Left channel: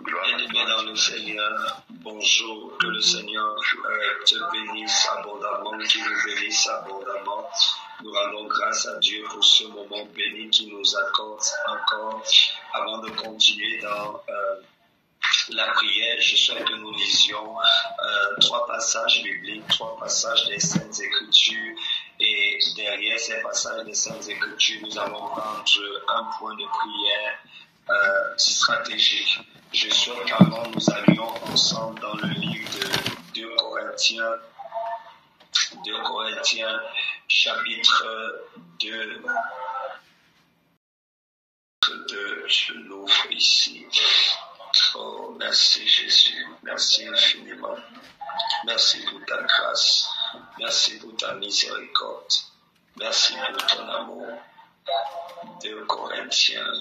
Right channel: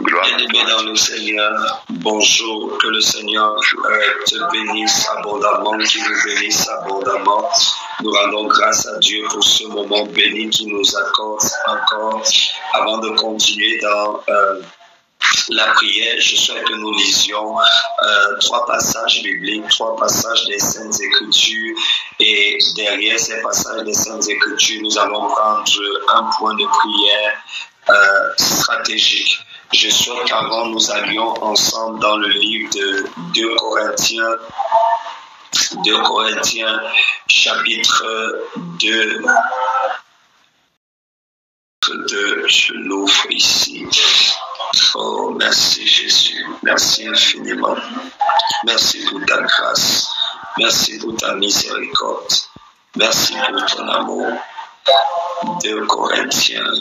Bien-aimé dans le Seigneur, bonjour, que le Seigneur te bénisse abondamment, qu'il nous bénisse abondamment. Nous rendons grâce à Dieu pour ce moment béni qu'il nous accorde encore. Avant de continuer dans la prière, je souhaite que nous lisions 3 passages bibliques, 3 passages des Saintes Écritures, et derrière ces passages des Saintes Écritures, nous allons prendre un point de prière stratégique. Je souhaite qu'avant nous allions ensemble dans le livre de 2 Corinthiens chapitre 2. Je l'ouvre ici. Oh, merci Jésus, merci infiniment. Merci pour ta grâce, merci pour ta miséricorde, merci pour ton amour. 2 Corinthiens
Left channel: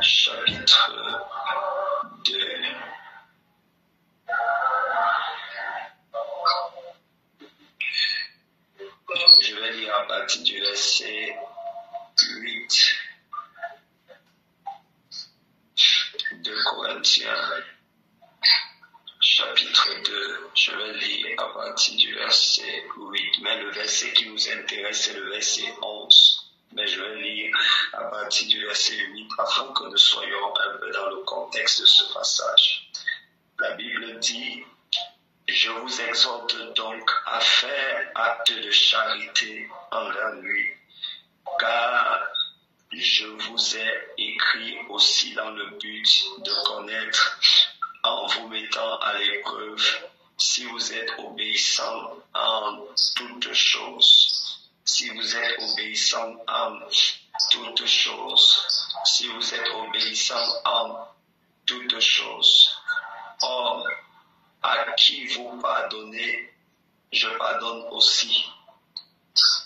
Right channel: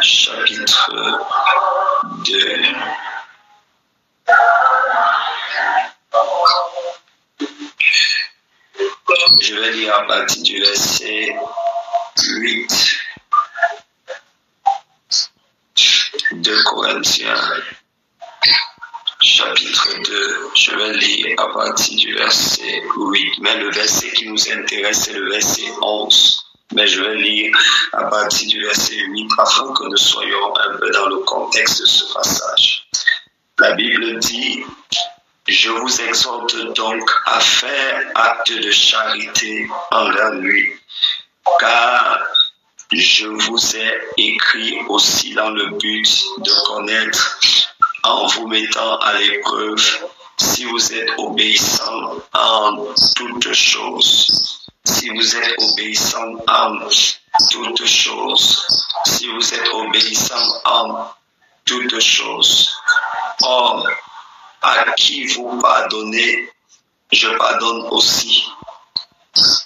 chapitre 2. Je vais lire à partir du verset 8. 2 Corinthiens chapitre 2, je vais lire à partir du verset 8, mais le verset qui nous intéresse c'est le verset 11. Mais je vais lire à partir du verset 8 afin que nous soyons un peu dans le contexte de ce passage. La Bible dit: je vous exhorte donc à faire acte de charité envers lui, car je vous ai écrit aussi dans le but de connaître, en vous mettant à l'épreuve, si vous êtes obéissant en toutes choses. Si vous êtes obéissant en toutes choses. Si vous êtes obéissant en toutes choses. Or, à qui vous pardonnez, je pardonne aussi.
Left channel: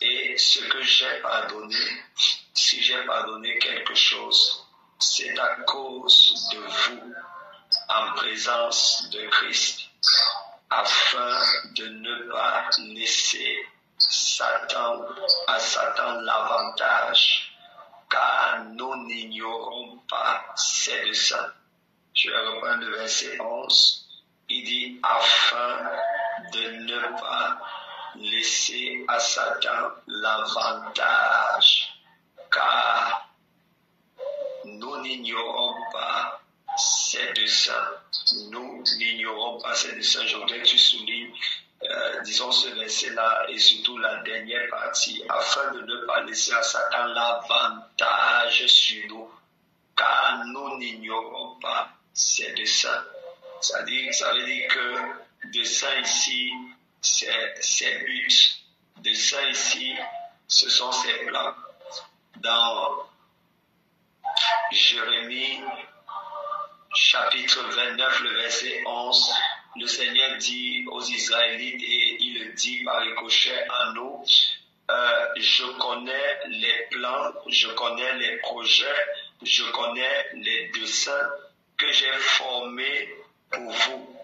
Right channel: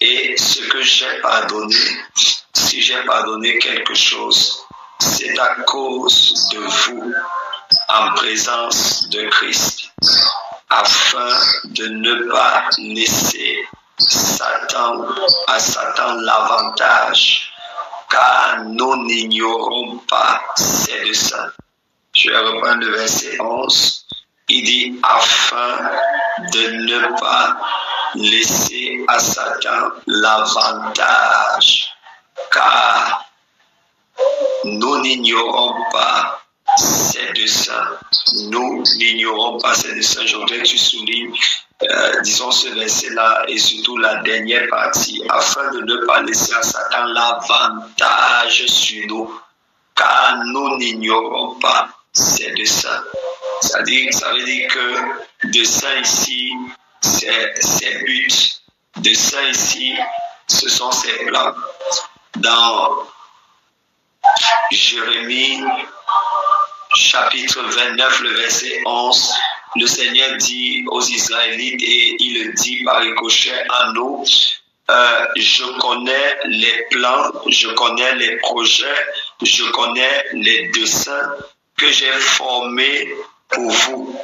Et ce que j'ai pardonné, si j'ai pardonné quelque chose, c'est à cause de vous, en présence de Christ, afin de ne pas laisser à Satan l'avantage car nous n'ignorons pas ses desseins. Je vais reprendre le verset 11. Il dit, afin de ne pas laisser à Satan l'avantage, car nous n'ignorons pas ses desseins. Nous n'ignorons pas ses desseins. Je voudrais que tu soulignes, disons, ce verset-là et surtout la dernière partie, afin de ne pas laisser à Satan l'avantage sur nous, car nous n'ignorons pas ses desseins. Ça veut dire que dessein ici, c'est but. Dessein ici, ce sont ses plans. Dans Jérémie, chapitre 29, le verset 11, le Seigneur dit aux Israélites, et il le dit par ricochet à nous, je connais les plans, je connais les projets, je connais les desseins que j'ai formés pour vous.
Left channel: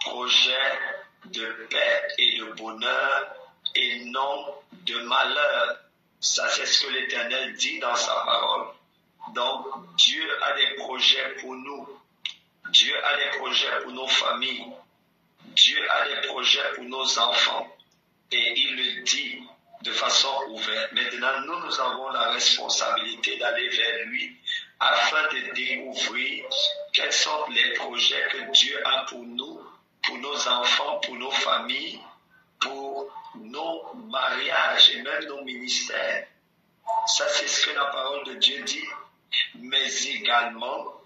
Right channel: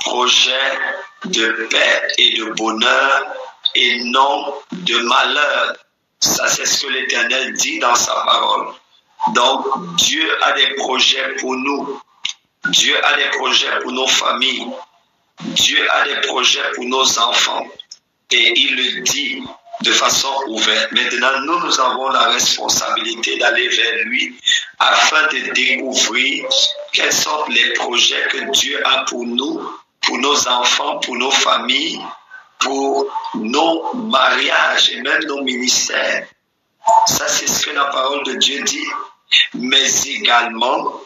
Projet de paix et de bonheur et non de malheur. Ça, c'est ce que l'Éternel dit dans sa parole. Donc, Dieu a des projets pour nous. Dieu a des projets pour nos familles. Dieu a des projets pour nos enfants. Et il le dit de façon ouverte. Maintenant, nous avons la responsabilité d'aller vers lui afin de découvrir quels sont les projets que Dieu a pour nous, pour nos enfants, pour nos familles, pour nos mariages et même nos ministères. Ça, c'est ce que la parole de Dieu dit. Mais également,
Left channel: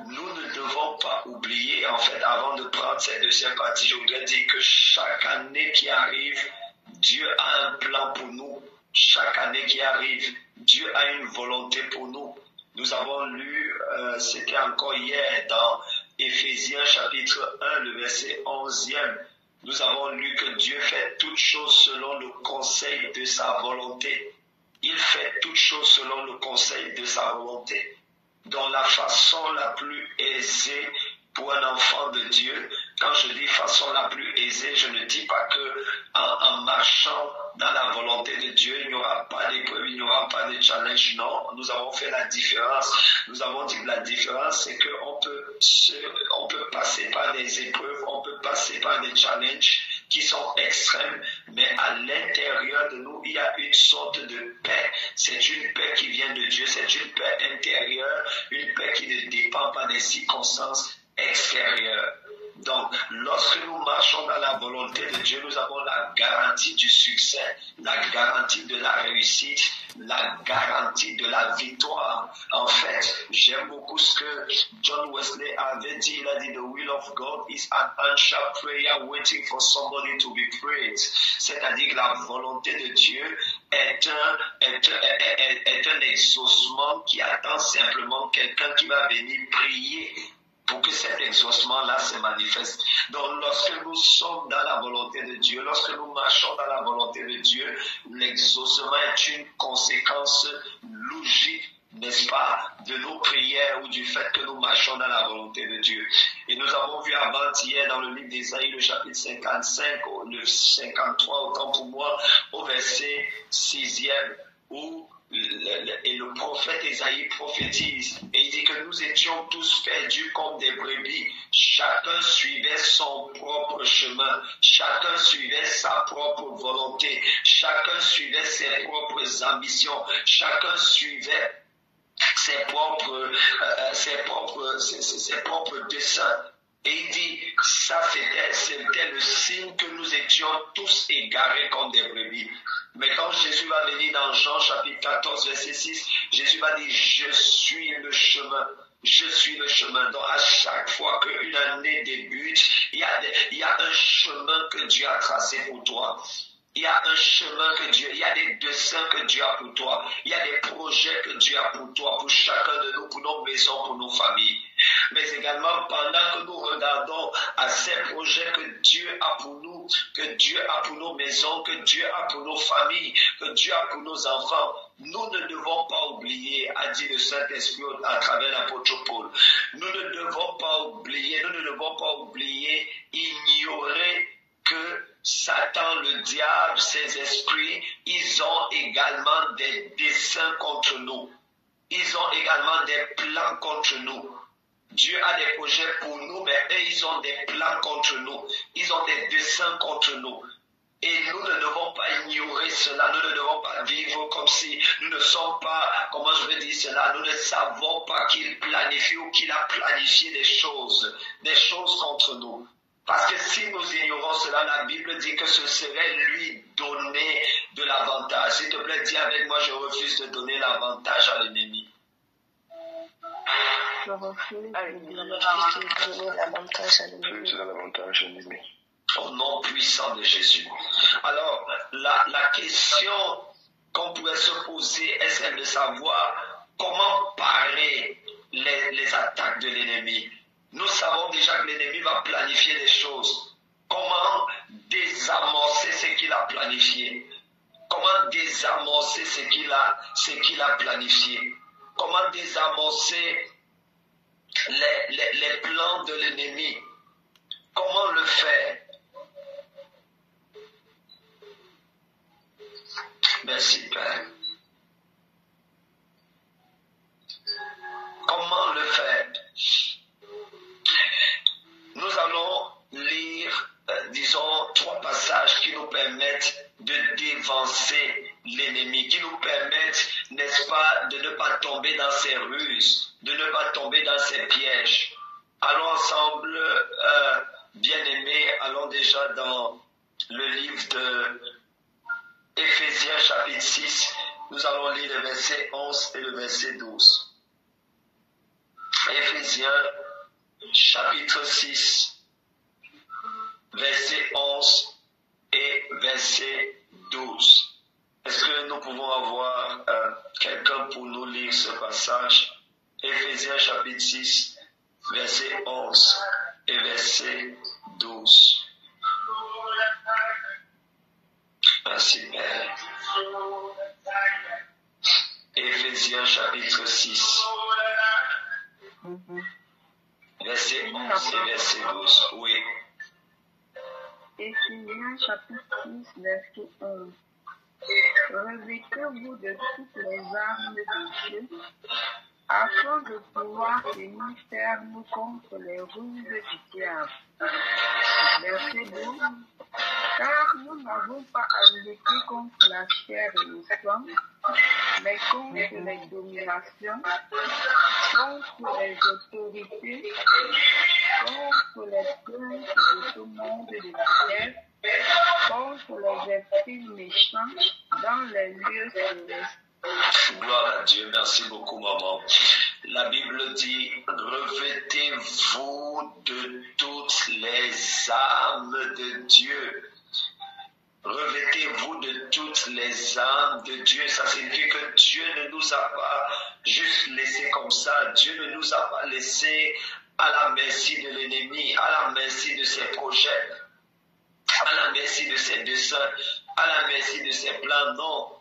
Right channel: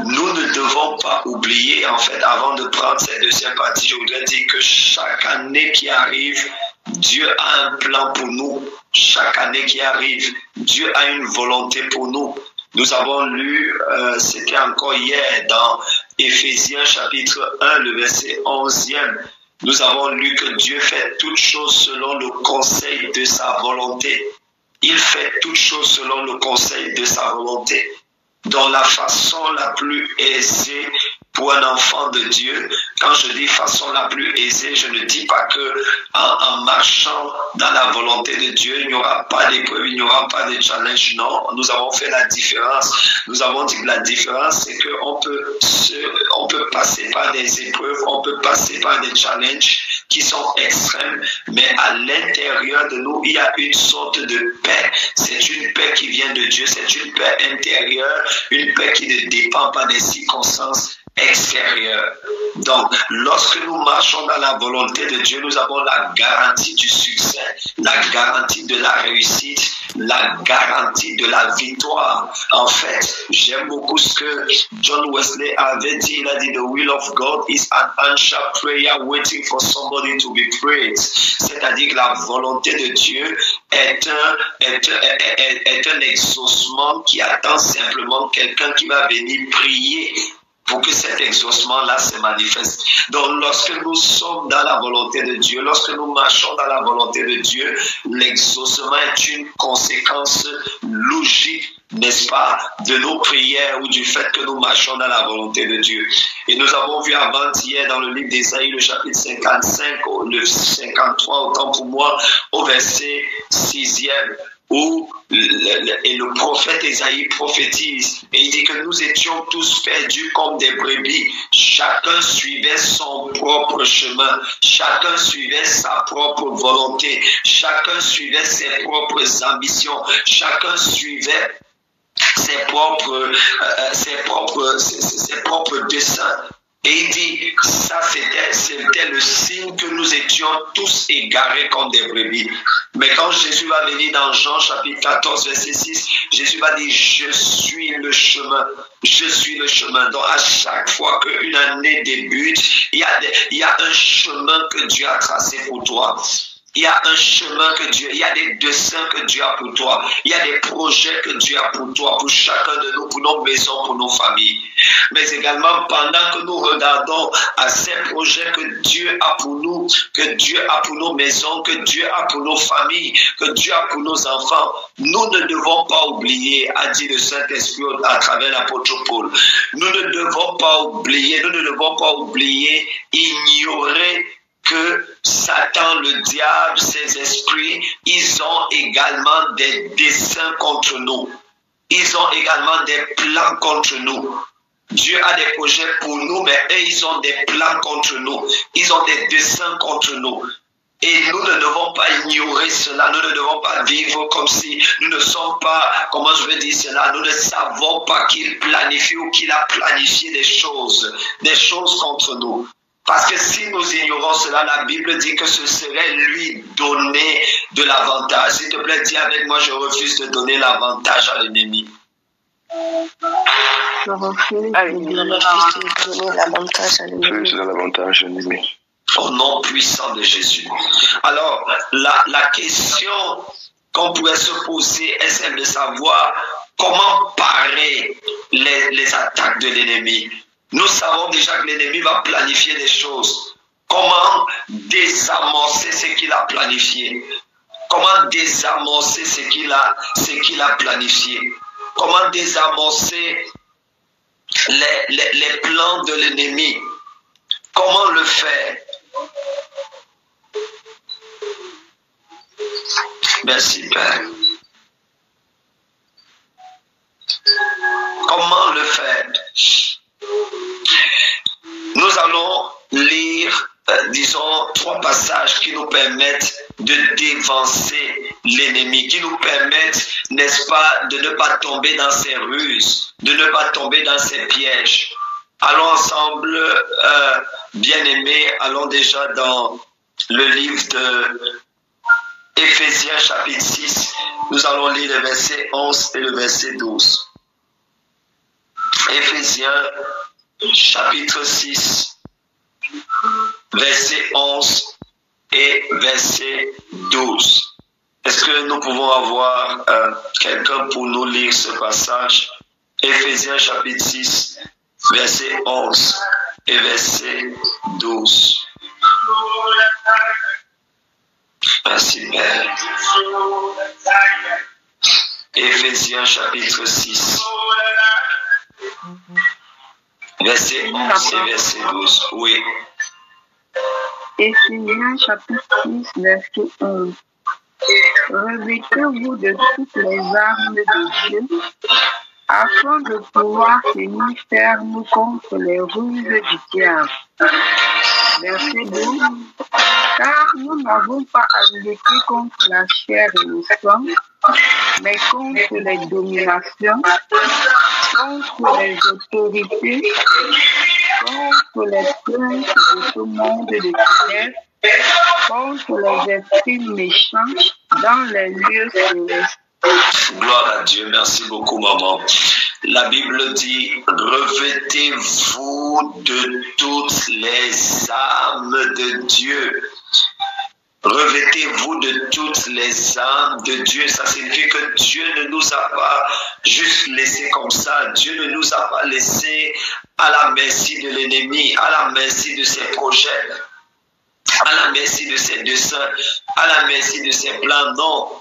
nous ne devons pas oublier, en fait, avant de prendre cette deuxième partie, je voudrais dire que chaque année qui arrive, Dieu a un plan pour nous. Chaque année qui arrive, Dieu a une volonté pour nous. Nous avons lu, c'était encore hier, dans Éphésiens chapitre 1, le verset 11e. Nous avons lu que Dieu fait toutes choses selon le conseil de sa volonté. Il fait toutes choses selon le conseil de sa volonté. Dans la façon la plus aisée pour un enfant de Dieu, quand je dis façon la plus aisée, je ne dis pas que en marchant dans la volonté de Dieu, il n'y aura pas d'épreuve, il n'y aura pas de challenge. Non, nous avons fait la différence. Nous avons dit que la différence, c'est qu'on peut passer par des épreuves, on peut passer par des challenges qui sont extrêmes, mais à l'intérieur de nous, il y a une sorte de paix. C'est une paix qui vient de Dieu, c'est une paix intérieure, une paix qui ne dépend pas des circonstances extérieures. Donc, lorsque nous marchons dans la volonté de Dieu, nous avons la garantie du succès, la garantie de la réussite, la garantie de la victoire. En fait, j'aime beaucoup ce que John Wesley avait dit. Il a dit, the will of God is an answered prayer waiting for somebody to be prayed. C'est-à-dire que la volonté de Dieu est un exaucement qui attend simplement quelqu'un qui va venir prier pour que cet exaucement-là se manifeste. Donc, lorsque nous sommes dans la volonté de Dieu, lorsque nous marchons dans la volonté de Dieu, l'exaucement est une conséquence logique, n'est-ce pas, de nos prières ou du fait que nous marchons dans la volonté de Dieu. Et nous avons vu avant-hier dans le livre d'Ésaïe, le chapitre 55, le 53, autant pour moi, au verset 6e, où le prophète Ésaïe prophétise et il dit que nous étions tous perdus comme des brebis. Chacun suivait son propre chemin, chacun suivait sa propre volonté, chacun suivait ses propres ambitions, chacun suivait ses propres desseins. Et il dit, ça c'était le signe que nous étions tous égarés comme des brebis. Mais quand Jésus va venir dans Jean chapitre 14, verset 6, Jésus va dire, je suis le chemin. Je suis le chemin. Donc à chaque fois qu'une année débute, il y a un chemin que Dieu a tracé pour toi. Il y a un chemin que Dieu, il y a des desseins que Dieu a pour toi. Il y a des projets que Dieu a pour toi, pour chacun de nous, pour nos maisons, pour nos familles. Mais également, pendant que nous regardons à ces projets que Dieu a pour nous, que Dieu a pour nos maisons, que Dieu a pour nos familles, que Dieu a pour nos enfants, nous ne devons pas oublier, a dit le Saint-Esprit à travers l'apôtre Paul, nous ne devons pas oublier, ignorer que Satan, le diable, ses esprits, ils ont également des desseins contre nous. Ils ont également des plans contre nous. Dieu a des projets pour nous, mais eux, ils ont des plans contre nous. Ils ont des desseins contre nous. Et nous ne devons pas ignorer cela. Nous ne devons pas vivre comme si nous ne sommes pas, comment je vais dire cela, nous ne savons pas qu'il planifie ou qu'il a planifié des choses contre nous. Parce que si nous ignorons cela, la Bible dit que ce serait lui donner de l'avantage. S'il te plaît, dis avec moi, je refuse de donner l'avantage à l'ennemi. Je refuse de donner l'avantage à l'ennemi. Au nom puissant de Jésus. Alors, la question qu'on pourrait se poser est celle de savoir comment parer les attaques de l'ennemi. Nous savons déjà que l'ennemi va planifier des choses. Comment désamorcer ce qu'il a planifié? Comment désamorcer ce qu'il a planifié? Comment désamorcer les plans de l'ennemi? Comment le faire? Merci, Père. Comment le faire? Nous allons lire, disons, 3 passages qui nous permettent de dévancer l'ennemi, qui nous permettent, n'est-ce pas, de ne pas tomber dans ses ruses, de ne pas tomber dans ses pièges. Allons ensemble, bien-aimés, allons déjà dans le livre de Éphésiens chapitre 6. Nous allons lire le verset 11 et le verset 12. Éphésiens chapitre 6, verset 11 et verset 12. Est-ce que nous pouvons avoir quelqu'un pour nous lire ce passage? Éphésiens chapitre 6, verset 11 et verset 12. Merci, Père. Éphésiens chapitre 6, verset 11 et verset 12. Oui. Éphésiens chapitre 6, verset 11. Revêtez-vous de toutes les armes de Dieu, afin de pouvoir tenir ferme contre les ruses du diable. Verset 12. Car nous n'avons pas à lutter contre la chair et le sang, mais contre les dominations, contre les autorités, contre les princes de ce monde de ténèbres, contre les esprits méchants dans les lieux célestes. Gloire à Dieu, merci beaucoup, maman. La Bible dit, revêtez-vous de toutes les armes de Dieu. Revêtez-vous de toutes les armes de Dieu. Ça signifie que Dieu ne nous a pas juste laissé comme ça. Dieu ne nous a pas laissé à la merci de l'ennemi, à la merci de ses projets, à la merci de ses desseins, à la merci de ses plans. Non.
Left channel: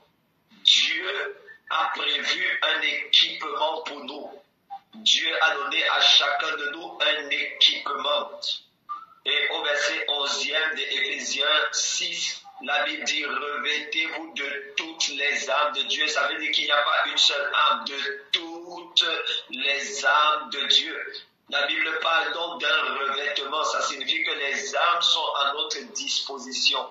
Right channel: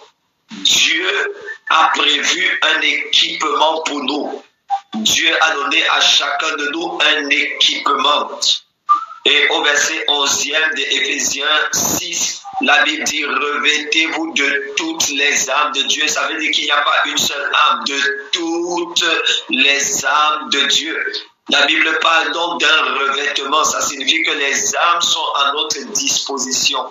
Dieu a prévu un équipement pour nous. Dieu a donné à chacun de nous un équipement. Et au verset 11e de Éphésiens 6, la Bible dit, revêtez-vous de toutes les armes de Dieu. Ça veut dire qu'il n'y a pas une seule arme, de toutes les armes de Dieu. La Bible parle donc d'un revêtement. Ça signifie que les armes sont à notre disposition.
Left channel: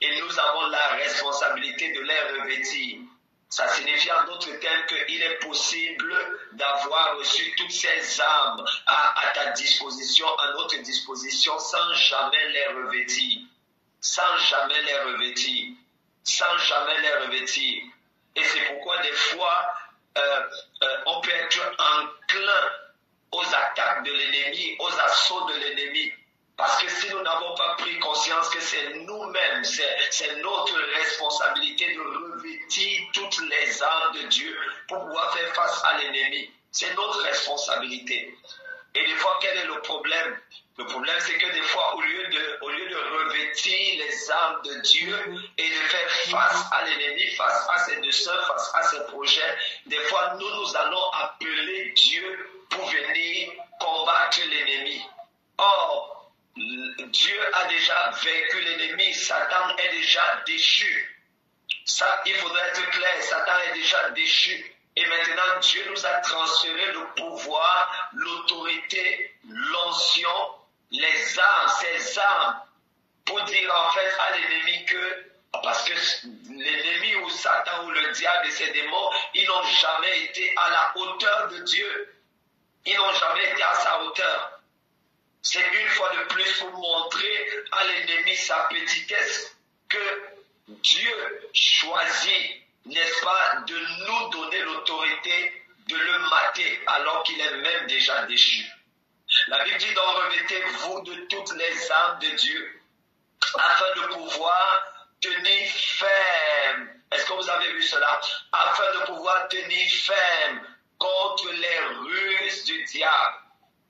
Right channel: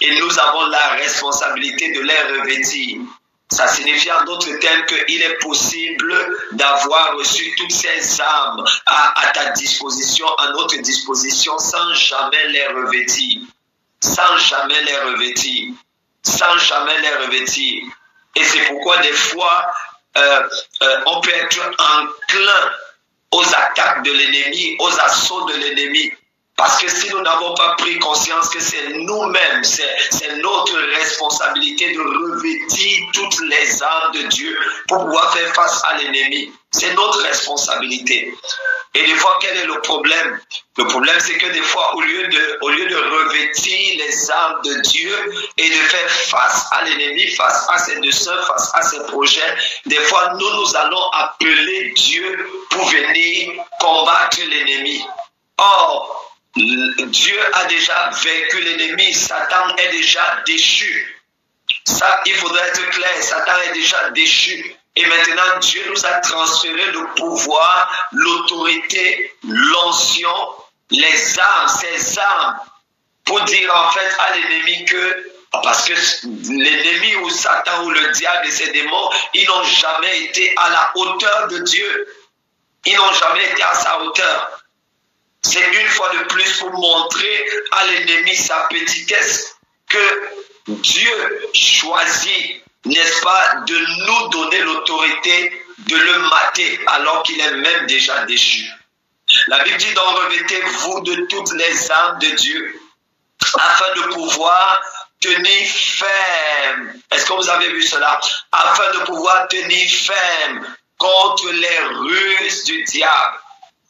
Et nous avons la responsabilité de les revêtir. Ça signifie en d'autres termes qu'il est possible d'avoir reçu toutes ces armes à ta disposition, à notre disposition, sans jamais les revêtir. Sans jamais les revêtir. Sans jamais les revêtir. Et c'est pourquoi des fois, on peut être enclin aux attaques de l'ennemi, aux assauts de l'ennemi. Parce que si nous n'avons pas pris conscience que c'est nous-mêmes, c'est notre responsabilité de revêtir toutes les armes de Dieu pour pouvoir faire face à l'ennemi. C'est notre responsabilité. Et des fois, quel est le problème? Le problème, c'est que des fois, au lieu de revêtir les armes de Dieu et de faire face à l'ennemi, face à ses desseins, face à ses projets, des fois, nous allons appeler Dieu pour venir combattre l'ennemi. Or, Dieu a déjà vaincu l'ennemi, Satan est déjà déchu. Ça, il faudrait être clair, Satan est déjà déchu. Et maintenant, Dieu nous a transféré le pouvoir, l'autorité, l'onction, les armes, ces armes, pour dire en fait à l'ennemi que, parce que l'ennemi ou Satan ou le diable et ses démons, ils n'ont jamais été à la hauteur de Dieu. Ils n'ont jamais été à sa hauteur. C'est une fois de plus pour montrer à l'ennemi sa petitesse que Dieu choisit, n'est-ce pas, de nous donner l'autorité de le mater alors qu'il est même déjà déchu. La Bible dit donc revêtez-vous de toutes les armes de Dieu afin de pouvoir tenir ferme. Est-ce que vous avez vu cela? Afin de pouvoir tenir ferme contre les ruses du diable.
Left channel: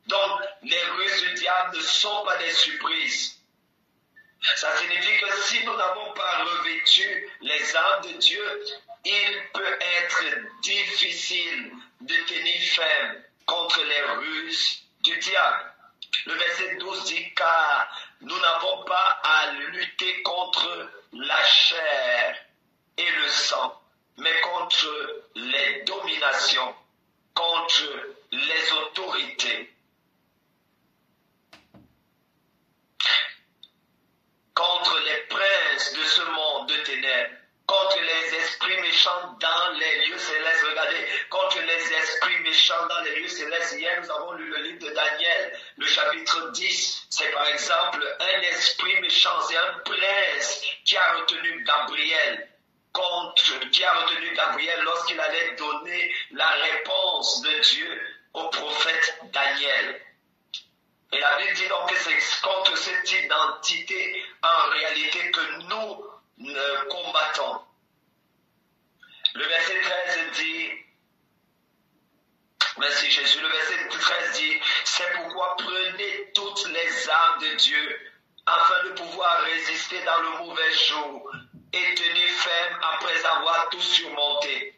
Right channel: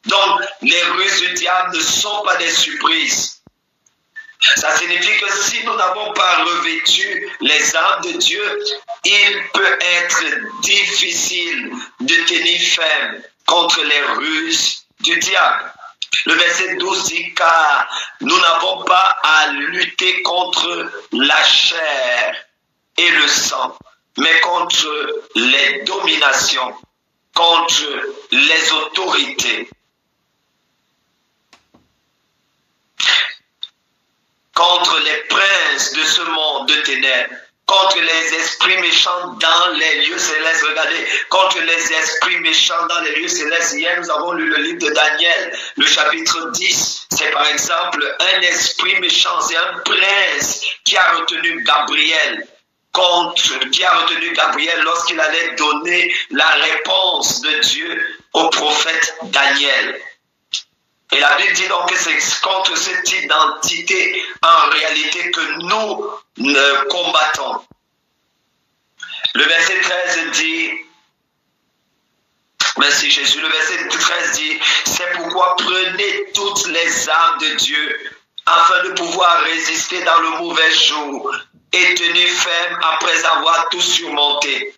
Donc, les ruses du diable ne sont pas des surprises. Ça signifie que si nous n'avons pas revêtu les armes de Dieu, il peut être difficile de tenir ferme contre les ruses du diable. Le verset 12 dit, car nous n'avons pas à lutter contre la chair et le sang, mais contre les dominations, contre les autorités, contre les princes de ce monde de ténèbres, contre les esprits méchants dans les lieux célestes. Regardez, contre les esprits méchants dans les lieux célestes. Hier, nous avons lu le livre de Daniel, le chapitre 10. C'est par exemple un esprit méchant, c'est un prince qui a retenu Gabriel. Qui a retenu Gabriel lorsqu'il allait donner la réponse de Dieu au prophète Daniel. Et la Bible dit donc que c'est contre ce type d'entité en réalité que nous combattons. Le verset 13 dit, merci Jésus, le verset 13 dit, c'est pourquoi prenez toutes les armes de Dieu afin de pouvoir résister dans le mauvais jour et tenir ferme après avoir tout surmonté.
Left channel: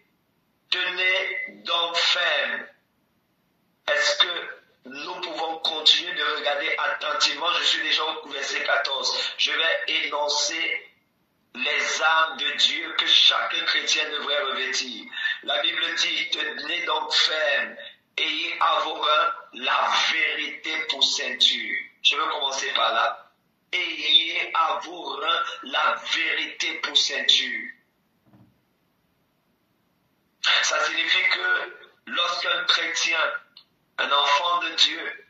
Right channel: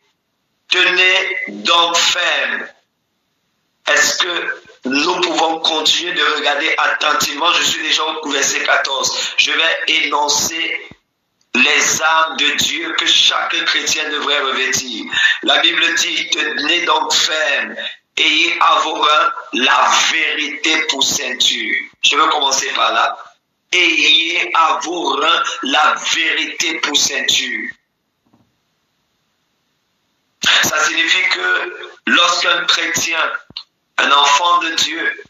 Tenez donc ferme. Est-ce que nous pouvons continuer de regarder attentivement? Je suis déjà au verset 14. Je vais énoncer les armes de Dieu que chaque chrétien devrait revêtir. La Bible dit, tenez donc ferme, ayez à vos reins la vérité pour ceinture. Je veux commencer par là. Ayez à vos reins la vérité pour ceinture. Ça signifie que lorsqu'un chrétien, un enfant de Dieu,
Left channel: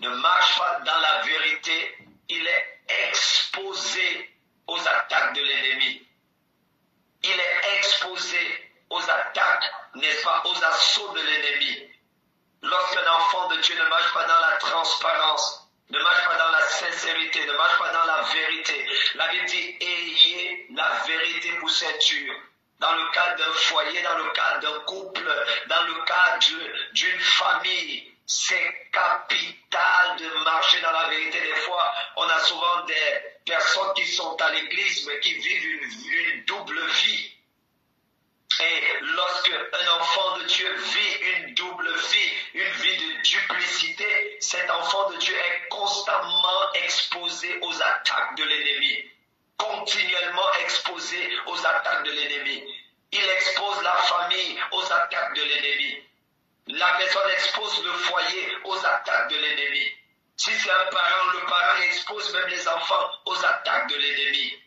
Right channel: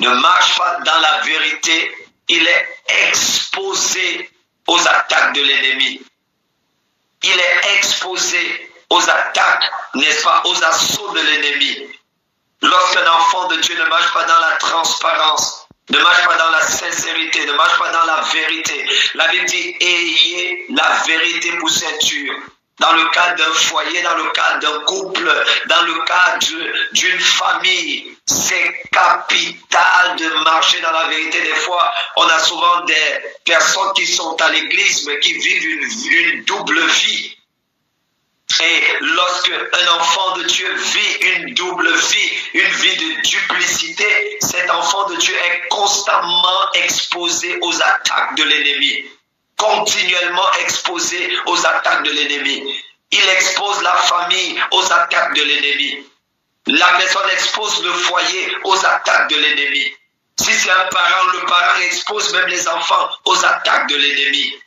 ne marche pas dans la vérité, il est exposé aux attaques de l'ennemi. Il est exposé aux attaques, n'est-ce pas, aux assauts de l'ennemi. Lorsqu'un enfant de Dieu ne marche pas dans la transparence, ne marche pas dans la sincérité, ne marche pas dans la vérité, la Bible dit, ayez la vérité pour ceinture. Dans le cadre d'un foyer, dans le cadre d'un couple, dans le cadre d'une famille, c'est capital de marcher dans la vérité. Des fois, on a souvent des personnes qui sont à l'église, mais qui vivent une double vie. Et lorsque un enfant de Dieu vit une double vie, une vie de duplicité, cet enfant de Dieu est constamment exposé aux attaques de l'ennemi. Continuellement exposé aux attaques de l'ennemi. Il expose la famille aux attaques de l'ennemi. La personne expose le foyer aux attaques de l'ennemi. Si c'est un parent, le parent expose même les enfants aux attaques de l'ennemi.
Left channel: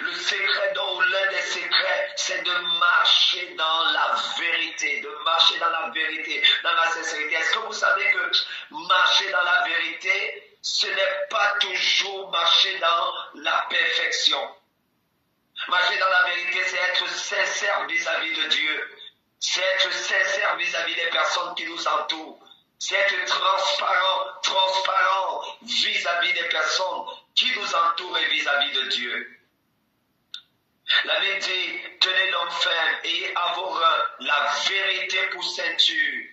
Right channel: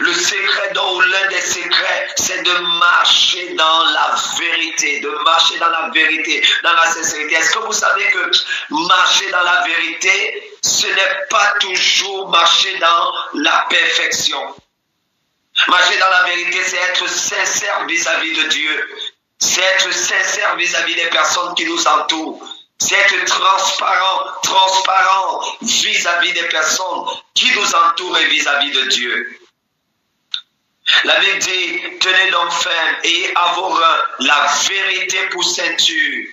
Le secret, donc l'un des secrets, c'est de marcher dans la vérité, de marcher dans la vérité, dans la sincérité. Est-ce que vous savez que marcher dans la vérité, ce n'est pas toujours marcher dans la perfection? Marcher dans la vérité, c'est être sincère vis-à-vis de Dieu. C'est être sincère vis-à-vis des personnes qui nous entourent. C'est être transparent vis-à-vis des personnes qui nous entourent et vis-à-vis de Dieu. La Bible dit, tenez donc ferme et à vos reins la vérité pour ceinture.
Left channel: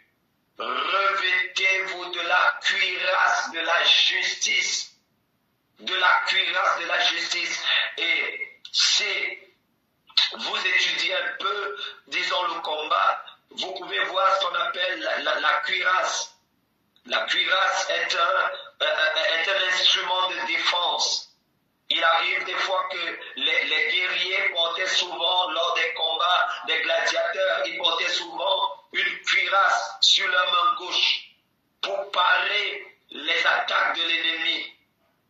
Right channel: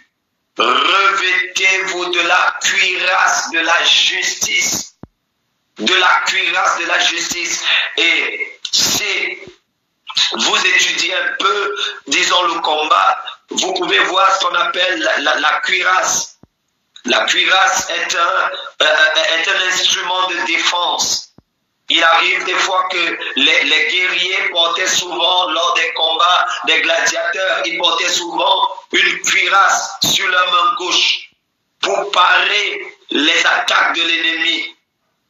Revêtez-vous de la cuirasse de la justice. De la cuirasse de la justice. Et si vous étudiez un peu, disons, le combat, vous pouvez voir ce qu'on appelle la cuirasse. La cuirasse est un instrument de défense. Il arrive des fois que les guerriers portaient souvent, lors des combats des gladiateurs, ils portaient souvent une cuirasse sur leur main gauche pour parer les attaques de l'ennemi.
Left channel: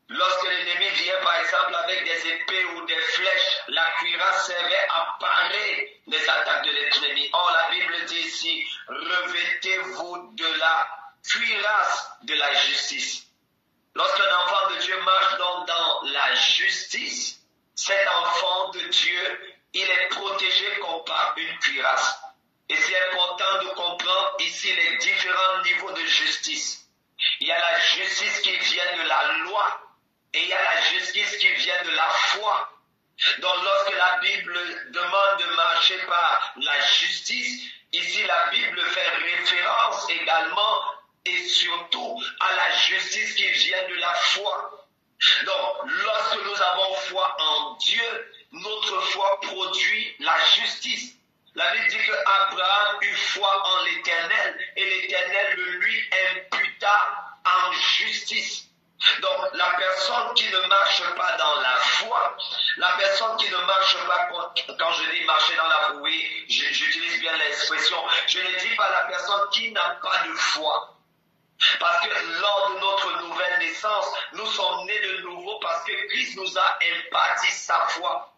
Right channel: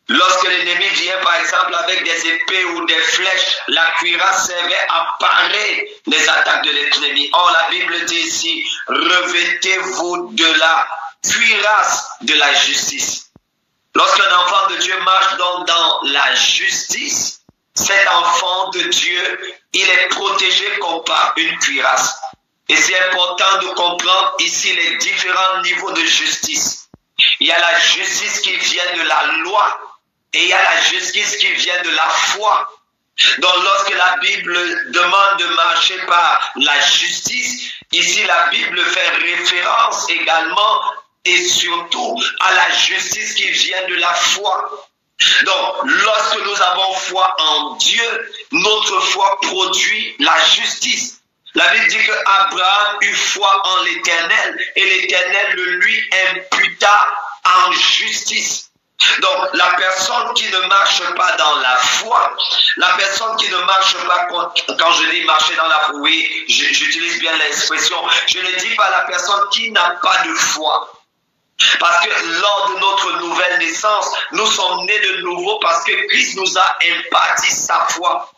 Lorsque l'ennemi vient par exemple avec des épées ou des flèches, la cuirasse servait à parer les attaques de l'ennemi. Or la Bible dit ici, revêtez-vous de la cuirasse de la justice. Lorsqu'un enfant de Dieu marche donc dans la justice, cet enfant de Dieu, il est protégé comme par une cuirasse. Et c'est important de comprendre ici les différents niveaux de justice. Il y a la justice qui vient de la loi et il y a la justice qui vient de la foi. Donc lorsque la Bible demande de marcher par la justice, ici la Bible fait référence également et surtout à la justice qui vient de la foi. Donc, lorsque nous avons foi en Dieu, notre foi produit la justice. La Bible dit qu'Abraham eut foi en l'Éternel et l'Éternel le lui imputa en justice. Donc, la personne qui ne marche pas dans la foi, la personne qui ne marche pas, quand je dis marcher dans la foi, oui, j'utilise bien l'expression, je ne dis pas la personne qui n'a pas de foi. Parce que lors de notre nouvelle naissance, nous sommes nés de nouveau parce que Christ nous a imparti sa foi.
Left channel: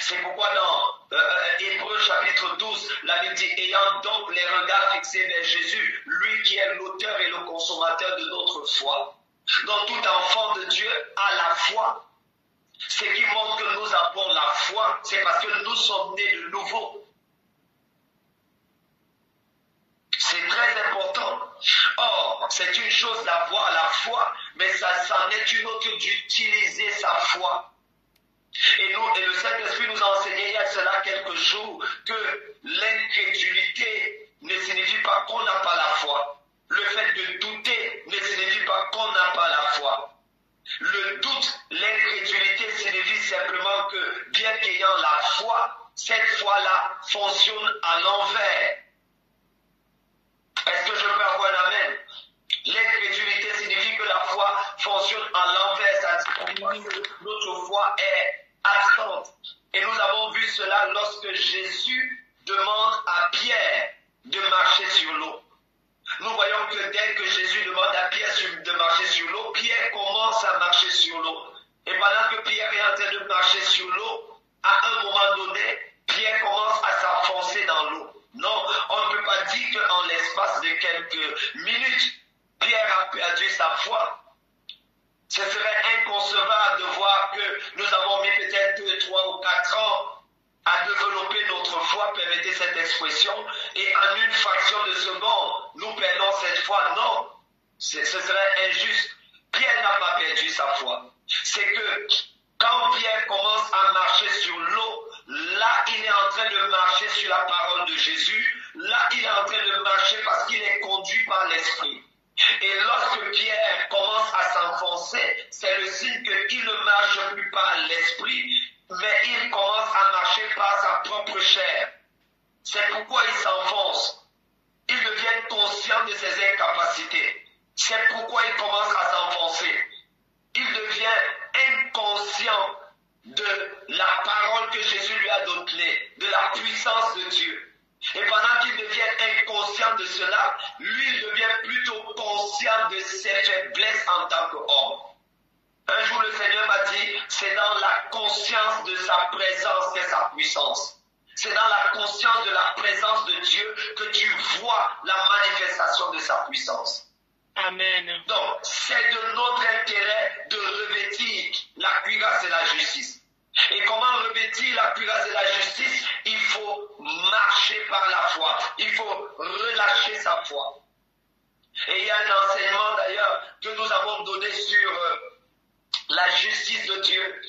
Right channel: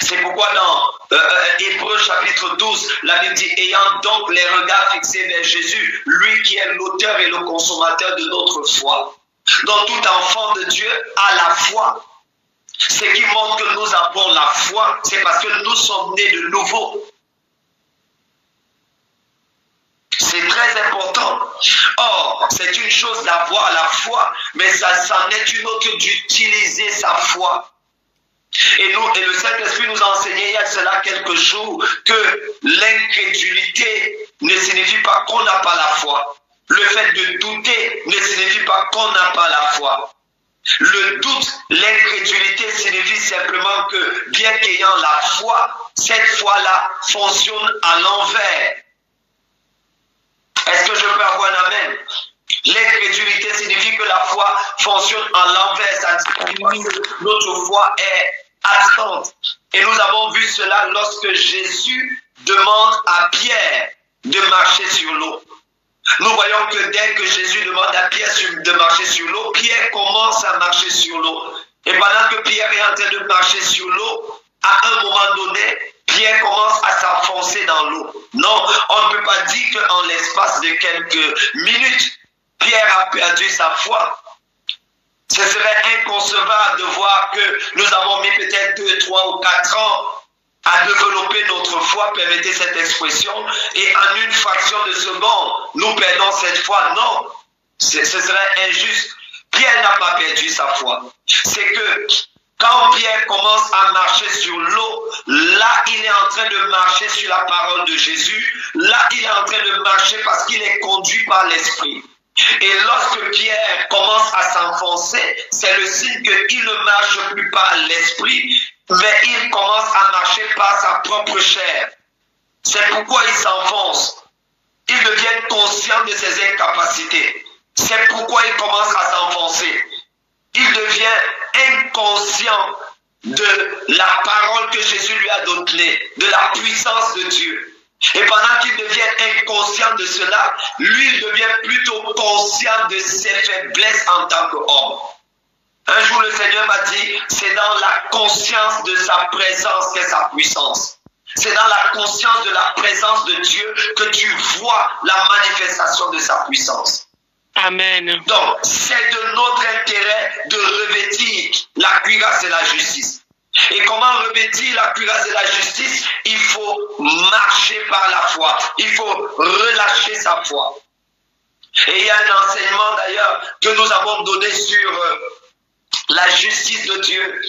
C'est pourquoi dans Hébreux chapitre 12, la Bible dit, ayant donc les regards fixés vers Jésus, lui qui est l'auteur et le consommateur de notre foi. Donc tout enfant de Dieu a la foi. Ce qui montre que nous avons la foi, c'est parce que nous sommes nés de nouveau. C'est très important. Or, c'est une chose d'avoir la foi, mais ça c'en est une autre d'utiliser sa foi. Et le Saint-Esprit nous a enseigné il y a cela quelques jours que l'incrédulité ne signifie pas qu'on n'a pas la foi. Le fait de douter ne signifie pas qu'on n'a pas la foi. Le doute, l'incrédulité signifie simplement que bien qu'ayant la foi, cette foi-là fonctionne à l'envers. Est-ce que je peux avoir un amen? L'incrédulité signifie que la foi fonctionne à l'envers. Ça signifie que notre foi est absente. Et nous avons vu cela lorsque Jésus demande à Pierre de marcher sur l'eau. Nous voyons que dès que Jésus demande à Pierre de marcher sur l'eau, Pierre commence à marcher sur l'eau. Et pendant que Pierre est en train de marcher sur l'eau, à un moment donné, Pierre commence à s'enfoncer dans l'eau. Non, on ne peut pas dire qu'en l'espace de quelques minutes, Pierre a perdu sa foi. Ce serait inconcevable de voir que nous avons mis peut-être 2, 3 ou 4 ans à développer notre foi, permettez cette expression, et en une fraction de seconde, nous perdons cette foi. Non, ce serait injuste. Pierre n'a pas perdu sa foi. C'est que quand Pierre commence à marcher sur l'eau, là, il est en train de marcher sur la parole de Jésus. Là, il est en train de marcher parce qu'il est conduit par l'Esprit. Et lorsque Pierre commence à s'enfoncer, c'est le signe qu'il ne marche plus par l'Esprit, mais il commence à marcher par sa propre chair. C'est pourquoi il s'enfonce. Il devient conscient de ses incapacités. C'est pourquoi il commence à s'enfoncer. Il devient inconscient de la parole que Jésus lui a donnée, de la puissance de Dieu. Et pendant qu'il devient inconscient de cela, lui, il devient plutôt conscient de ses faiblesses en tant qu'homme. Un jour, le Seigneur m'a dit, c'est dans la conscience de sa présence qu'est sa puissance. C'est dans la conscience de la présence de Dieu que tu vois la manifestation de sa puissance. Amen. Donc, c'est de notre intérêt de revêtir la cuirasse de la justice. Et comment revêtir la cuirasse de la justice? Il faut marcher par la foi. Il faut relâcher sa foi. Et il y a un enseignement d'ailleurs que nous avons donné sur la justice de Dieu.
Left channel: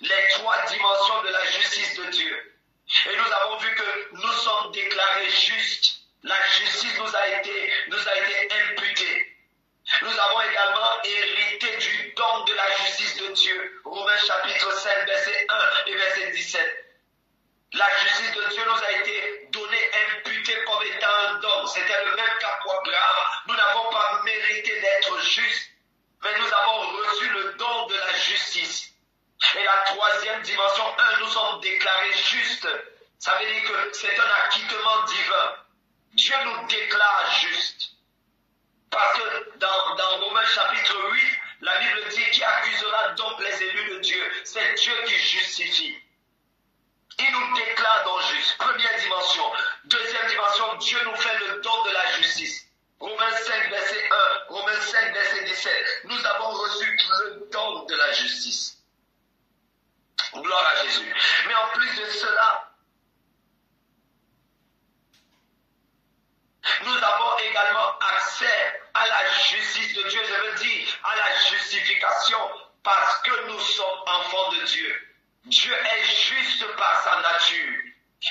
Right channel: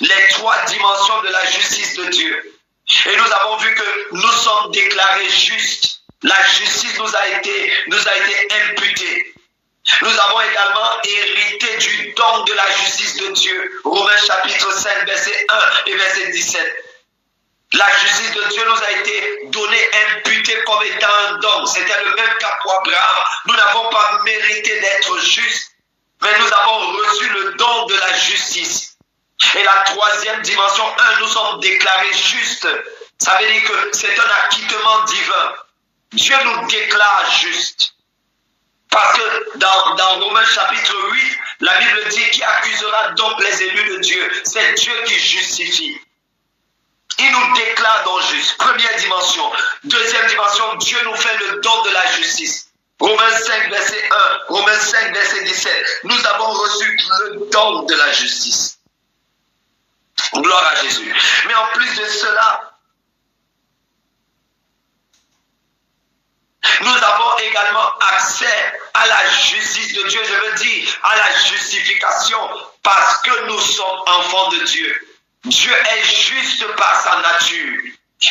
Les 3 dimensions de la justice de Dieu. Et nous avons vu que nous sommes déclarés justes. La justice nous a été imputée. Nous avons également hérité du don de la justice de Dieu. Romains chapitre 5, verset 1 et verset 17. La justice de Dieu nous a été donnée, imputée comme étant un don. C'était le même cas pour Abraham. Nous n'avons pas mérité d'être justes, mais nous avons reçu le don de la justice. Et la troisième dimension, nous sommes déclarés justes. Ça veut dire que c'est un acquittement divin. Dieu nous déclare justes. Parce que dans Romains chapitre 8, la Bible dit qui accusera donc les élus de Dieu. C'est Dieu qui justifie. Il nous déclare donc juste. Première dimension. Deuxième dimension, Dieu nous fait le don de la justice. Romains 5, verset 1, Romains 5, verset 17. Nous avons reçu le don de la justice. Gloire à Jésus. Mais en plus de cela, nous avons également accès à la justice de Dieu. Je veux dire à la justification parce que nous sommes enfants de Dieu. Dieu est juste par sa nature.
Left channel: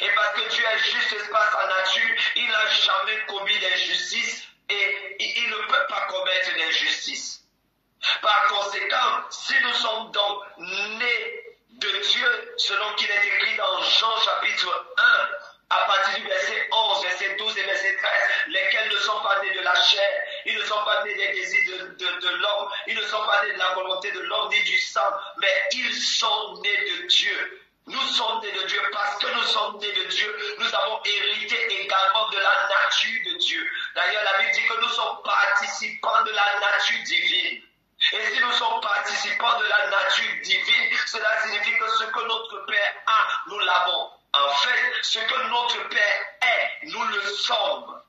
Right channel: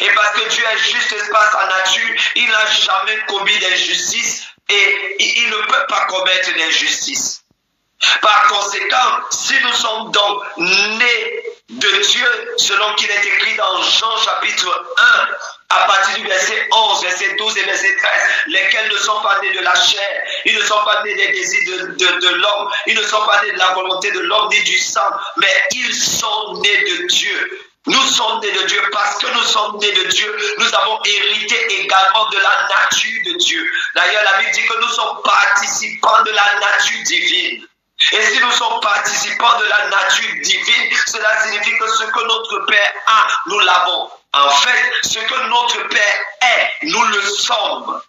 Et parce que Dieu est juste par sa nature, il n'a jamais commis d'injustice et il ne peut pas commettre d'injustice. Par conséquent, si nous sommes donc nés de Dieu, selon qu'il est écrit dans Jean chapitre 1, à partir du verset 11, verset 12 et verset 13, lesquels ne sont pas nés de la chair, ils ne sont pas nés des désirs de l'homme, ils ne sont pas nés de la volonté de l'homme ni du sang, mais ils sont nés de Dieu. Nous sommes nés de Dieu. Parce que nous sommes nés de Dieu, nous avons hérité également de la nature de Dieu. D'ailleurs, la Bible dit que nous sommes participants de la nature divine. Et si nous sommes participants de la nature divine, cela signifie que ce que notre Père a, nous l'avons. En fait, ce que notre Père est, nous le sommes.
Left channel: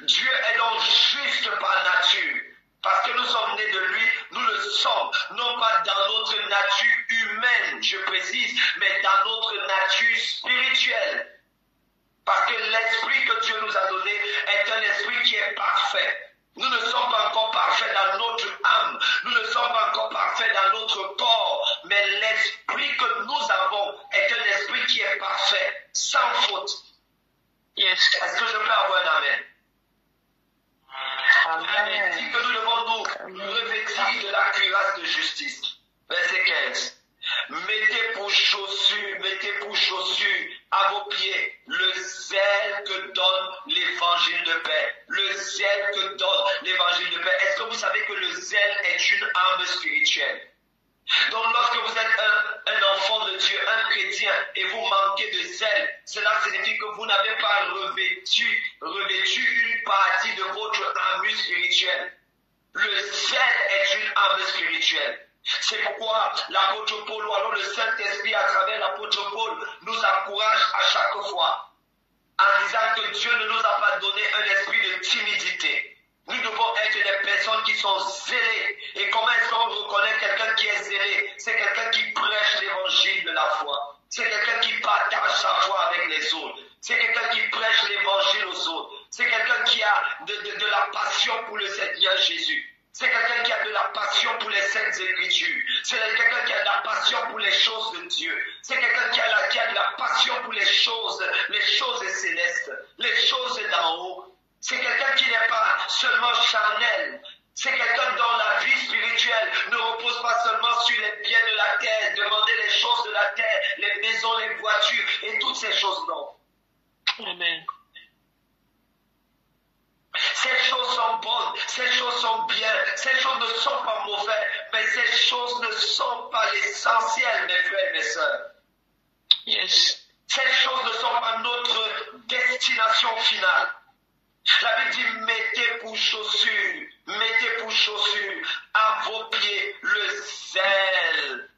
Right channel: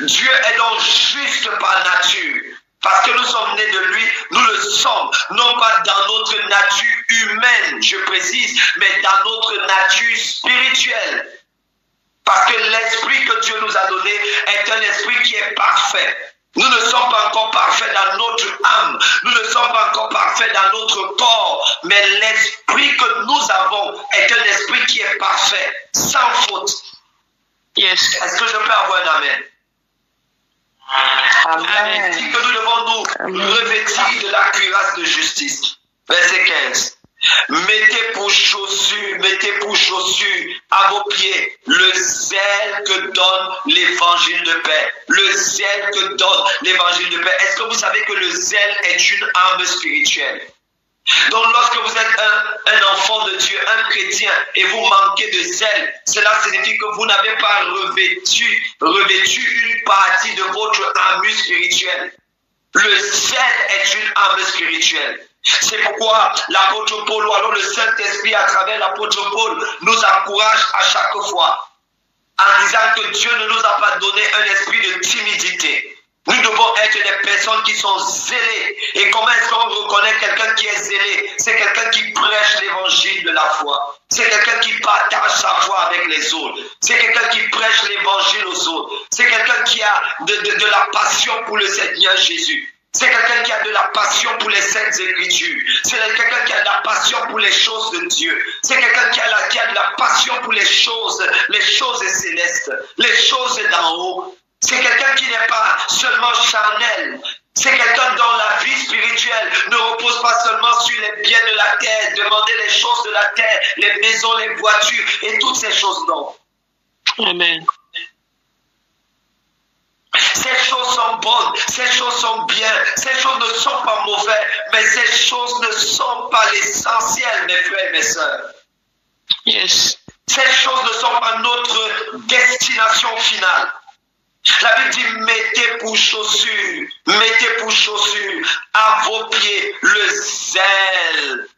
Dieu est donc juste par nature. Parce que nous sommes nés de lui, nous le sommes. Non pas dans notre nature humaine, je précise, mais dans notre nature spirituelle. Parce que l'esprit que Dieu nous a donné est un esprit qui est parfait. Nous ne sommes pas encore parfaits dans notre âme. Nous ne sommes pas encore parfaits dans notre corps. Mais l'esprit que nous avons est un esprit qui est parfait, sans faute. Yes. Est-ce que je peux avoir un amen? Amen. Il dit que nous devons nous revêtir de la cuirasse de justice. Verset 15. Mettez pour chaussure à vos pieds le zèle que donne l'évangile de paix. Le zèle que donne l'évangile de paix. Est-ce que vous savez que le zèle est une arme spirituelle? Donc lorsque vous êtes un enfant de Dieu, un chrétien, et vous manquez de zèle, cela signifie que vous n'avez pas revêtu une partie de votre armure spirituelle. Le zèle est une arme spirituelle. C'est pourquoi l'apôtre Paul, ou alors le Saint-Esprit à travers l'apôtre Paul, nous encourage à chaque fois en disant que Dieu ne nous a pas donné un esprit de timidité. Nous devons être des personnes qui sont zélées. Et comment est-ce qu'on reconnaît quelqu'un qui est zélé? C'est quelqu'un qui prêche l'évangile de la foi. C'est quelqu'un qui partage sa foi avec les autres. C'est quelqu'un qui prêche l'évangile aux autres. C'est quelqu'un qui a de la passion pour le Seigneur Jésus. C'est quelqu'un qui a de la passion pour les saintes écritures. C'est quelqu'un qui a de la passion pour les choses de Dieu. C'est quelqu'un qui a de la passion pour les choses célestes, les choses d'en haut. C'est quelqu'un qui n'est pas seulement charnel. C'est quelqu'un dont la vie spirituelle ne repose pas seulement sur les biens de la terre, demander les choses de la terre, les maisons, les voitures et toutes ces choses, non. Amen. Ces choses sont bonnes, ces choses sont bien, ces choses ne sont pas mauvaises, mais ces choses ne sont pas l'essentiel, mes frères et mes sœurs. Yes. Ces choses ne sont pas notre destination finale. La Bible dit, mettez pour chaussure à vos pieds le zèle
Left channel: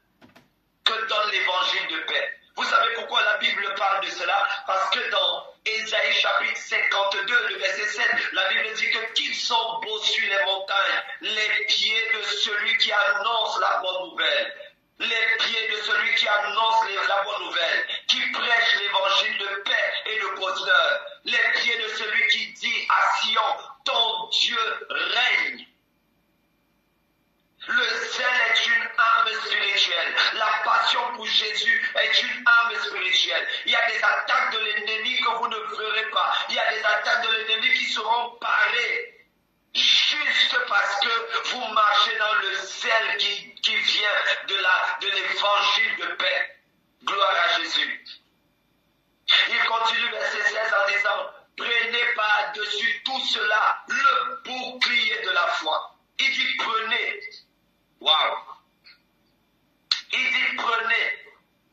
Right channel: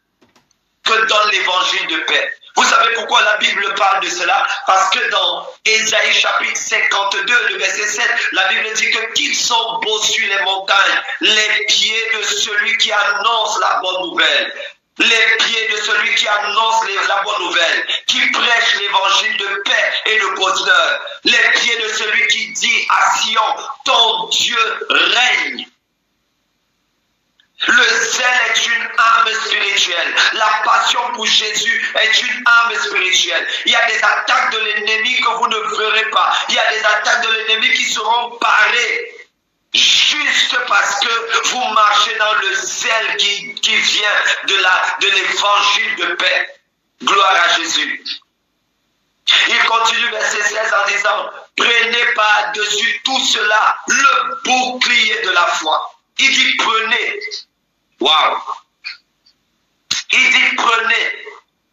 que donne l'évangile de paix. Vous savez pourquoi la Bible parle de cela? Parce que dans Ésaïe chapitre 52, le verset 7, la Bible dit que qu'ils sont beaux sur les montagnes, les pieds de celui qui annonce la bonne nouvelle. Les pieds de celui qui annonce la bonne nouvelle, qui prêche l'évangile de paix et de bonheur. Les pieds de celui qui dit à Sion, ton Dieu règne. Le zèle est une arme spirituelle. La passion pour Jésus est une arme spirituelle. Il y a des attaques de l'ennemi que vous ne verrez pas. Il y a des attaques de l'ennemi qui seront parées. Juste parce que vous marchez dans le zèle qui vient de l'évangile de paix. Gloire à Jésus. Il continue verset 16 en disant, prenez par par-dessus tout cela le bouclier de la foi. Il dit prenez. Waouh. Il dit prenez.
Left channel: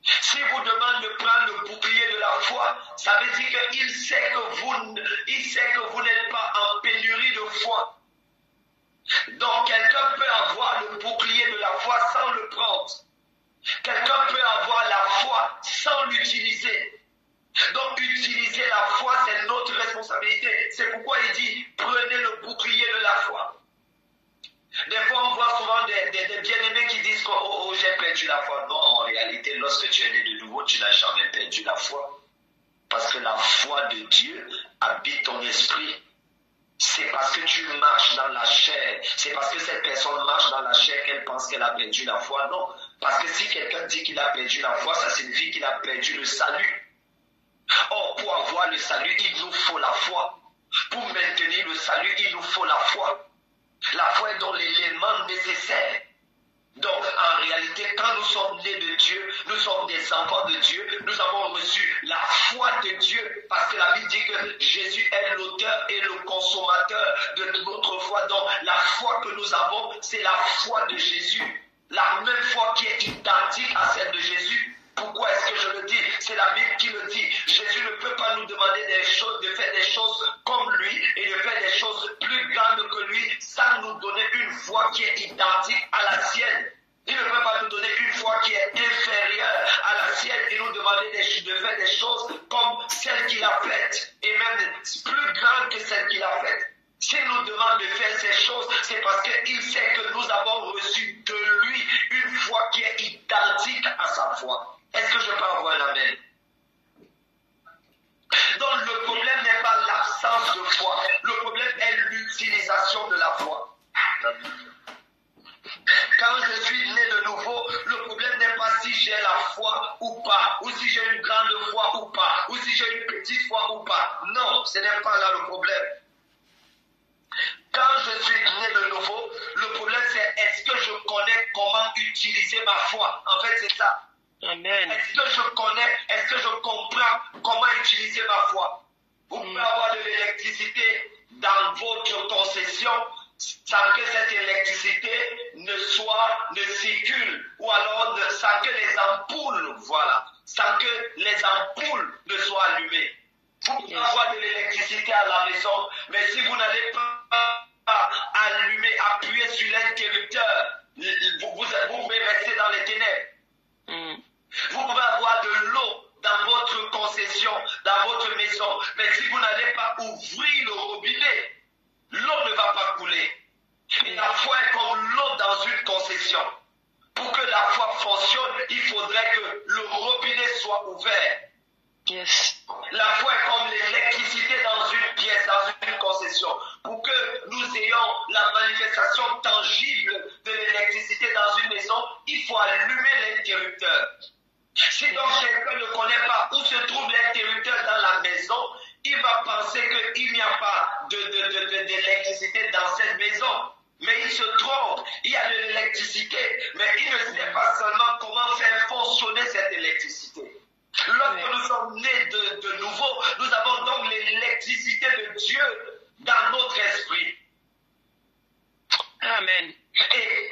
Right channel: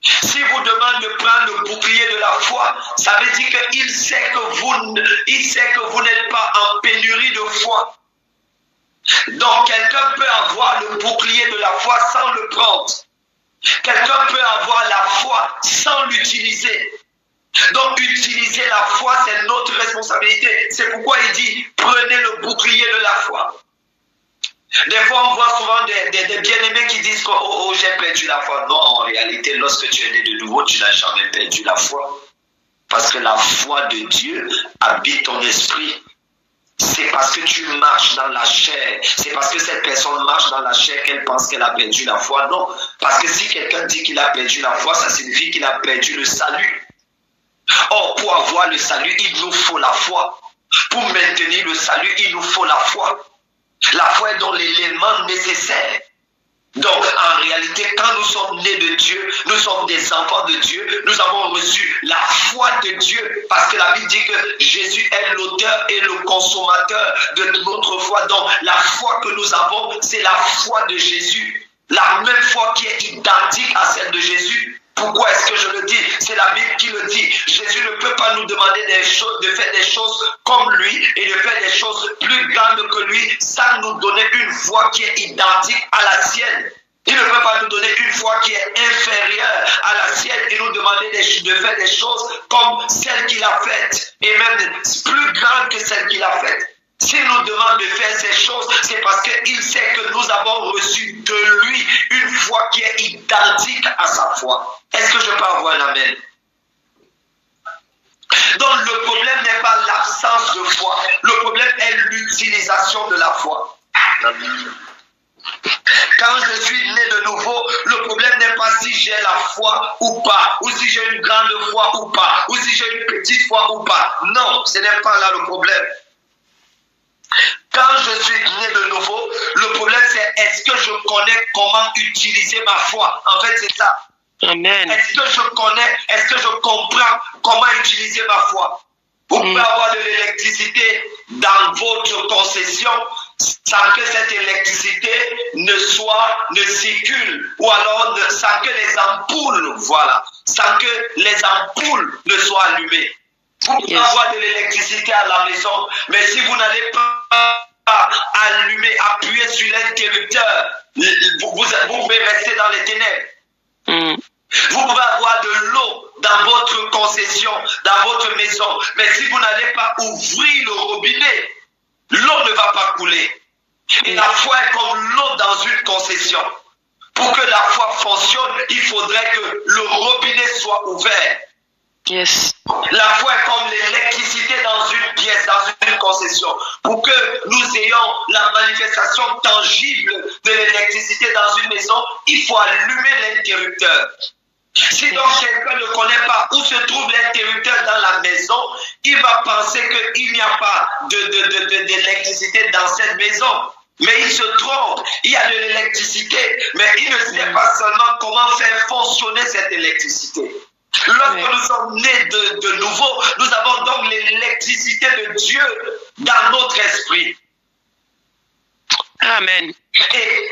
Si vous demande de prendre le bouclier de la foi, ça veut dire qu'il sait que vous n'êtes pas en pénurie de foi. Donc quelqu'un peut avoir le bouclier de la foi sans le prendre. Quelqu'un peut avoir la foi sans l'utiliser. Donc utiliser la foi, c'est notre responsabilité. C'est pourquoi il dit prenez le bouclier de la foi. Des fois, on voit souvent des bien-aimés qui disent que oh, j'ai perdu la foi. Non, en réalité, lorsque tu es né de nouveau, tu n'as jamais perdu la foi. Parce que la foi de Dieu habite ton esprit. C'est parce que tu marches dans la chair. C'est parce que cette personne marche dans la chair qu'elle pense qu'elle a perdu la foi. Non, parce que si quelqu'un dit qu'il a perdu la foi, ça signifie qu'il a perdu le salut. Or, pour avoir le salut, il nous faut la foi. Pour maintenir le salut, il nous faut la foi. La foi est dans l'élément nécessaire. Donc, en réalité, quand nous sommes nés de Dieu, nous sommes des enfants de Dieu, nous avons reçu la foi de Dieu, parce que la Bible dit que Jésus est l'auteur et le consommateur de notre foi. Donc, la foi que nous avons, c'est la foi de Jésus. La même foi qui est identique à celle de Jésus. Pourquoi est-ce que je le dis? C'est la Bible qui le dit. Jésus ne peut pas nous demander de faire des choses comme lui et de faire des choses plus grandes que lui sans nous donner une foi qui est identique à la sienne. Il ne peut pas nous donner une foi qui est inférieure à la sienne et nous demander de faire des choses comme celle qu'il a faites et même plus grandes que celle qu'il a faites. S'il nous demande de faire ces choses, c'est parce qu'il sait que nous avons reçu de lui une foi qui est identique à sa foi. Est-ce que je peux avoir un amen? Donc le problème n'est pas l'absence de foi. Le problème est l'utilisation de la foi. Quand je suis né de nouveau, le problème n'est pas si j'ai la foi ou pas, ou si j'ai une grande foi ou pas, ou si j'ai une petite foi ou pas. Non, ce n'est pas là le problème. Quand je suis né de nouveau, le problème c'est est-ce que je connais comment utiliser ma foi? En fait, c'est ça. Amen. Est-ce que je connais, est-ce que je comprends comment utiliser ma foi? Vous pouvez avoir de l'électricité dans votre concession sans que cette électricité ne circule, ou alors sans que les ampoules, voilà, sans que les ampoules ne soient allumées. Vous pouvez avoir de l'électricité à la maison, mais si vous n'allez pas allumer, appuyer sur l'interrupteur, vous pouvez rester dans les ténèbres. Vous pouvez avoir de l'eau dans votre concession, dans votre maison, mais si vous n'allez pas ouvrir le robinet, l'eau ne va pas couler. Et la foi est comme l'eau dans une concession. Pour que la foi fonctionne, il faudrait que le robinet soit ouvert. Yes. La foi est comme l'électricité dans une pièce, dans une concession. Pour que nous ayons la manifestation tangible de l'électricité dans une maison, il faut allumer l'interrupteur. Si donc quelqu'un ne connaît pas où se trouve l'interrupteur dans la maison, il va penser qu'il n'y a pas d'électricité dans cette maison. Mais il se trompe, il y a de l'électricité, mais il ne sait pas seulement comment faire fonctionner cette électricité. Lorsque nous sommes nés de nouveau, nous avons donc l'électricité de Dieu dans notre esprit. Amen. Et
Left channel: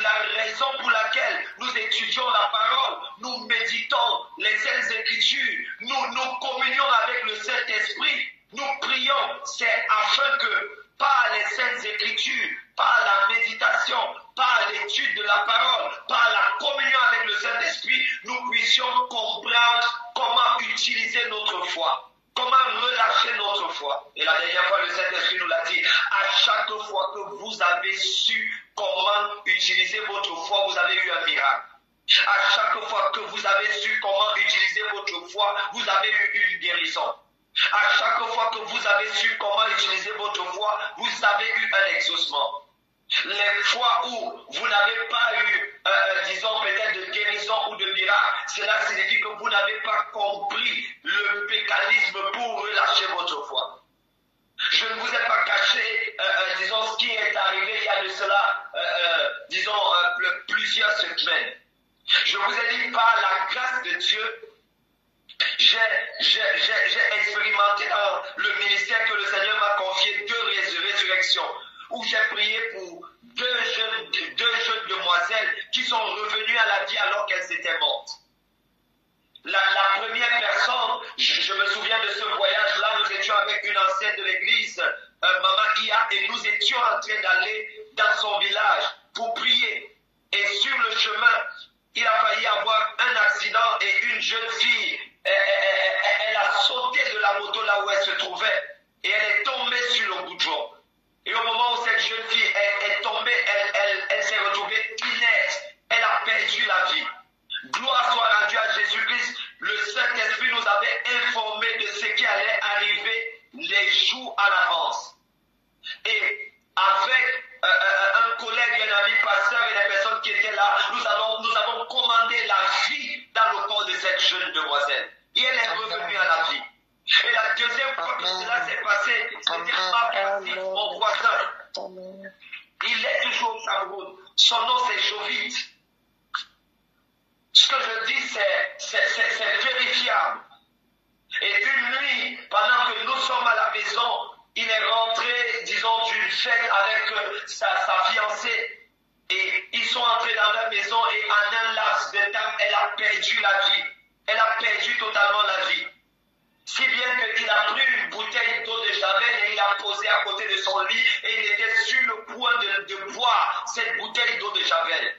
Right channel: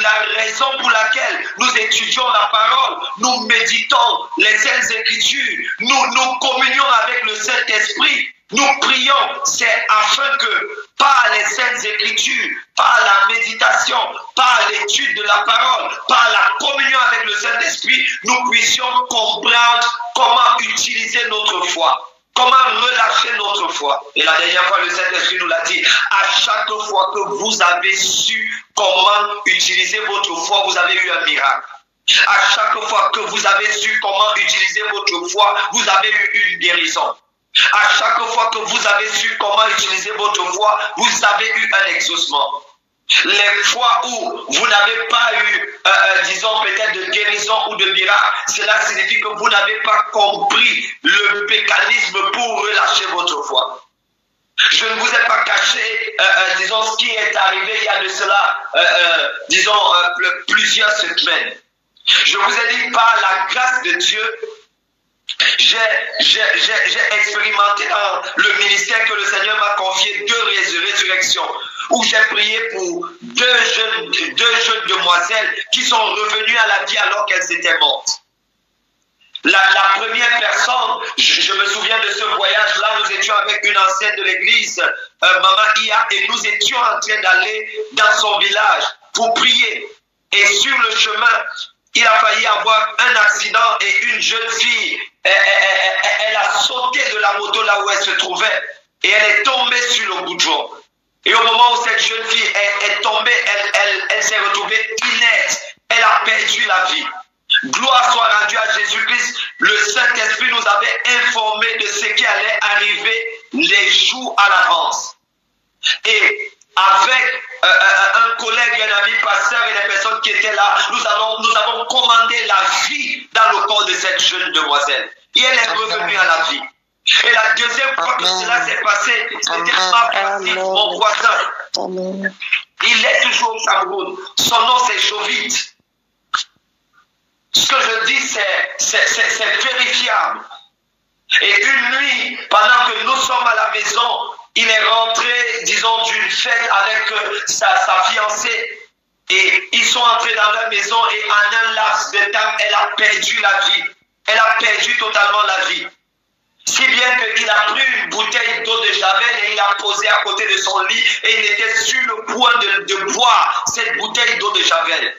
la raison pour laquelle nous étudions la parole, nous méditons les Saintes Écritures, nous communions avec le Saint-Esprit, nous prions, c'est afin que par les Saintes Écritures, par la méditation, par l'étude de la parole, par la communion avec le Saint-Esprit, nous puissions comprendre comment utiliser notre foi. Comment relâcher notre foi? Et la dernière fois, le Saint-Esprit nous l'a dit, à chaque fois que vous avez su comment utiliser votre foi, vous avez eu un miracle. À chaque fois que vous avez su comment utiliser votre foi, vous avez eu une guérison. À chaque fois que vous avez su comment utiliser votre foi, vous avez eu un exaucement. Les fois où vous n'avez pas eu, disons peut-être de guérison ou de miracle, cela signifie que vous n'avez pas compris le mécanisme pour relâcher votre foi. Je ne vous ai pas caché, disons, ce qui est arrivé il y a de cela, disons, plusieurs semaines. Je vous ai dit par la grâce de Dieu, j'ai expérimenté dans le ministère résurrection, où j'ai prié pour deux jeunes demoiselles qui sont revenues à la vie alors qu'elles étaient mortes. La première personne, je me souviens de ce voyage-là, nous étions avec une ancienne de l'église, Maman Ia, et nous étions en train d'aller dans son village pour prier. Et sur le chemin, il a failli avoir un accident et une jeune fille, elle a sauté de la moto là où elle se trouvait et elle est tombée sur le goudron. Et au moment où cette jeune fille est tombée, elle s'est retrouvée inerte. Elle a perdu la vie. Gloire soit rendue à Jésus-Christ. Le Saint-Esprit nous avait informé de ce qui allait arriver les jours à l'avance. Et avec un collègue, un ami pasteur et les personnes qui étaient là, nous avons commandé la vie dans le corps de cette jeune demoiselle. Et elle est revenue à la vie. Et la deuxième fois que cela s'est passé, c'était mon voisin. Il est toujours au Cameroun. Son nom c'est Jovite. Ce que je dis, c'est vérifiable. Et une nuit, pendant que nous sommes à la maison, il est rentré, disons, d'une fête avec sa fiancée. Et ils sont entrés dans la maison et en un laps de temps, elle a perdu la vie. Elle a perdu totalement la vie. Si bien qu'il a pris une bouteille d'eau de Javel et il l'a posée à côté de son lit et il était sur le point de boire cette bouteille d'eau de Javel.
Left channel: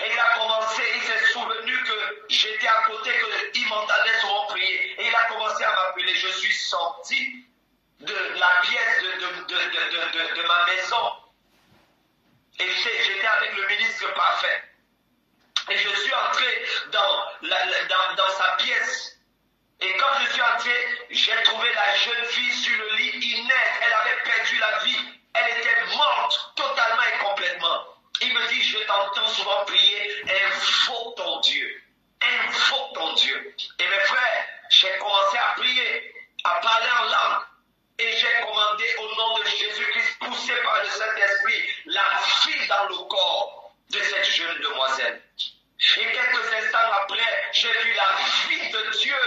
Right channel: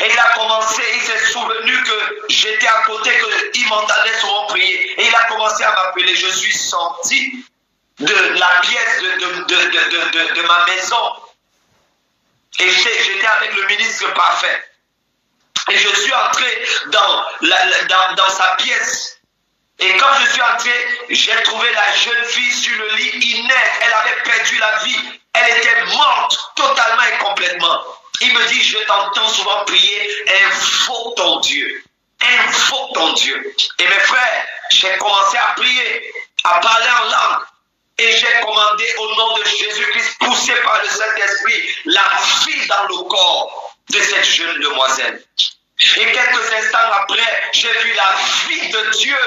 Et il a commencé, il s'est souvenu que j'étais à côté, qu'il m'entendait souvent prier. Et il a commencé à m'appeler. Je suis sorti de la pièce de ma maison. Et j'étais avec le ministre parfait. Et je suis entré dans sa pièce. Et quand je suis entré, j'ai trouvé la jeune fille sur le lit inerte. Elle avait perdu la vie. Elle était morte totalement et complètement. Il me dit, je t'entends souvent prier, invoque ton Dieu. Invoque ton Dieu. Et mes frères, j'ai commencé à prier, à parler en langue. Et j'ai commandé au nom de Jésus-Christ, poussé par le Saint-Esprit, la vie dans le corps de cette jeune demoiselle. Et quelques instants après, j'ai vu la vie de Dieu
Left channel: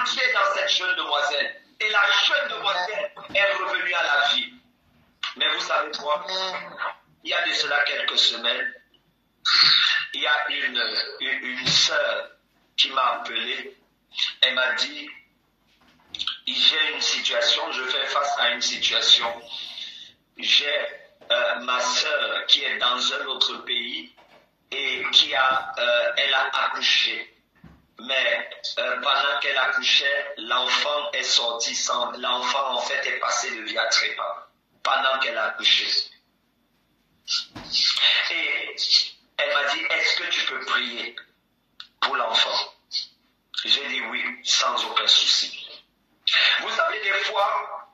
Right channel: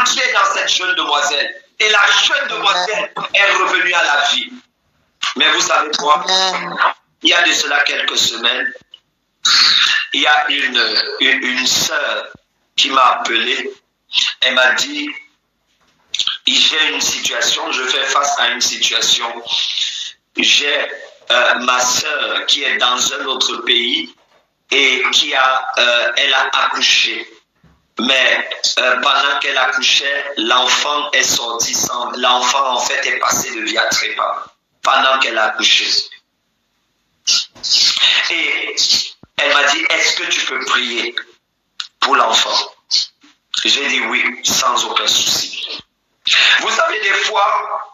entrer dans cette jeune demoiselle. Et la jeune demoiselle est revenue à la vie. Mais vous savez quoi? Il y a de cela quelques semaines, il y a une sœur qui m'a appelé. Elle m'a dit, j'ai une situation, je fais face à une situation. J'ai ma sœur qui est dans un autre pays et elle a accouché. Mais pendant qu'elle accouchait, l'enfant est sorti sans... L'enfant en fait est passé de via trépas pendant qu'elle a accouché. Et elle m'a dit, est-ce que tu peux prier pour l'enfant? J'ai dit oui, sans aucun souci. Vous savez, des fois,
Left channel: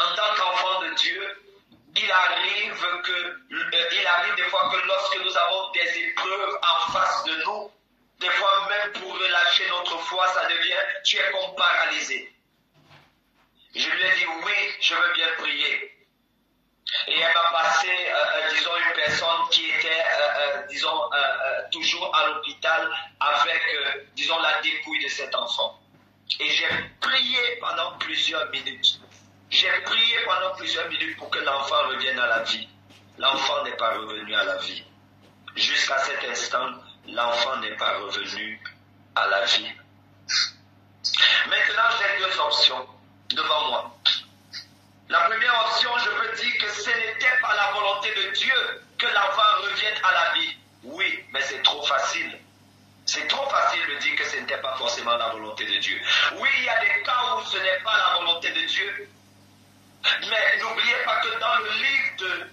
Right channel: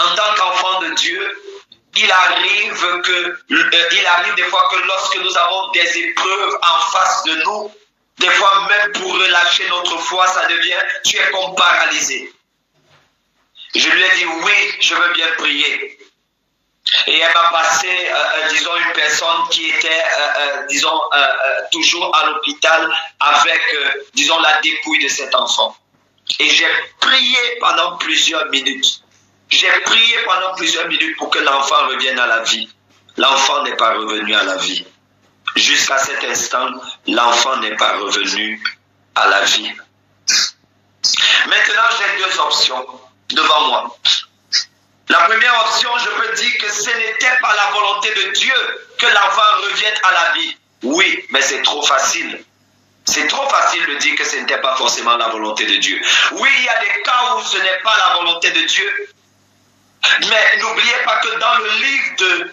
en tant qu'enfant de Dieu, il arrive des fois que lorsque nous avons des épreuves en face de nous, des fois même pour relâcher notre foi, ça devient, tu es comme paralysé. Je lui ai dit oui, je veux bien prier. Et elle m'a passé, disons, une personne qui était, toujours à l'hôpital avec, disons, la dépouille de cet enfant. Et j'ai prié pendant plusieurs minutes. J'ai prié pendant plusieurs minutes pour que l'enfant revienne à la vie. L'enfant n'est pas revenu à la vie. Jusqu'à cet instant, l'enfant n'est pas revenu à la vie. Maintenant, j'ai deux options devant moi. La première option, je peux dire que ce n'était pas la volonté de Dieu que l'enfant revienne à la vie. Oui, mais c'est trop facile. C'est trop facile de dire que ce n'était pas forcément la volonté de Dieu. Oui, il y a des cas où ce n'est pas la volonté de Dieu. Mais n'oubliez pas que dans le livre de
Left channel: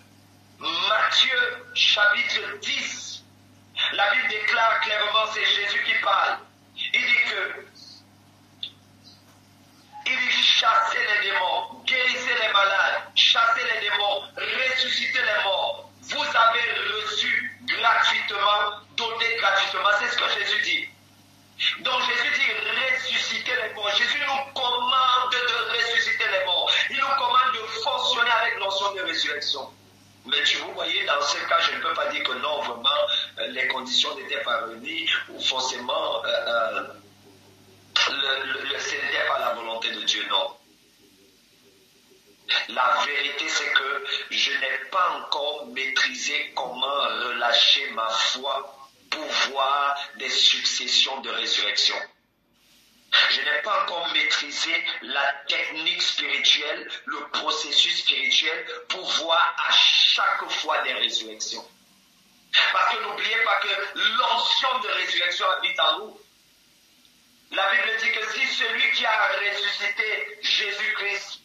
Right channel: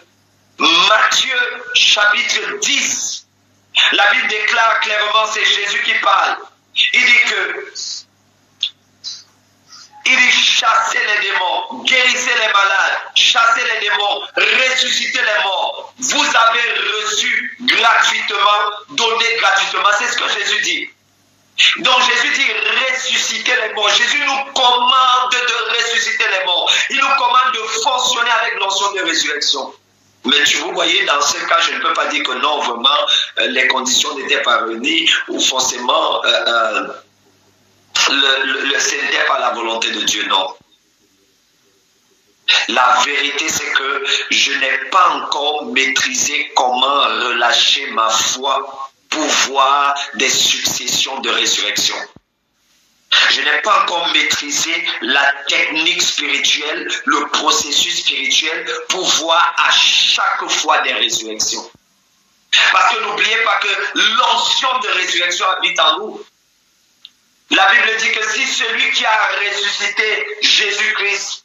Matthieu, chapitre 10, la Bible déclare clairement, c'est Jésus qui parle. Il dit que chassez les démons, guérissez les malades, chassez les démons, ressuscitez les morts. Vous avez reçu gratuitement, donné gratuitement. C'est ce que Jésus dit. Donc Jésus dit ressusciter les morts. Jésus nous commande de ressusciter les morts. Il nous commande de fonctionner avec l'onction de résurrection. Mais vous voyez, dans ce cas, je ne peux pas dire que non, vraiment, les conditions n'étaient pas réunies ou forcément... ce n'était pas la volonté de Dieu, non. La vérité, c'est que je n'ai pas encore maîtrisé comment relâcher ma foi pour voir des successions de résurrection. Je n'ai pas encore maîtrisé la technique spirituelle, le processus spirituel pour voir à chaque fois des résurrections. Parce que n'oubliez pas que l'onction de résurrection habite en nous. La Bible dit que si celui qui a ressuscité Jésus-Christ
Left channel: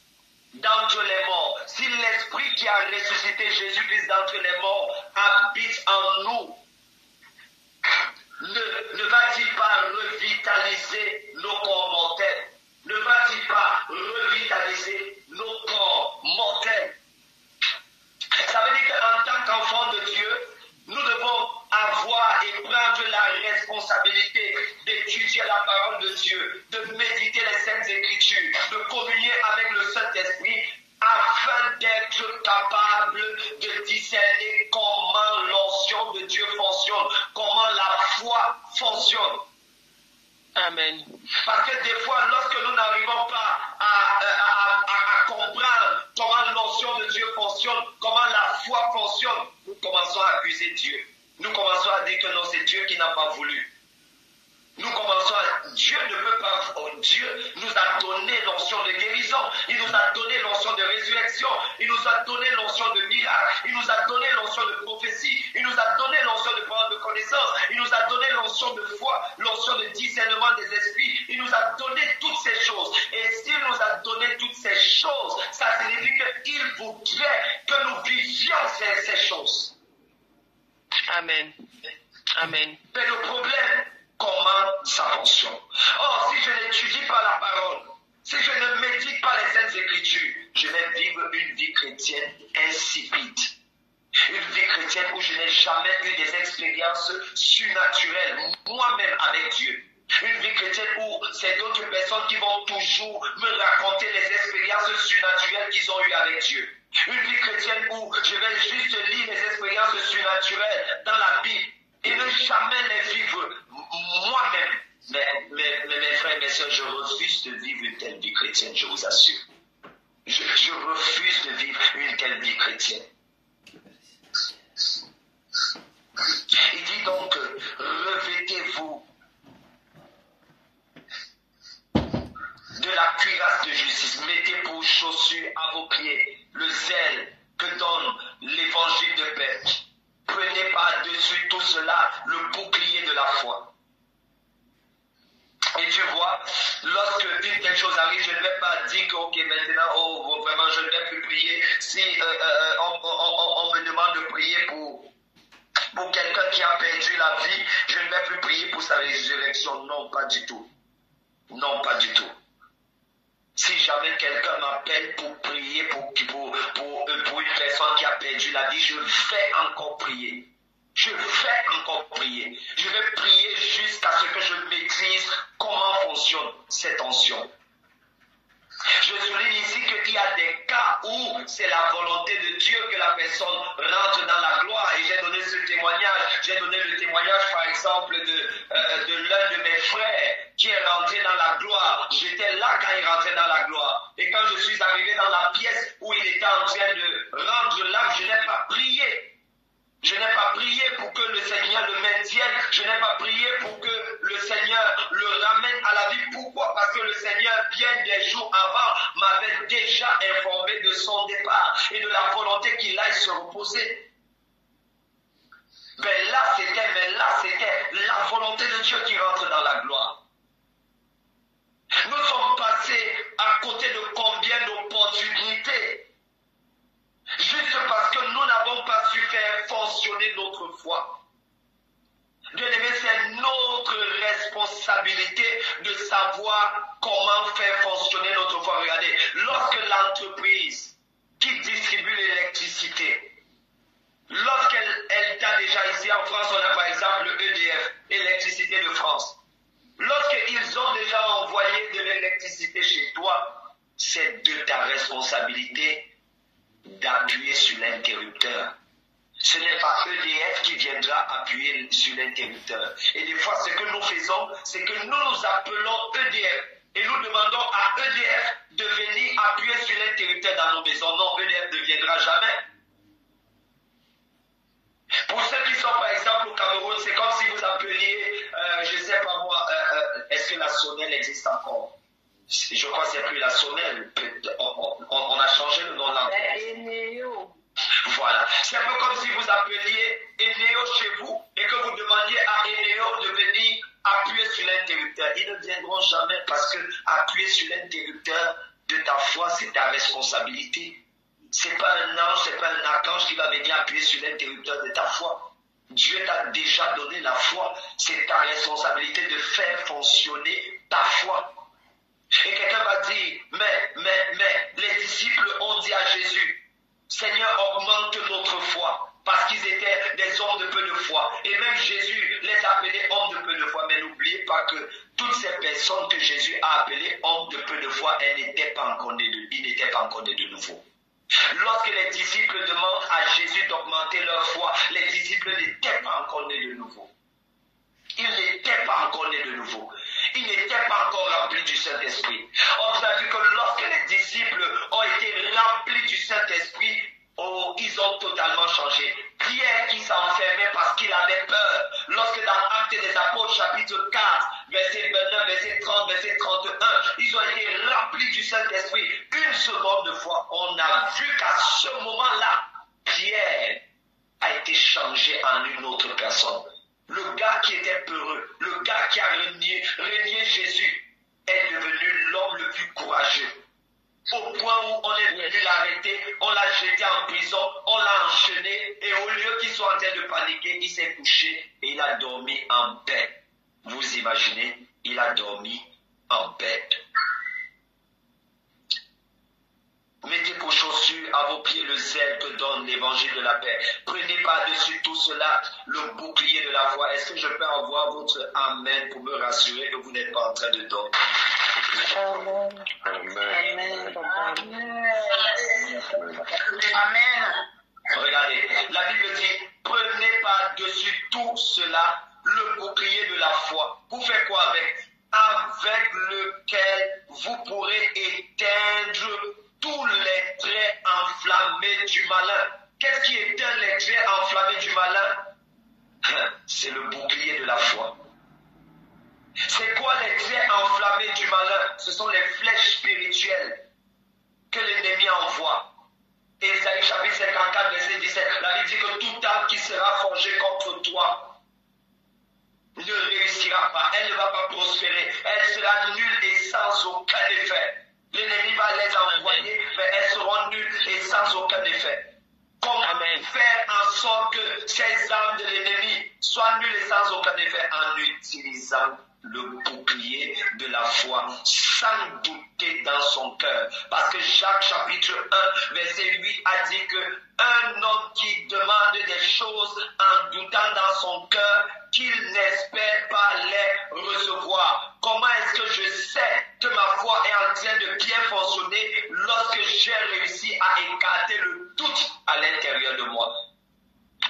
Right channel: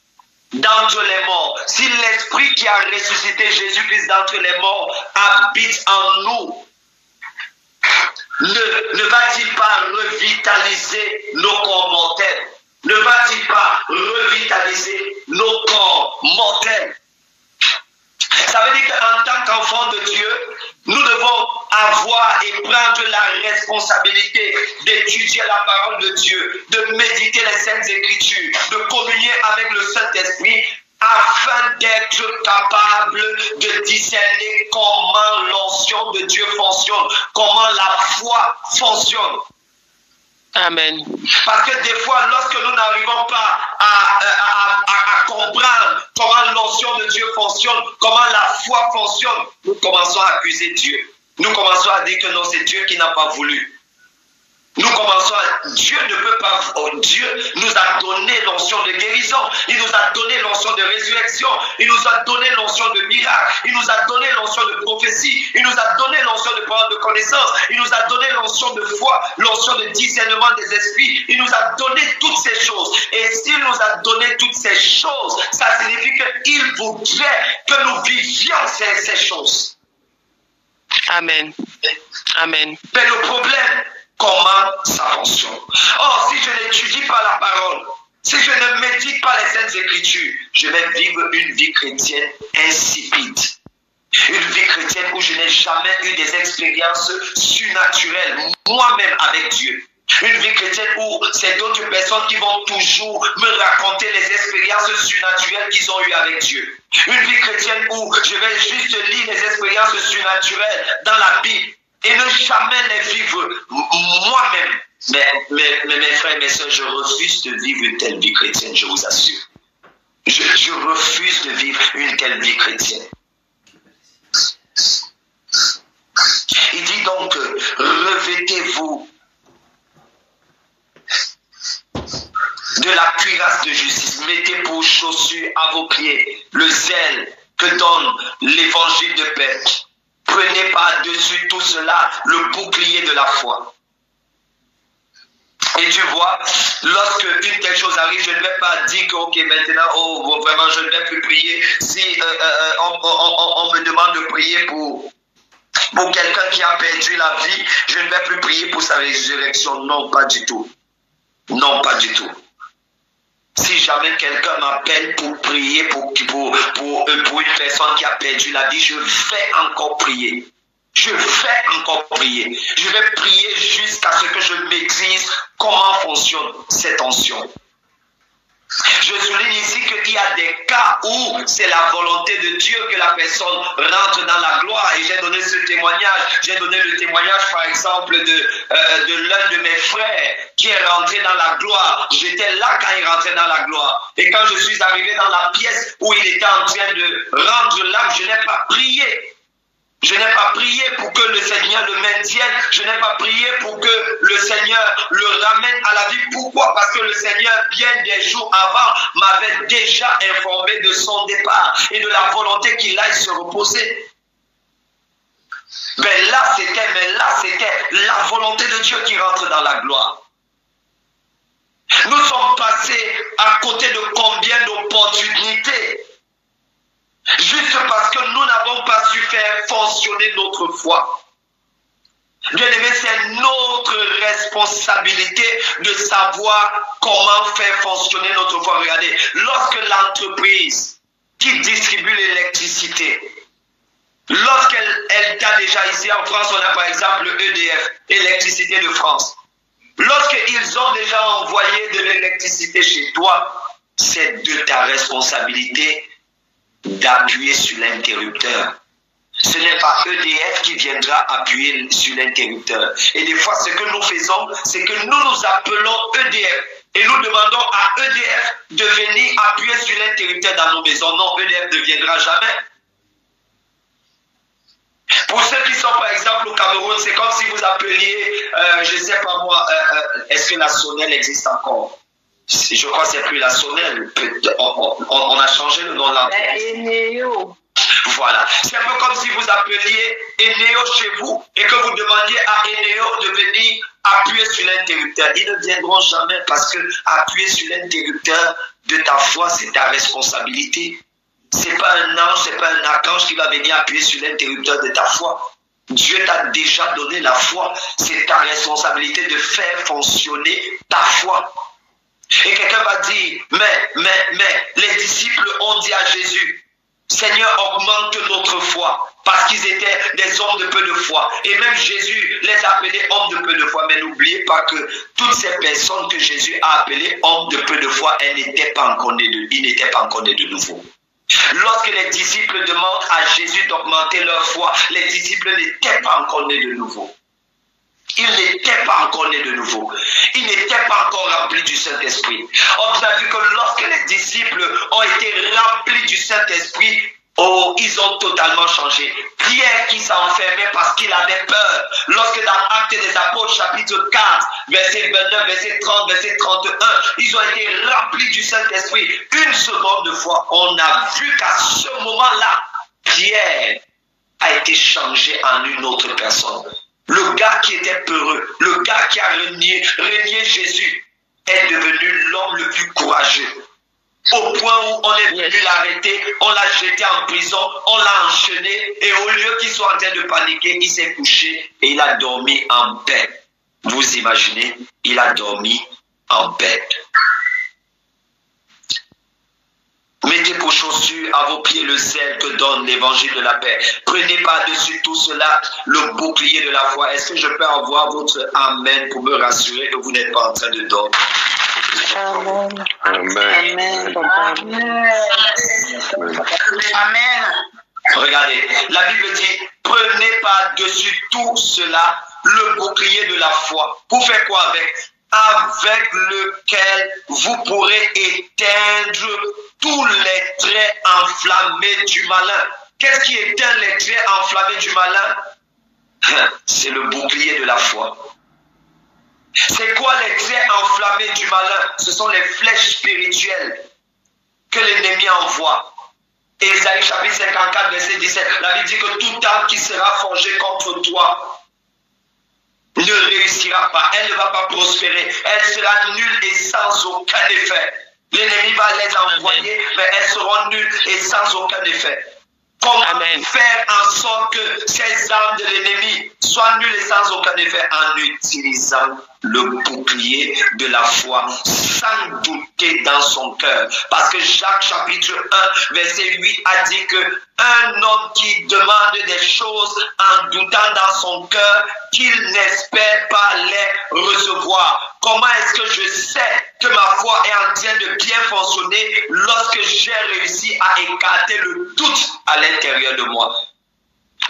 d'entre les morts, si l'Esprit qui a ressuscité Jésus-Christ d'entre les morts habite en nous, ne va-t-il pas revitaliser nos corps mortels? Ne va-t-il pas revitaliser nos corps mortels? Ça veut dire qu'en tant qu'enfant de Dieu, nous devons avoir et prendre la responsabilité d'étudier la parole de Dieu, de méditer les Saintes Écritures, de communier avec le Saint-Esprit afin d'être capable de discerner comment l'onction de Dieu fonctionne, comment la foi fonctionne. Amen. Parce que des fois, lorsque nous n'arrivons pas à comprendre comment l'onction de Dieu fonctionne, comment la foi fonctionne, nous commençons à accuser Dieu. Nous commençons à dire que non, c'est Dieu qui n'a pas voulu. Nous commençons à... Dieu ne peut pas... Dieu nous a donné l'onction de guérison. Il nous a donné l'onction de résurrection. Il nous a donné l'onction de miracle. Il nous a donné l'onction de prophétie. Il nous a donné l'onction de parole de connaissance. Il nous a donné l'onction de foi, l'onction de discernement des esprits. Il nous a donné toutes ces choses. Et s'il nous a donné toutes ces choses, ça signifie qu'il voudrait que nous vivions ces choses. Amen. Amen. Mais le problème... Comment ça fonctionne? Or, si je n'étudie pas la parole, si je ne médite pas les Saintes Écritures, je vais vivre une vie chrétienne insipide. Une vie chrétienne où je n'ai jamais eu des expériences surnaturelles, moi-même avec Dieu. Une vie chrétienne où c'est d'autres personnes qui vont toujours me raconter les expériences surnaturelles qu'ils ont eues avec Dieu. Une vie chrétienne où je vais juste lire les expériences surnaturelles dans la Bible. Et ne jamais les vivre moi-même. Mais mes frères et mes soeurs, je refuse de vivre une telle vie chrétienne, je vous assure. Je refuse de vivre une telle vie chrétienne. Il dit donc, revêtez-vous de la cuirasse de justice. Mettez pour chaussures à vos pieds le zèle que donne l'évangile de paix. Prenez par-dessus tout cela le bouclier de la foi. Et tu vois, lorsque une telle chose arrive, je ne vais pas dire que ok, maintenant, vraiment, je ne vais plus prier. Si on me demande de prier pour quelqu'un qui a perdu la vie, je ne vais plus prier pour sa résurrection. Non, pas du tout. Non, pas du tout. Si jamais quelqu'un m'appelle pour prier pour une personne qui a perdu la vie, je vais encore prier. Je vais encore prier. Je vais prier jusqu'à ce que je maîtrise comment fonctionne cette onction. Je souligne ici qu'il y a des cas où c'est la volonté de Dieu que la personne rentre dans la gloire. Et j'ai donné ce témoignage. J'ai donné le témoignage, par exemple, de l'un de mes frères qui est rentré dans la gloire. J'étais là quand il rentrait dans la gloire. Et quand je suis arrivé dans la pièce où il était en train de rendre l'âme, je n'ai pas prié. Je n'ai pas prié pour que le Seigneur le maintienne. Je n'ai pas prié pour que le Seigneur le ramène à la vie. Pourquoi? Parce que le Seigneur, bien des jours avant, m'avait déjà informé de son départ et de la volonté qu'il aille se reposer. Mais là, c'était la volonté de Dieu qui rentre dans la gloire. Nous sommes passés à côté de combien d'opportunités? Juste parce que nous n'avons pas su faire fonctionner notre foi. Bien aimé, c'est notre responsabilité de savoir comment faire fonctionner notre foi. Regardez, lorsque l'entreprise qui distribue l'électricité, lorsqu'elle t'a déjà ici en France, on a par exemple EDF, Électricité de France. Lorsqu'ils ont déjà envoyé de l'électricité chez toi, c'est de ta responsabilité d'appuyer sur l'interrupteur. Ce n'est pas EDF qui viendra appuyer sur l'interrupteur. Et des fois, ce que nous faisons, c'est que nous appelons EDF et nous demandons à EDF de venir appuyer sur l'interrupteur dans nos maisons. Non, EDF ne viendra jamais. Pour ceux qui sont par exemple au Cameroun, c'est comme si vous appeliez, je ne sais pas moi, est-ce que la Sonel existe encore? Je crois que c'est plus la Sonel. On a changé le nom de l'entreprise. Voilà. C'est un peu comme si vous appeliez Eneo chez vous et que vous demandiez à Eneo de venir appuyer sur l'interrupteur. Ils ne viendront jamais parce que appuyer sur l'interrupteur de ta foi, c'est ta responsabilité. Ce n'est pas un ange, ce n'est pas un archange qui va venir appuyer sur l'interrupteur de ta foi. Dieu t'a déjà donné la foi. C'est ta responsabilité de faire fonctionner ta foi. Et quelqu'un va dire, mais les disciples ont dit à Jésus, Seigneur, augmente notre foi, parce qu'ils étaient des hommes de peu de foi. Et même Jésus les appelait hommes de peu de foi. Mais n'oubliez pas que toutes ces personnes que Jésus a appelées hommes de peu de foi, ils n'étaient pas encore nés de nouveau. Lorsque les disciples demandent à Jésus d'augmenter leur foi, les disciples n'étaient pas encore nés de nouveau. Ils n'étaient pas encore nés de nouveau. Ils n'étaient pas encore remplis du Saint-Esprit. On a vu que lorsque les disciples ont été remplis du Saint-Esprit, oh, ils ont totalement changé. Pierre qui s'enfermait parce qu'il avait peur. Lorsque dans Actes des Apôtres, chapitre 4, verset 29, verset 30, verset 31, ils ont été remplis du Saint-Esprit. Une seconde de fois, on a vu qu'à ce moment-là, Pierre a été changé en une autre personne. Le gars qui était peureux, le gars qui a renié Jésus, est devenu l'homme le plus courageux. Au point où on est venu l'arrêter, on l'a jeté en prison, on l'a enchaîné, et au lieu qu'il soit en train de paniquer, il s'est couché et il a dormi en paix. Vous imaginez, il a dormi en paix. Mettez vos chaussures à vos pieds le zèle que donne l'évangile de la paix. Prenez par-dessus tout cela le bouclier de la foi. Est-ce que je peux avoir votre amen pour me rassurer que vous n'êtes pas en train de dormir? Amen. Amen. Amen. Regardez, la Bible dit, prenez par-dessus tout cela le bouclier de la foi. Vous faites quoi avec? Avec lequel vous pourrez éteindre tous les traits enflammés du malin. Qu'est-ce qui éteint les traits enflammés du malin? C'est le bouclier de la foi. C'est quoi les traits enflammés du malin? Ce sont les flèches spirituelles que l'ennemi envoie. Ésaïe chapitre 54, verset 17. La Bible dit que toute arme qui sera forgée contre toi ne réussira pas, elle ne va pas prospérer, elle sera nulle et sans aucun effet. L'ennemi va les envoyer, mais elles seront nulles et sans aucun effet. Comment faire en sorte que ces armes de l'ennemi soient nulles et sans aucun effet? En utilisant le bouclier de la foi, sans douter dans son cœur. Parce que Jacques chapitre 1, verset 8 a dit que un homme qui demande des choses en doutant dans son cœur, qu'il n'espère pas les recevoir. Comment est-ce que je sais que ma foi est en train de bien fonctionner lorsque j'ai réussi à écarter le doute à l'intérieur de moi?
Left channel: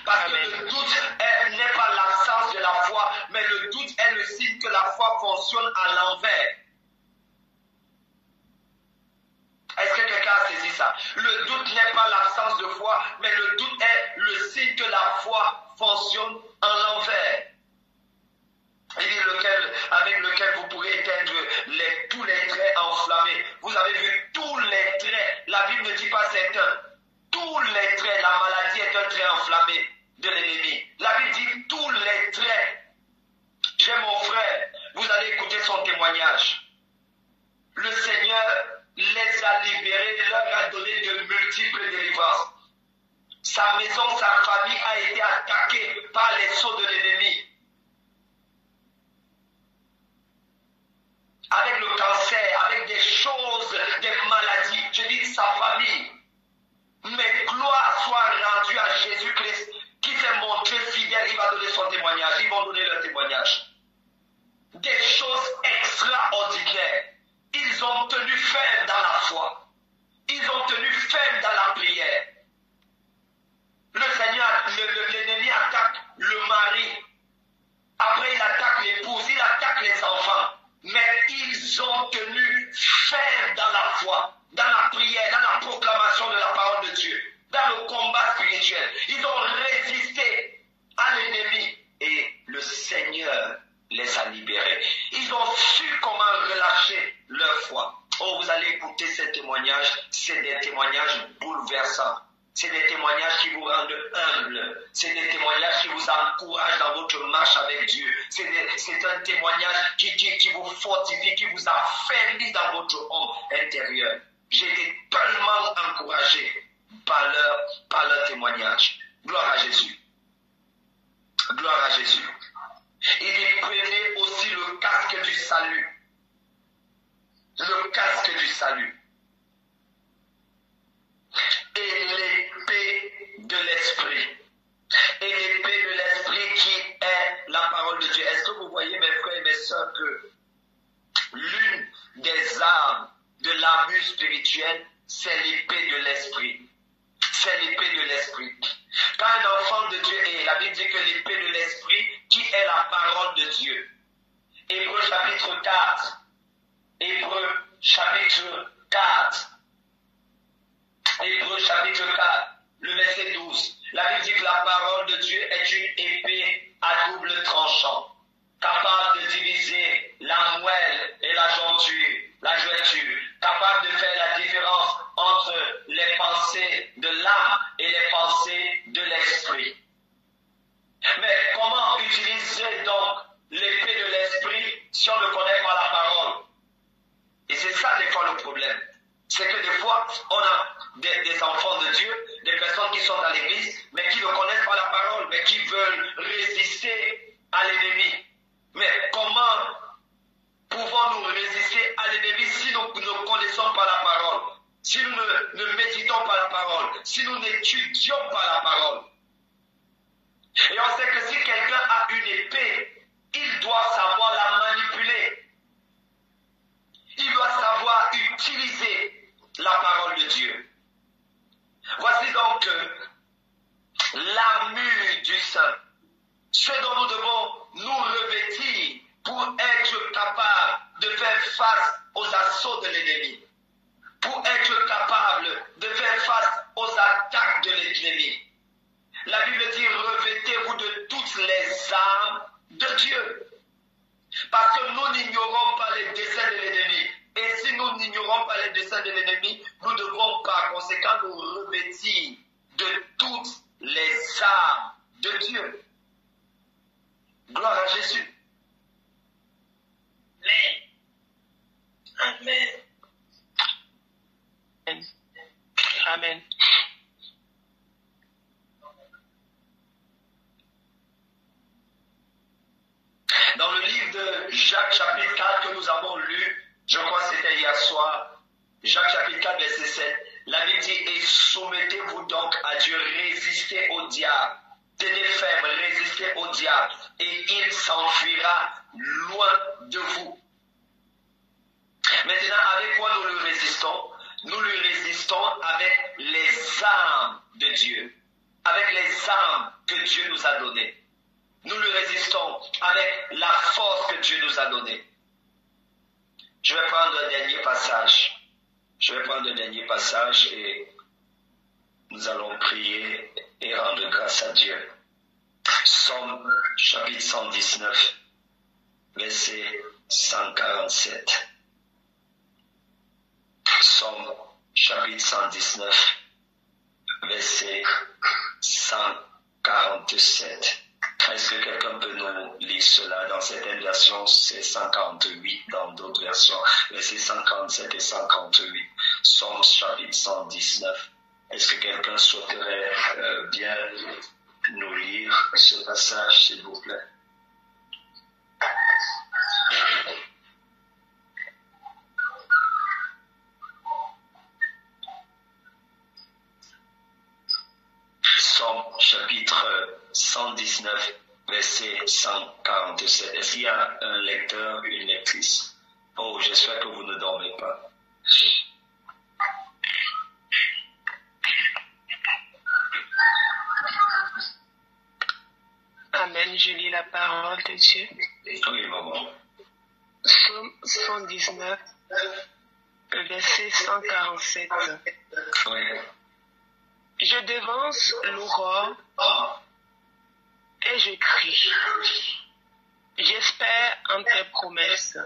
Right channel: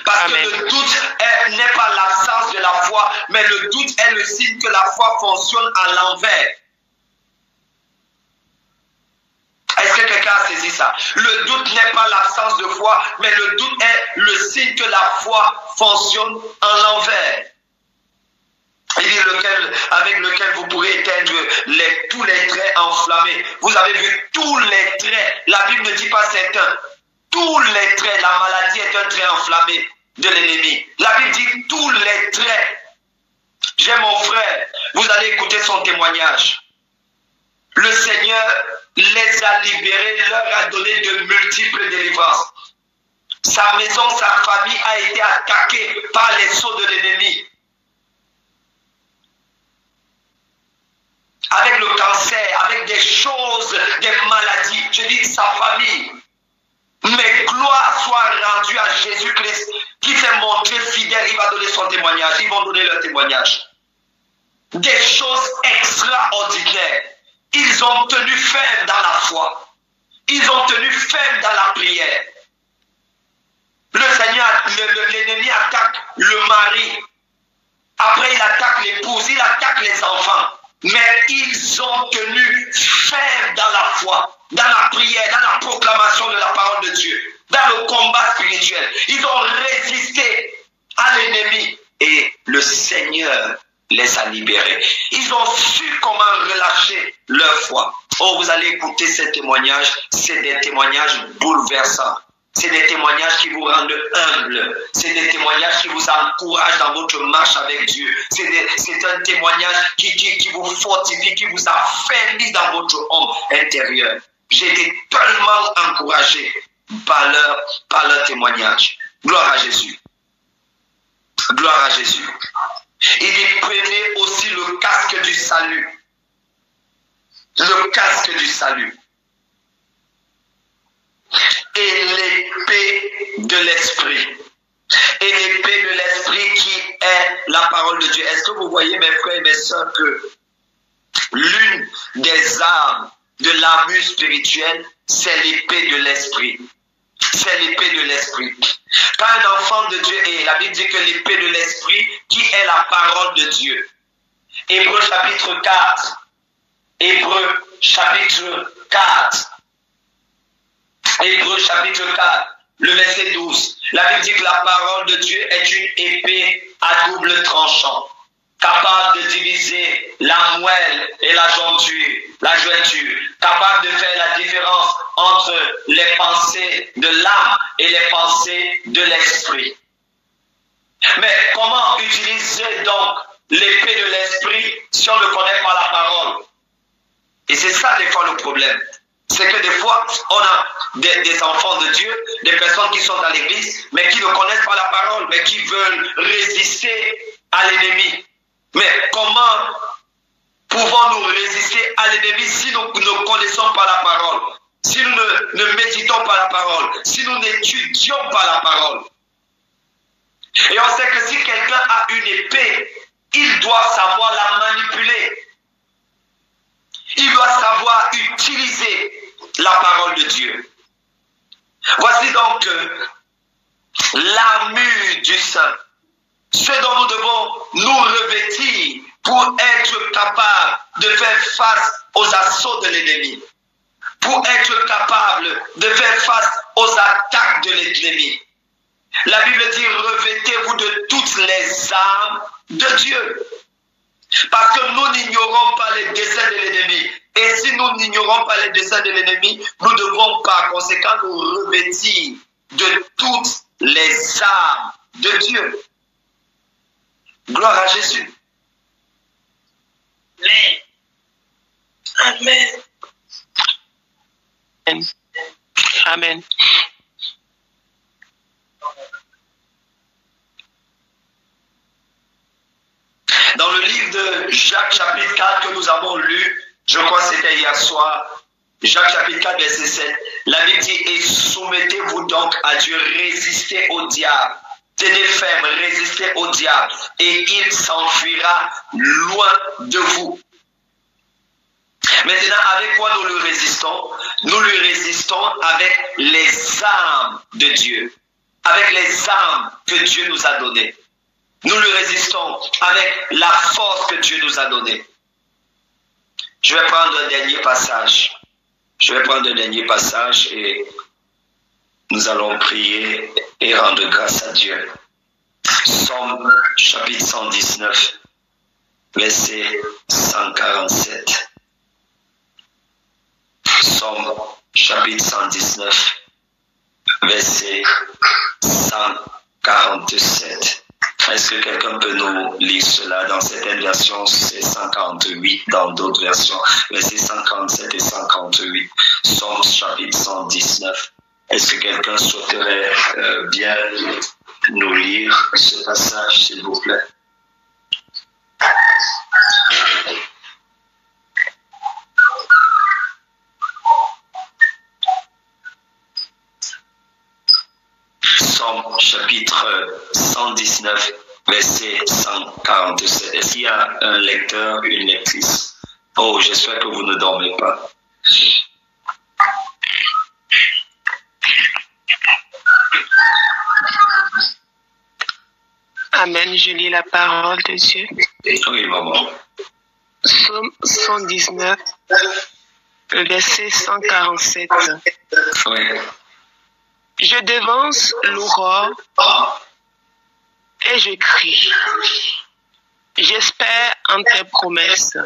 Parce que le doute n'est pas l'absence de la foi, mais le doute est le signe que la foi fonctionne à l'envers. Est-ce que quelqu'un a saisi ça? Le doute n'est pas l'absence de foi, mais le doute est le signe que la foi fonctionne à l'envers. Il dit avec lequel vous pourrez éteindre tous les traits enflammés. Vous avez vu tous les traits. La Bible ne dit pas certains. Tous les traits. La maladie est un trait enflammé de l'ennemi. La Bible dit tous les traits. J'ai mon frère. Vous allez écouter son témoignage. Le Seigneur les a libérés, leur a donné de multiples délivrances. Sa maison, sa famille a été attaquée par les sauts de l'ennemi. Avec le cancer, avec des choses, des maladies. Je dis sa famille. Mais gloire soit rendue à Jésus-Christ qui s'est montré fidèle. Il va donner son témoignage. Ils vont donner leur témoignage. Des choses extraordinaires. Ils ont tenu ferme dans la foi. Ils ont tenu ferme dans la prière. Le Seigneur, l'ennemi attaque le mari. Après, il attaque l'épouse, il attaque les enfants. Mais ils ont tenu ferme dans la foi. foi, dans la prière, dans la proclamation de la parole de Dieu, dans le combat spirituel. Ils ont résisté à l'ennemi et le Seigneur les a libérés. Ils ont su comment relâcher leur foi. Oh, vous allez écouter ces témoignages, c'est des témoignages bouleversants. C'est des témoignages qui vous rendent humbles. C'est des témoignages qui vous encouragent dans votre marche avec Dieu. C'est un témoignage qui vous fortifie, qui vous affermit dans votre homme intérieur. J'ai été tellement encouragé par leur témoignage. Gloire à Jésus. Gloire à Jésus. Il dit, prenez aussi le casque du salut. Le casque du salut. Et l'épée de l'esprit. Et l'épée de l'esprit qui est la parole de Dieu. Est-ce que vous voyez, mes frères et mes sœurs, que l'une des armes de l'armure spirituelle, c'est l'épée de l'esprit. C'est l'épée de l'esprit. Quand un enfant de Dieu est, la Bible dit que l'épée de l'esprit, qui est la parole de Dieu. Hébreux chapitre 4. Hébreux chapitre 4. Hébreux chapitre 4, le verset 12. La Bible dit que la parole de Dieu est une épée à double tranchant, capable de diviser la moelle et la jointure, capable de faire la différence entre les pensées de l'âme et les pensées de l'esprit. Mais comment utiliser donc l'épée de l'esprit si on ne connaît pas la parole? Et c'est ça des fois le problème. C'est que des fois, on a des enfants de Dieu, des personnes qui sont dans l'église, mais qui ne connaissent pas la parole, mais qui veulent résister à l'ennemi. Mais comment pouvons-nous résister à l'ennemi si nous ne connaissons pas la parole, si nous ne méditons pas la parole, si nous n'étudions pas la parole? Et on sait que si quelqu'un a une épée, il doit savoir la manipuler. Il doit savoir utiliser la parole de Dieu. Voici donc l'armure du saint. Ce dont nous devons nous revêtir pour être capables de faire face aux assauts de l'ennemi. Pour être capables de faire face aux attaques de l'ennemi. La Bible dit, revêtez-vous de toutes les armes de Dieu. Parce que nous n'ignorons pas les desseins de l'ennemi. Et si nous n'ignorons pas les desseins de l'ennemi, nous devons par conséquent nous revêtir de toutes les armes de Dieu. Gloire à Jésus. Amen. Amen. Dans le livre de Jacques chapitre 4 que nous avons lu, je crois que c'était hier soir, Jacques chapitre 4 verset 7, la Bible dit, et soumettez-vous donc à Dieu, résistez au diable, tenez ferme, résistez au diable, et il s'enfuira loin de vous. Maintenant, avec quoi nous lui résistons? Nous lui résistons avec les armes de Dieu, avec les armes que Dieu nous a données. Nous lui résistons avec la force que Dieu nous a donnée. Je vais prendre un dernier passage. Et nous allons prier et rendre grâce à Dieu. Psaume chapitre 119, verset 147. Psaume chapitre 119, verset 147. Est-ce que quelqu'un peut nous lire cela? Dans certaines versions, c'est 148, dans d'autres versions, versets 147 et 148. Psaume chapitre 119. Est-ce que quelqu'un souhaiterait bien nous lire ce passage, s'il vous plaît? Psaume chapitre 119, verset 147. Est-ce qu'il y a un lecteur, une lectrice? Oh, j'espère que vous ne dormez pas. Amen, je lis la parole de Dieu. Oui, maman. Psaume 119, Verset 147. Oui. Je devance l'aurore et je crie. J'espère en tes promesses.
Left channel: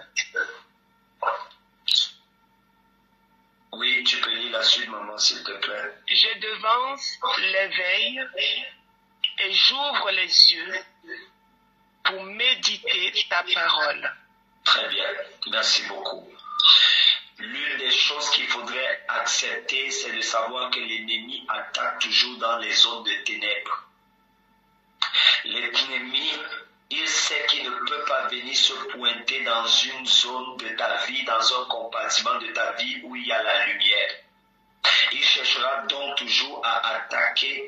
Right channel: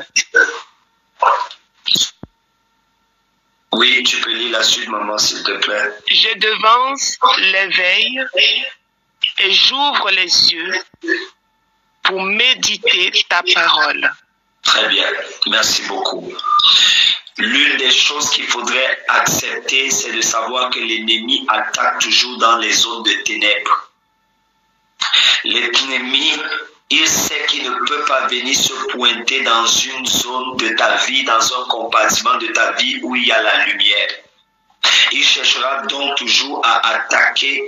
Oui, tu peux lire la suite, maman, s'il te plaît. Je devance l'éveil et j'ouvre les yeux pour méditer ta parole. Très bien, merci beaucoup. L'une des choses qu'il faudrait accepter, c'est de savoir que l'ennemi attaque toujours dans les zones de ténèbres. L'ennemi, il sait qu'il ne peut pas venir se pointer dans une zone de ta vie, dans un compartiment de ta vie où il y a la lumière. Il cherchera donc toujours à attaquer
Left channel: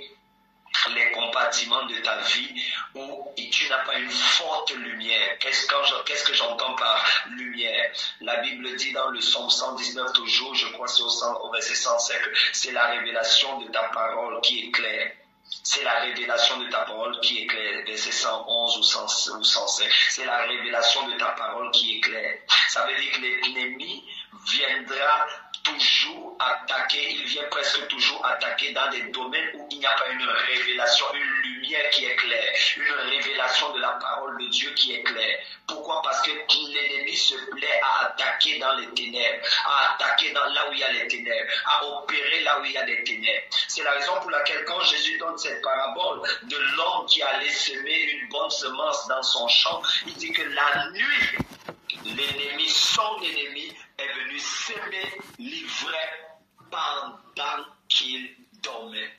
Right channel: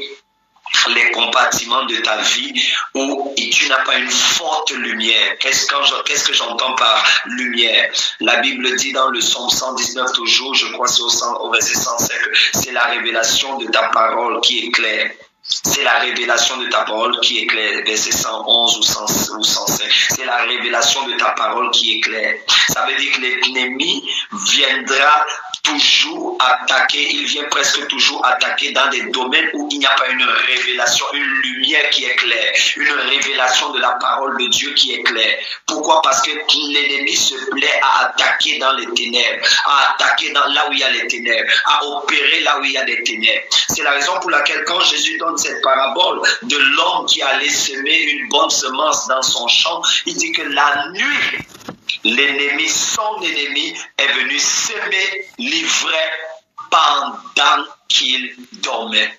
les compartiments de ta vie où tu n'as pas une forte lumière. Qu'est-ce que j'entends par lumière? La Bible dit dans le psaume 119 toujours, je crois c'est au verset 105, c'est la révélation de ta parole qui est claire. C'est la révélation de ta parole qui est claire. Verset 111 ou 105. C'est la révélation de ta parole qui est claire. Ça veut dire que l'ennemi viendra toujours attaquer, il vient presque toujours attaquer dans des domaines où il n'y a pas une révélation, une lumière qui est claire, une révélation de la parole de Dieu qui est claire. Pourquoi? Parce que l'ennemi se plaît à attaquer dans les ténèbres, à attaquer là où il y a les ténèbres, à opérer là où il y a des ténèbres. C'est la raison pour laquelle quand Jésus donne cette parabole de l'homme qui allait semer une bonne semence dans son champ, il dit que la nuit, l'ennemi, son ennemi, est venu semer l'ivraie pendant qu'il dormait.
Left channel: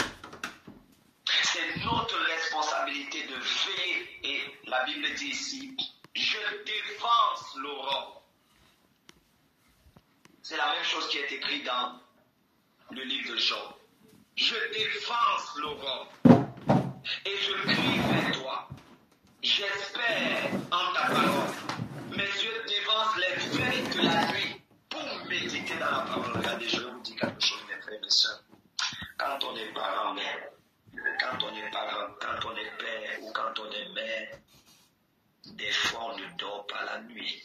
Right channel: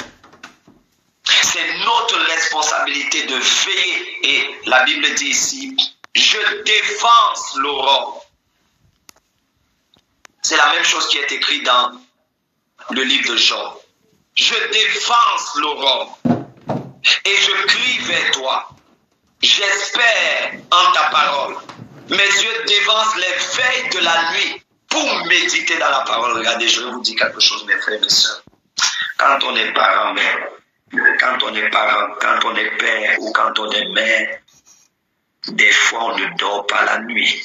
C'est notre responsabilité de veiller. Et la Bible dit ici, je défense l'aurore. C'est la même chose qui est écrit dans le livre de Job. Je défense l'aurore et je crie vers toi. J'espère en ta parole. Mes yeux dévancent les veilles de la nuit pour méditer dans la parole. Regardez, je vais vous dire quelque chose, mes frères et mes sœurs. Quand on est parent, quand on est père ou quand on est mère, des fois on ne dort pas la nuit.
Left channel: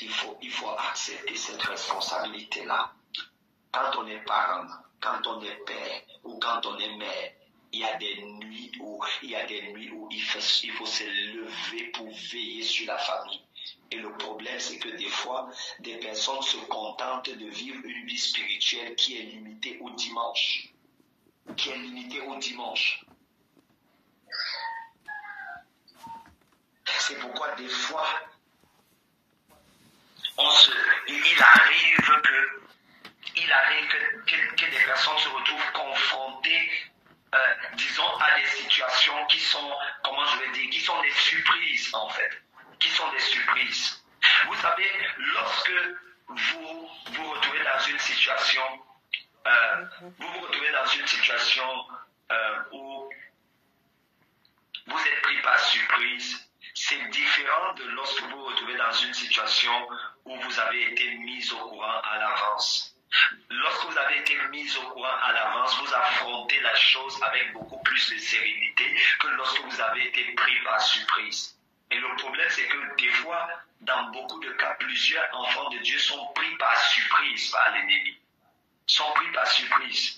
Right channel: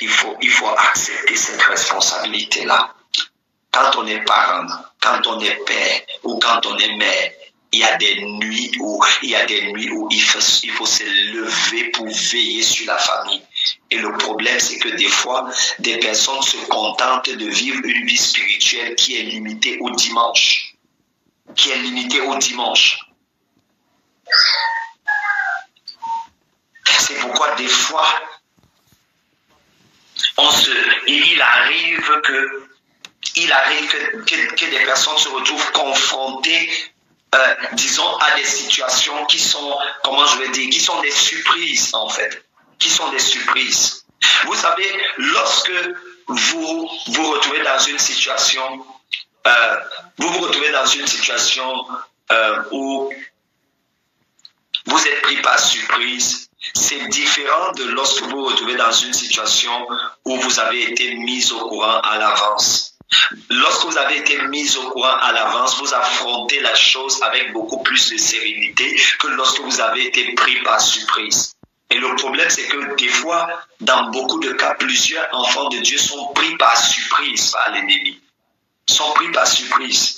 Il faut accepter cette responsabilité-là. Quand on est parent, quand on est père ou quand on est mère, il y a des nuits où il faut se lever pour veiller sur la famille. Et le problème, c'est que des fois, des personnes se contentent de vivre une vie spirituelle qui est limitée au dimanche. C'est pourquoi des fois, il arrive que des personnes se retrouvent confrontées, disons, à des situations qui sont, qui sont des surprises, en fait. Qui sont des surprises. Vous savez, lorsque vous vous retrouvez dans une situation, où vous êtes pris par surprise, c'est différent de lorsque vous vous retrouvez dans une situation où vous avez été mis au courant à l'avance. Lorsque vous avez été mis au courant à l'avance, vous affrontez la chose avec beaucoup plus de sérénité que lorsque vous avez été pris par surprise. Et le problème, c'est que des fois, dans beaucoup de cas, plusieurs enfants de Dieu sont pris par surprise par l'ennemi. Sont pris par surprise.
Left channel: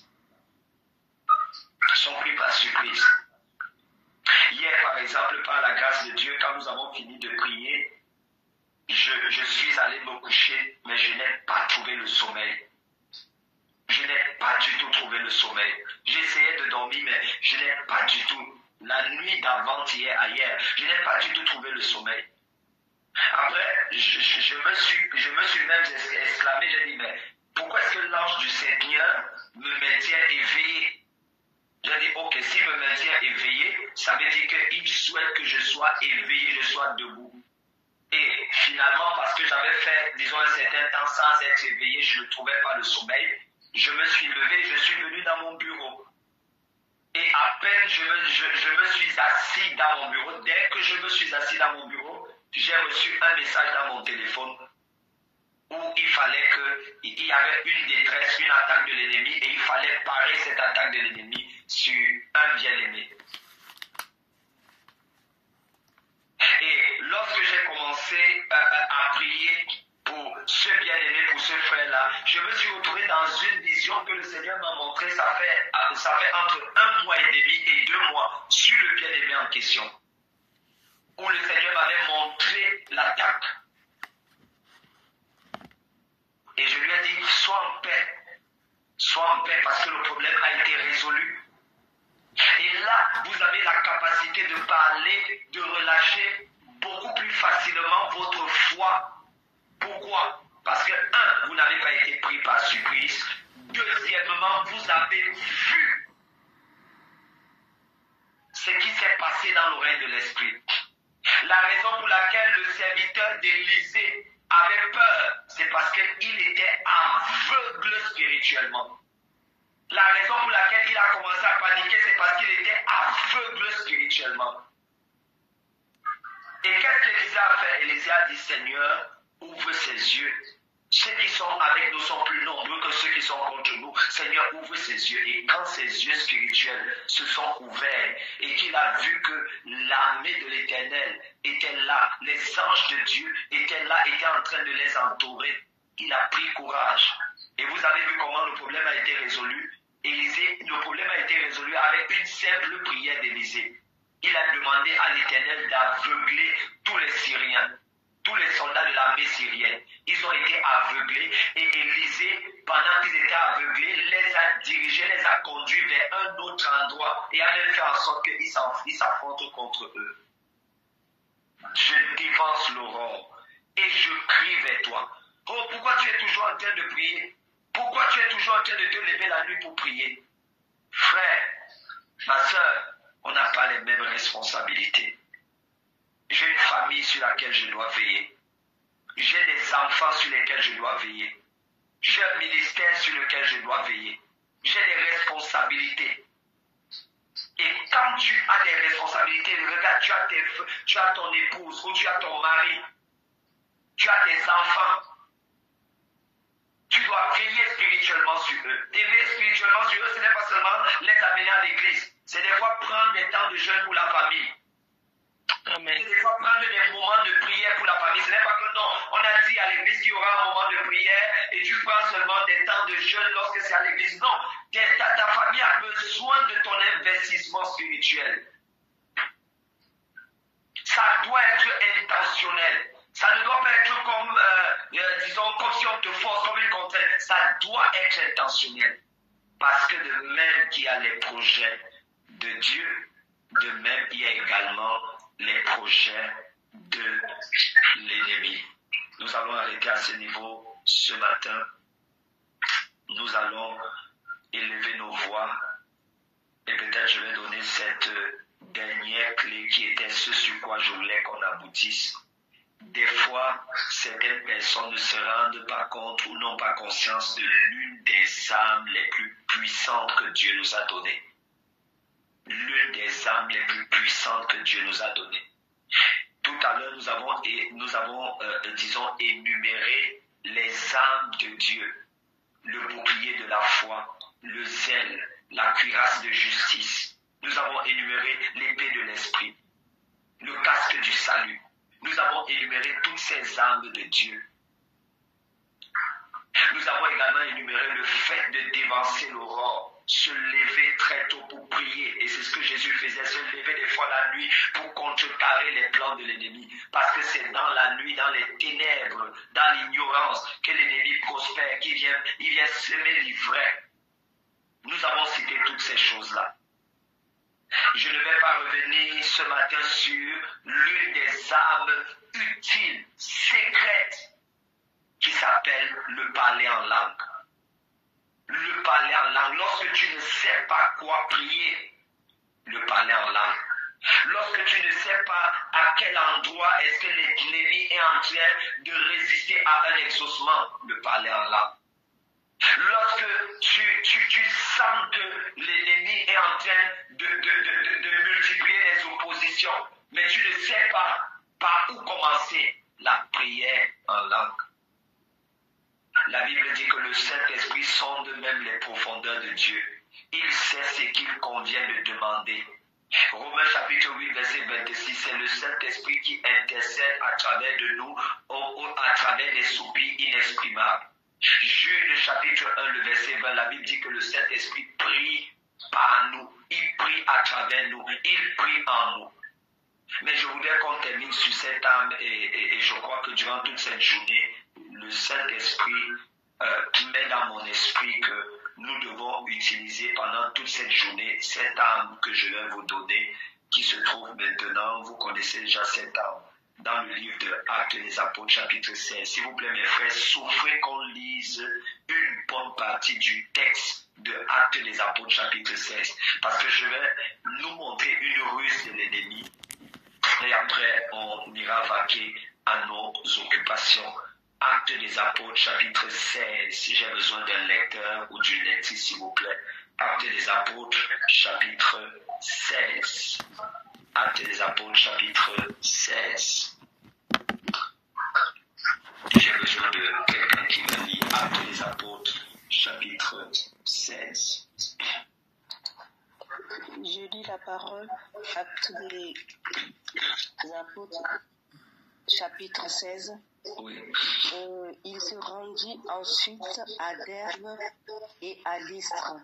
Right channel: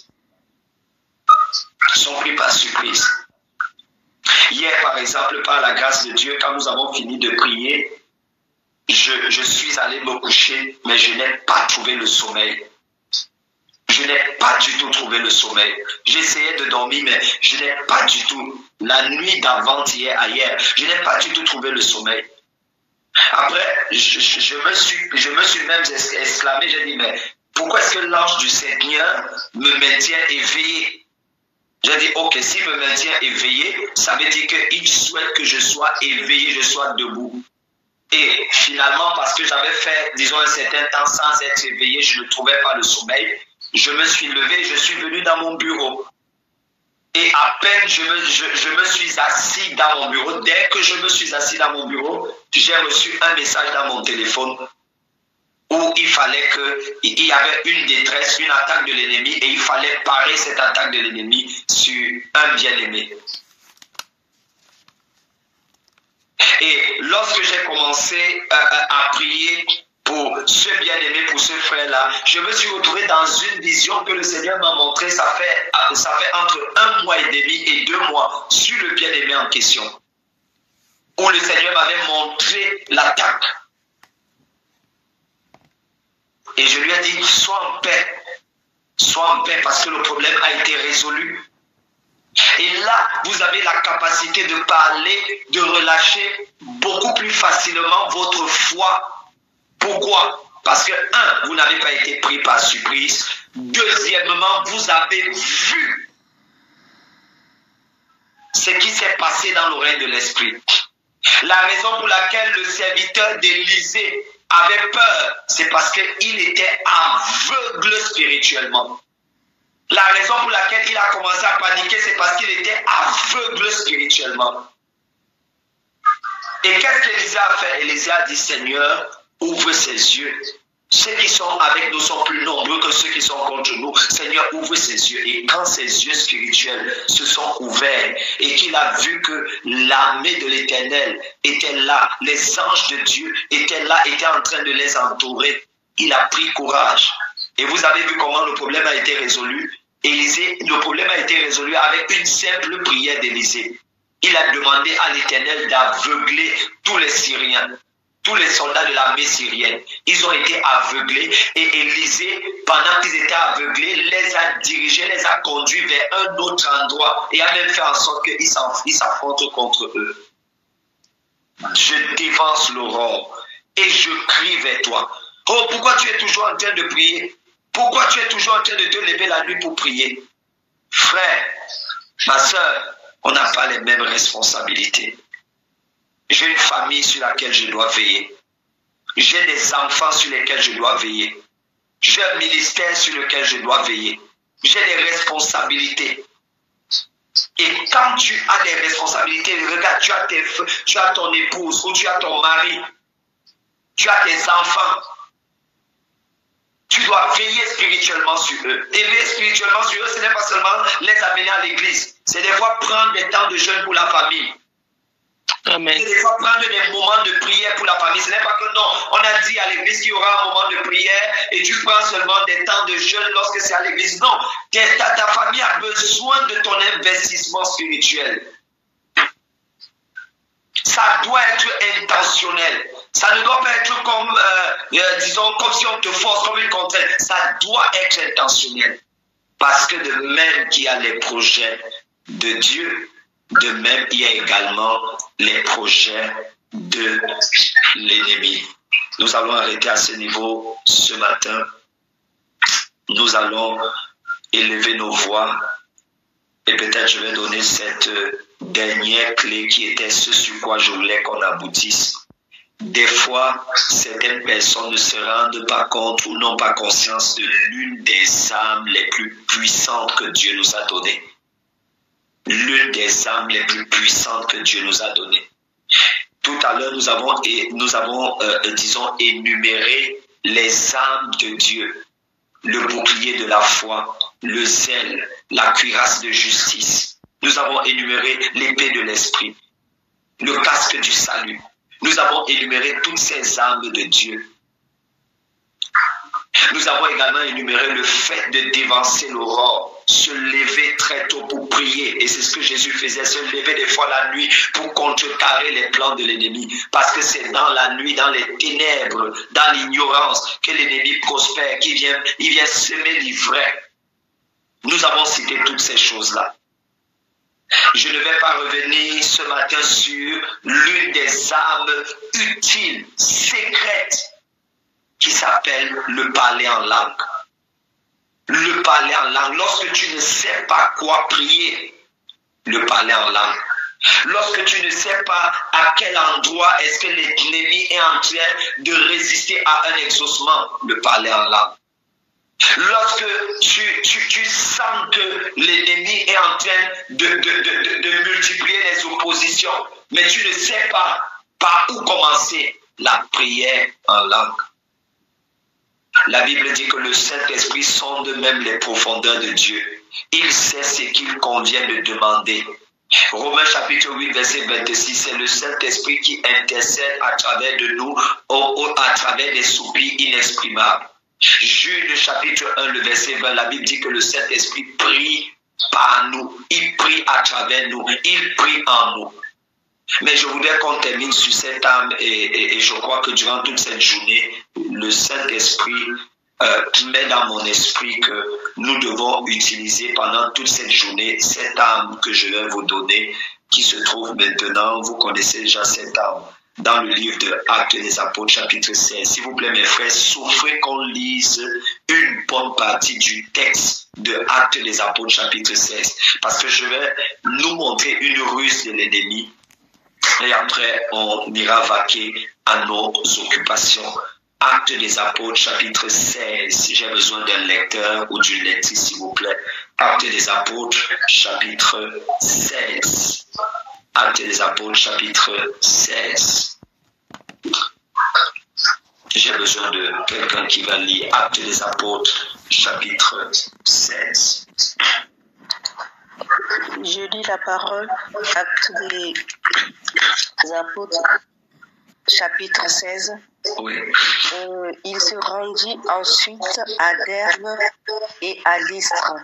Hier, par exemple, par la grâce de Dieu, quand nous avons fini de prier, je suis allé me coucher, mais je n'ai pas trouvé le sommeil. Je n'ai pas du tout trouvé le sommeil. J'essayais de dormir, mais je n'ai pas du tout. La nuit d'avant-hier, je n'ai pas du tout trouvé le sommeil. Après, je me suis même exclamé, j'ai dit, mais pourquoi est-ce que l'ange du Seigneur me maintient éveillé? J'ai dit, ok, s'il me maintient éveillé, ça veut dire qu'il souhaite que je sois éveillé, je sois debout. Et finalement, parce que j'avais fait, disons, un certain temps sans être éveillé, je ne trouvais pas le sommeil. Je me suis levé, je suis venu dans mon bureau. Et à peine je me suis assis dans mon bureau, dès que je me suis assis dans mon bureau, j'ai reçu un message dans mon téléphone où il y avait une détresse, une attaque de l'ennemi et il fallait parer cette attaque de l'ennemi sur un bien-aimé. Et lorsque j'ai commencé à prier pour ce bien-aimé, pour ce frère-là. Je me suis retrouvé dans une vision que le Seigneur m'a montrée, ça fait entre 1 mois et demi et 2 mois, sur le bien-aimé en question, où le Seigneur m'avait montré l'attaque. Et je lui ai dit, sois en paix parce que le problème a été résolu. Et là, vous avez la capacité de parler, de relâcher beaucoup plus facilement votre foi. Pourquoi? Parce que, 1, vous n'avez pas été pris par surprise. Deuxièmement, vous avez vu ce qui s'est passé dans l'oreille de l'esprit. La raison pour laquelle le serviteur d'Élisée avait peur, c'est parce qu'il était aveugle spirituellement. La raison pour laquelle il a commencé à paniquer, c'est parce qu'il était aveugle spirituellement. Et qu'est-ce qu'Élisée a fait? Élisée a dit, Seigneur, ouvre ses yeux. Ceux qui sont avec nous sont plus nombreux que ceux qui sont contre nous. Seigneur, ouvre ses yeux. Et quand ses yeux spirituels se sont ouverts et qu'il a vu que l'armée de l'Éternel était là, les anges de Dieu étaient là, étaient en train de les entourer, il a pris courage. Et vous avez vu comment le problème a été résolu. Élisée, le problème a été résolu avec une simple prière d'Élisée. Il a demandé à l'Éternel d'aveugler tous les Syriens. Tous les soldats de l'armée syrienne, ils ont été aveuglés et Élisée, pendant qu'ils étaient aveuglés, les a dirigés, les a conduits vers un autre endroit et a même fait en sorte qu'ils s'affrontent contre eux. Je dévance l'aurore et je crie vers toi. Oh, pourquoi tu es toujours en train de prier? Pourquoi tu es toujours en train de te lever la nuit pour prier? Frère, ma soeur, on n'a pas les mêmes responsabilités. J'ai une famille sur laquelle je dois veiller. J'ai des enfants sur lesquels je dois veiller. J'ai un ministère sur lequel je dois veiller. J'ai des responsabilités. Et quand tu as des responsabilités, regarde, tu as ton épouse ou tu as ton mari, tu as tes enfants. Tu dois veiller spirituellement sur eux. Et veiller spirituellement sur eux, ce n'est pas seulement les amener à l'église. C'est des fois prendre des temps de jeûne pour la famille. Amen. Et des fois prendre des moments de prière pour la famille. Ce n'est pas que non, on a dit à l'église qu'il y aura un moment de prière et tu prends seulement des temps de jeûne lorsque c'est à l'église. Non, ta famille a besoin de ton investissement spirituel. Ça doit être intentionnel. Ça ne doit pas être comme, disons, comme si on te force, comme une contrainte. Ça doit être intentionnel. Parce que de même qu'il y a les projets de Dieu, de même il y a également les projets de l'ennemi. Nous allons arrêter à ce niveau ce matin. Nous allons élever nos voix. Et peut-être je vais donner cette dernière clé qui était ce sur quoi je voulais qu'on aboutisse. Des fois, certaines personnes ne se rendent pas compte ou n'ont pas conscience de l'une des âmes les plus puissantes que Dieu nous a données. L'une des âmes les plus puissantes que Dieu nous a données. Tout à l'heure, nous avons disons, énuméré les âmes de Dieu. Le bouclier de la foi, le zèle, la cuirasse de justice. Nous avons énuméré l'épée de l'esprit, le casque du salut. Nous avons énuméré toutes ces armes de Dieu. Nous avons également énuméré le fait de dévancer l'aurore, se lever très tôt pour prier. Et c'est ce que Jésus faisait, se lever des fois la nuit pour contrecarrer les plans de l'ennemi. Parce que c'est dans la nuit, dans les ténèbres, dans l'ignorance que l'ennemi prospère, il vient semer l'ivraie. Nous avons cité toutes ces choses-là. Je ne vais pas revenir ce matin sur l'une des armes utiles, secrètes, qui s'appelle le parler en langue. Le parler en langue. Lorsque tu ne sais pas quoi prier, le parler en langue. Lorsque tu ne sais pas à quel endroit est-ce que l'ennemi est en train de résister à un exaucement, le parler en langue. Lorsque tu sens que l'ennemi est en train de multiplier les oppositions, mais tu ne sais pas par où commencer, la prière en langue. La Bible dit que le Saint-Esprit sonde même les profondeurs de Dieu. Il sait ce qu'il convient de demander Romains chapitre 8, verset 26, c'est le Saint-Esprit qui intercède à travers de nous, à travers des soupirs inexprimables. Jude chapitre 1, le verset 20, la Bible dit que le Saint-Esprit prie par nous, il prie à travers nous, il prie en nous. Mais je voudrais qu'on termine sur cette âme et je crois que durant toute cette journée, le Saint-Esprit met dans mon esprit que nous devons utiliser pendant toute cette journée cette âme que je vais vous donner, qui se trouve maintenant, vous connaissez déjà cette âme, dans le livre de Actes des Apôtres chapitre 16. S'il vous plaît mes frères, souffrez qu'on lise une bonne partie du texte de Actes des Apôtres chapitre 16, parce que je vais nous montrer une ruse de l'ennemi et après on ira vaquer à nos occupations. Actes des Apôtres, chapitre 16. J'ai besoin d'un lecteur ou d'une lectrice, s'il vous plaît. Actes des Apôtres, chapitre 16. Actes des Apôtres, chapitre 16. J'ai besoin de quelqu'un qui va lire Actes des Apôtres, chapitre 16. Je lis la parole, Actes des Apôtres, chapitre 16. Oui. Il se rendit ensuite à Derbe et à Lystre.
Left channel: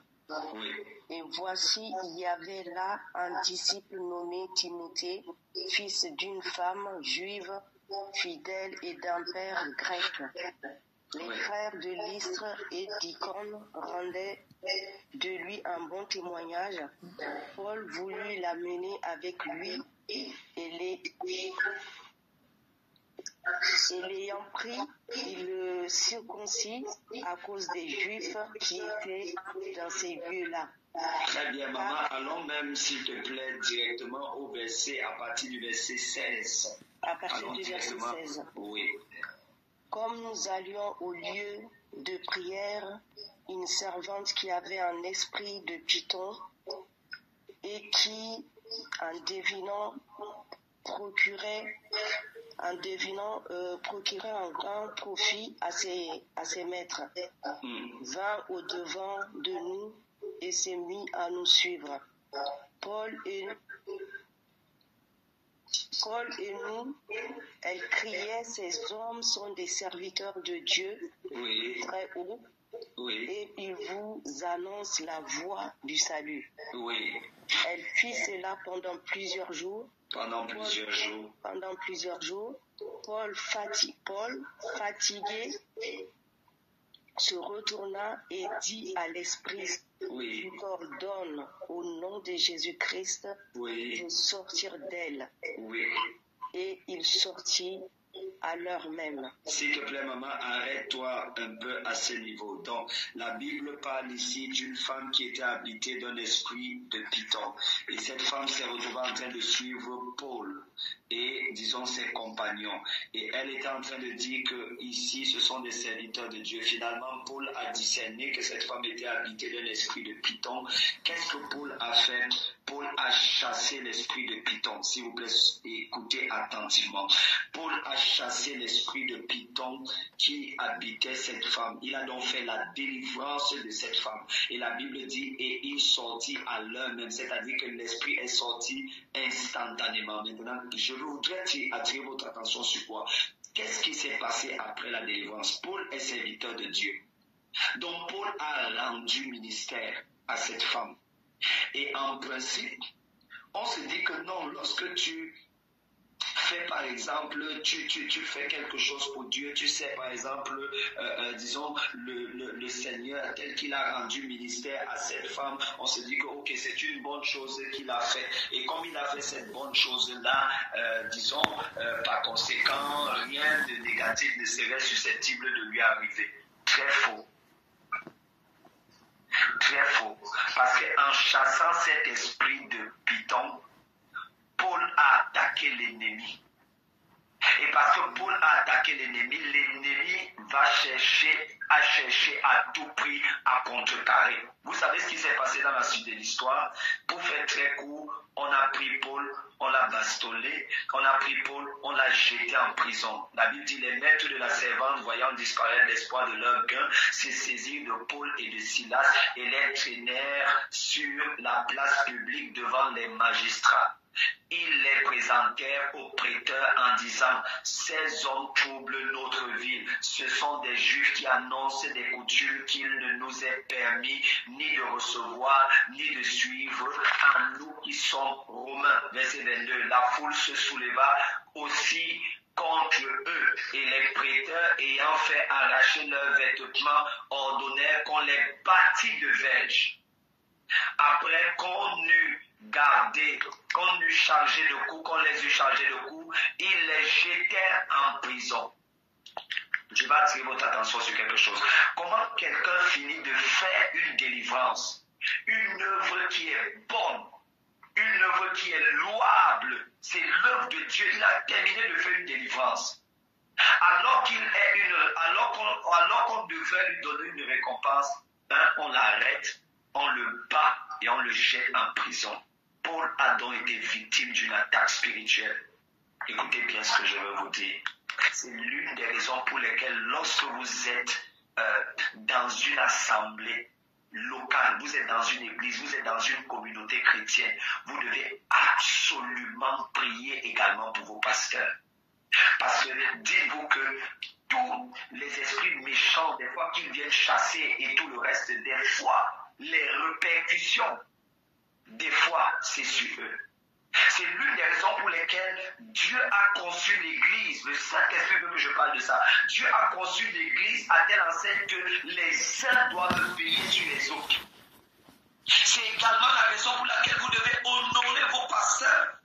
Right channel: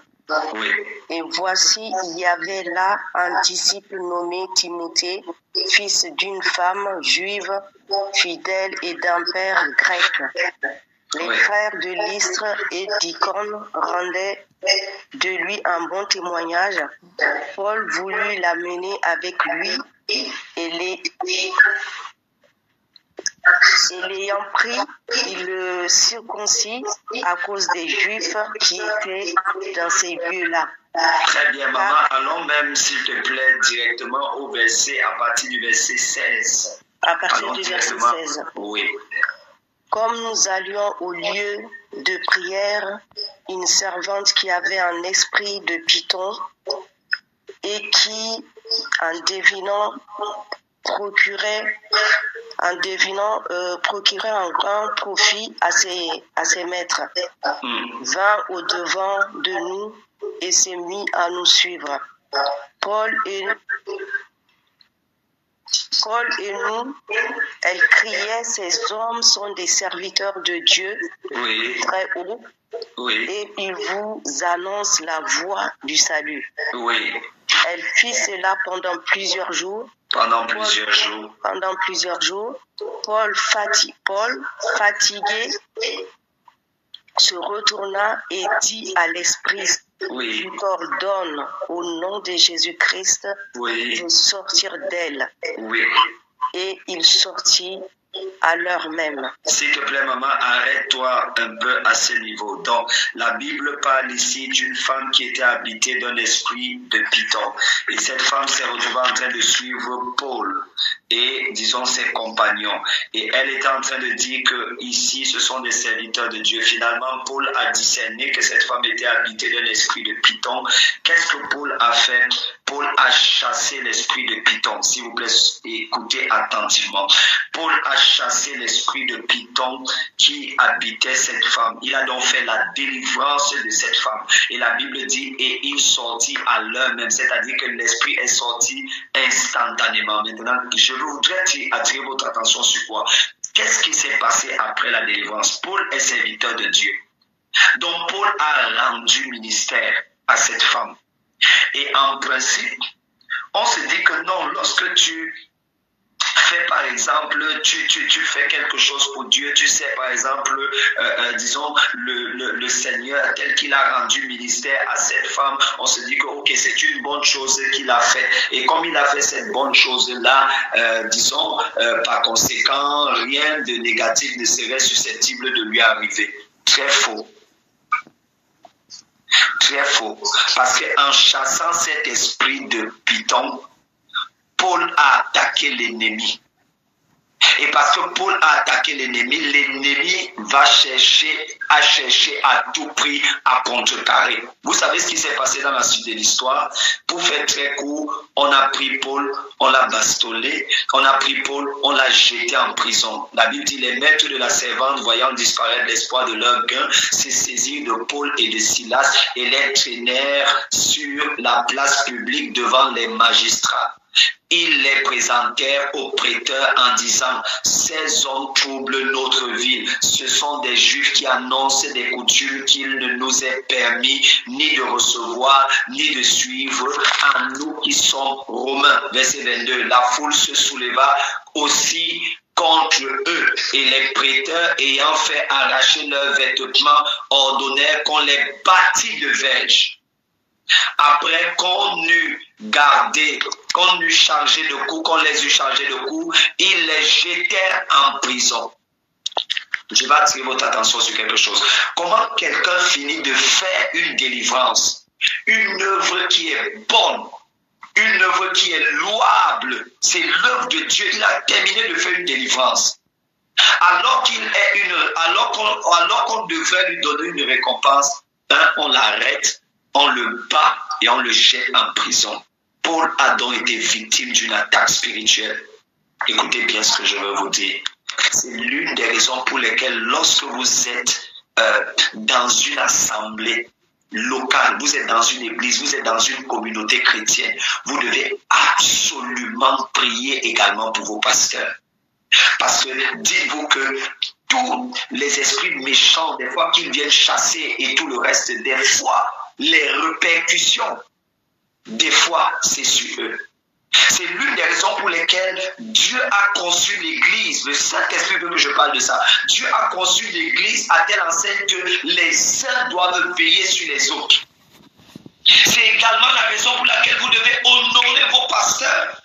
Oui. Et voici, il y avait là un disciple nommé Timothée, fils d'une femme juive, fidèle et d'un père grec. Les frères de Lystre et d'Icône rendaient de lui un bon témoignage. Paul voulut l'amener avec lui et l'ayant pris, il le circoncit à cause des Juifs qui étaient dans ces lieux-là. Très bien, maman. Allons même, s'il te plaît, directement au verset, à partir du verset 16. À partir du verset 16. Oui. Comme nous allions au lieu de prière, une servante qui avait un esprit de python et qui, en devinant, procurait un grand profit à ses maîtres, vint au-devant de nous et s'est mis à nous suivre. Paul et nous, elle criait, ces hommes sont des serviteurs de Dieu, Oui. très haut, Oui. et ils vous annoncent la voie du salut. Oui. Elle fit cela pendant plusieurs jours. Pendant plusieurs jours, Paul, fatigué, se retourna et dit à l'esprit, oui. Je t'ordonne au nom de Jésus-Christ oui. de sortir d'elle. Oui. Et il sortit à l'heure même. S'il te plaît, maman, arrête-toi un peu à ce niveau. Donc, la Bible parle ici d'une femme qui était habitée d'un esprit de python. Et cette femme s'est retrouvée en train de suivre Paul et, disons, ses compagnons. Et elle était en train de dire que ici, ce sont des serviteurs de Dieu. Finalement, Paul a discerné que cette femme était habitée d'un esprit de python. Qu'est-ce que Paul a fait? Paul a chassé l'esprit de python. S'il vous plaît, écoutez attentivement. Paul a chassé l'esprit de python qui habitait cette femme. Il a donc fait la délivrance de cette femme. Et la Bible dit, et il sortit à l'heure même, c'est-à-dire que l'esprit est sorti instantanément. Maintenant, je voudrais attirer votre attention sur quoi? Qu'est-ce qui s'est passé après la délivrance? Paul est serviteur de Dieu. Donc Paul a rendu ministère à cette femme. Et en principe, on se dit que non, lorsque tu fais par exemple, tu fais quelque chose pour Dieu, tu sais par exemple, disons, le Seigneur tel qu'il a rendu ministère à cette femme, on se dit que ok, c'est une bonne chose qu'il a fait. Et comme il a fait cette bonne chose-là, disons, par conséquent, rien de négatif ne serait susceptible de lui arriver. Très faux. Très faux. Parce qu'en chassant cet esprit de python, Paul a attaqué l'ennemi. Et parce que Paul a attaqué l'ennemi va chercher à tout prix à contrecarrer. Vous savez ce qui s'est passé dans la suite de l'histoire? Pour faire très court, on a pris Paul, on l'a bastonné, on a pris Paul, on l'a jeté en prison. La Bible dit, les maîtres de la servante, voyant disparaître l'espoir de leur gain, se saisirent de Paul et de Silas et les traînèrent sur la place publique devant les magistrats. Ils les présentèrent aux prêteurs en disant, ces hommes troublent notre ville. Ce sont des Juifs qui annoncent des coutumes qu'il ne nous est permis ni de recevoir, ni de suivre à nous qui sommes Romains. Verset 22. La foule se souleva aussi contre eux, et les prêteurs ayant fait arracher leurs vêtements ordonnèrent qu'on les bâtît de verges. Après qu'on eut gardé, qu'on eut chargé de coups, qu'on les eut chargés de coups, ils les jetèrent en prison. Je vais attirer votre attention sur quelque chose. Comment quelqu'un finit de faire une délivrance, une œuvre qui est bonne, une œuvre qui est louable, c'est l'œuvre de Dieu. Il a terminé de faire une délivrance. Alors qu'on devrait lui donner une récompense, on l'arrête, on le bat et on le jette en prison. Paul a donc été victime d'une attaque spirituelle. Écoutez bien ce que je veux vous dire. C'est l'une des raisons pour lesquelles lorsque vous êtes dans une assemblée locale, vous êtes dans une église, vous êtes dans une communauté chrétienne, vous devez absolument prier également pour vos pasteurs. Parce que dites-vous que tous les esprits méchants, des fois qu'ils viennent chasser et tout le reste, des fois, les répercussions, des fois, c'est sur eux. C'est l'une des raisons pour lesquelles Dieu a conçu l'Église. Le Saint-Esprit veut que je parle de ça. Dieu a conçu l'Église à telle enseigne que les uns doivent veiller sur les autres. C'est également la raison pour laquelle vous devez honorer vos pasteurs.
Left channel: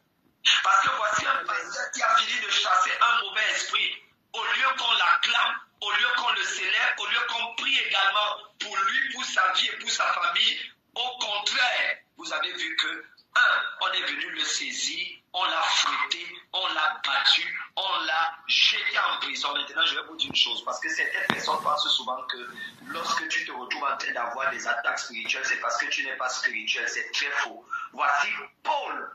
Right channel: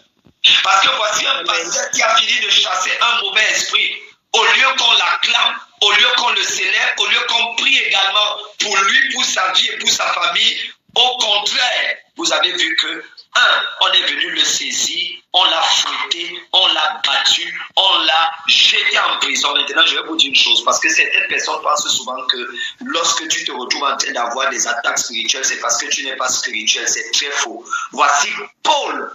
Parce que voici un pasteur qui a fini de chasser un mauvais esprit. Au lieu qu'on l'acclame, au lieu qu'on le célèbre, au lieu qu'on prie également pour lui, pour sa vie et pour sa famille, au contraire, vous avez vu que, on est venu le saisir, on l'a fouetté, on l'a battu, on l'a jeté en prison. Maintenant, je vais vous dire une chose, parce que certaines personnes pensent souvent que lorsque tu te retrouves en train d'avoir des attaques spirituelles, c'est parce que tu n'es pas spirituel. C'est très faux. Voici Paul,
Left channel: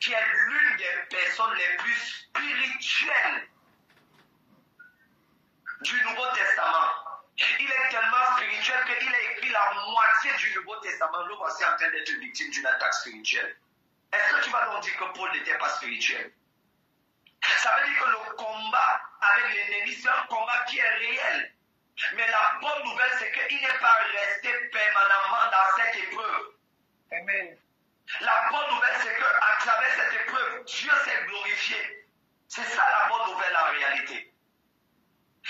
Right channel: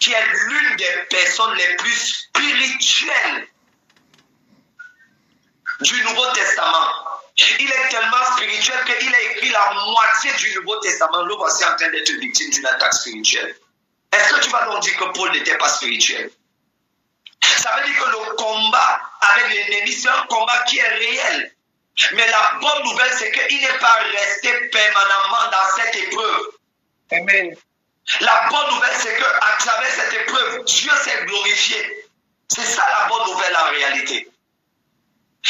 qui est l'une des personnes les plus spirituelles du Nouveau Testament. Il est tellement spirituel qu'il a écrit la moitié du Nouveau Testament. Le voici en train d'être victime d'une attaque spirituelle. Est-ce que tu vas donc dire que Paul n'était pas spirituel? Ça veut dire que le combat avec l'ennemi, c'est un combat qui est réel. Mais la bonne nouvelle, c'est qu'il n'est pas resté permanemment dans cette épreuve. Amen. La bonne nouvelle, c'est qu'à travers cette épreuve, Dieu s'est glorifié. C'est ça la bonne nouvelle en réalité.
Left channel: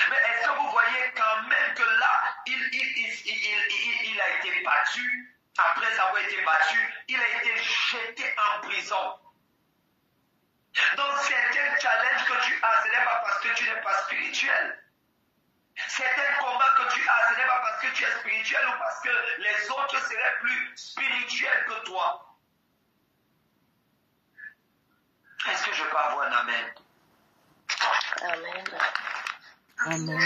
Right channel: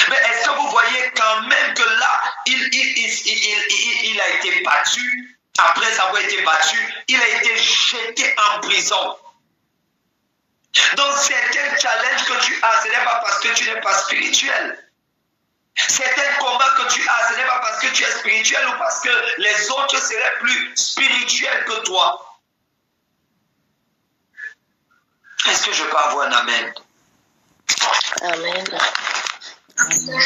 Mais est-ce que vous voyez quand même que là, il a été battu, après avoir été battu, il a été jeté en prison. Donc certains challenges que tu as, ce n'est pas parce que tu n'es pas spirituel. Certains combats que tu as, ce n'est pas parce que tu es spirituel ou parce que les autres seraient plus spirituels que toi. Est-ce que je peux avoir un amen? Amen. Amen.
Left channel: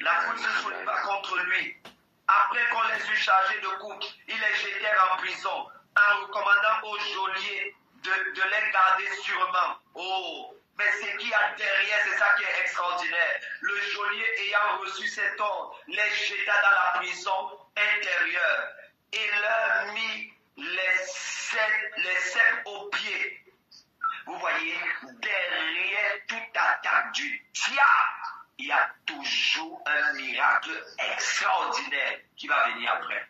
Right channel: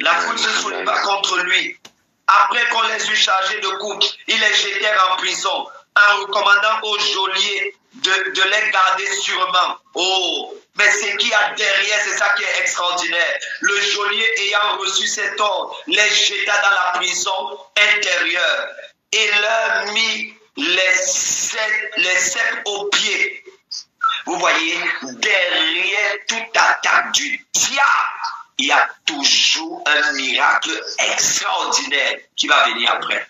La foule se souleva contre lui. Après qu'on les eut chargés de coups, ils les jetèrent en prison en recommandant au geôlier de les garder sûrement. Oh, mais ce qu'il y a derrière, c'est ça qui est extraordinaire. Le geôlier ayant reçu cet ordre, les jeta dans la prison intérieure et leur mit les ceps aux pieds. Vous voyez, derrière toute attaque du diable, il y a toujours un miracle extraordinaire qui va venir après.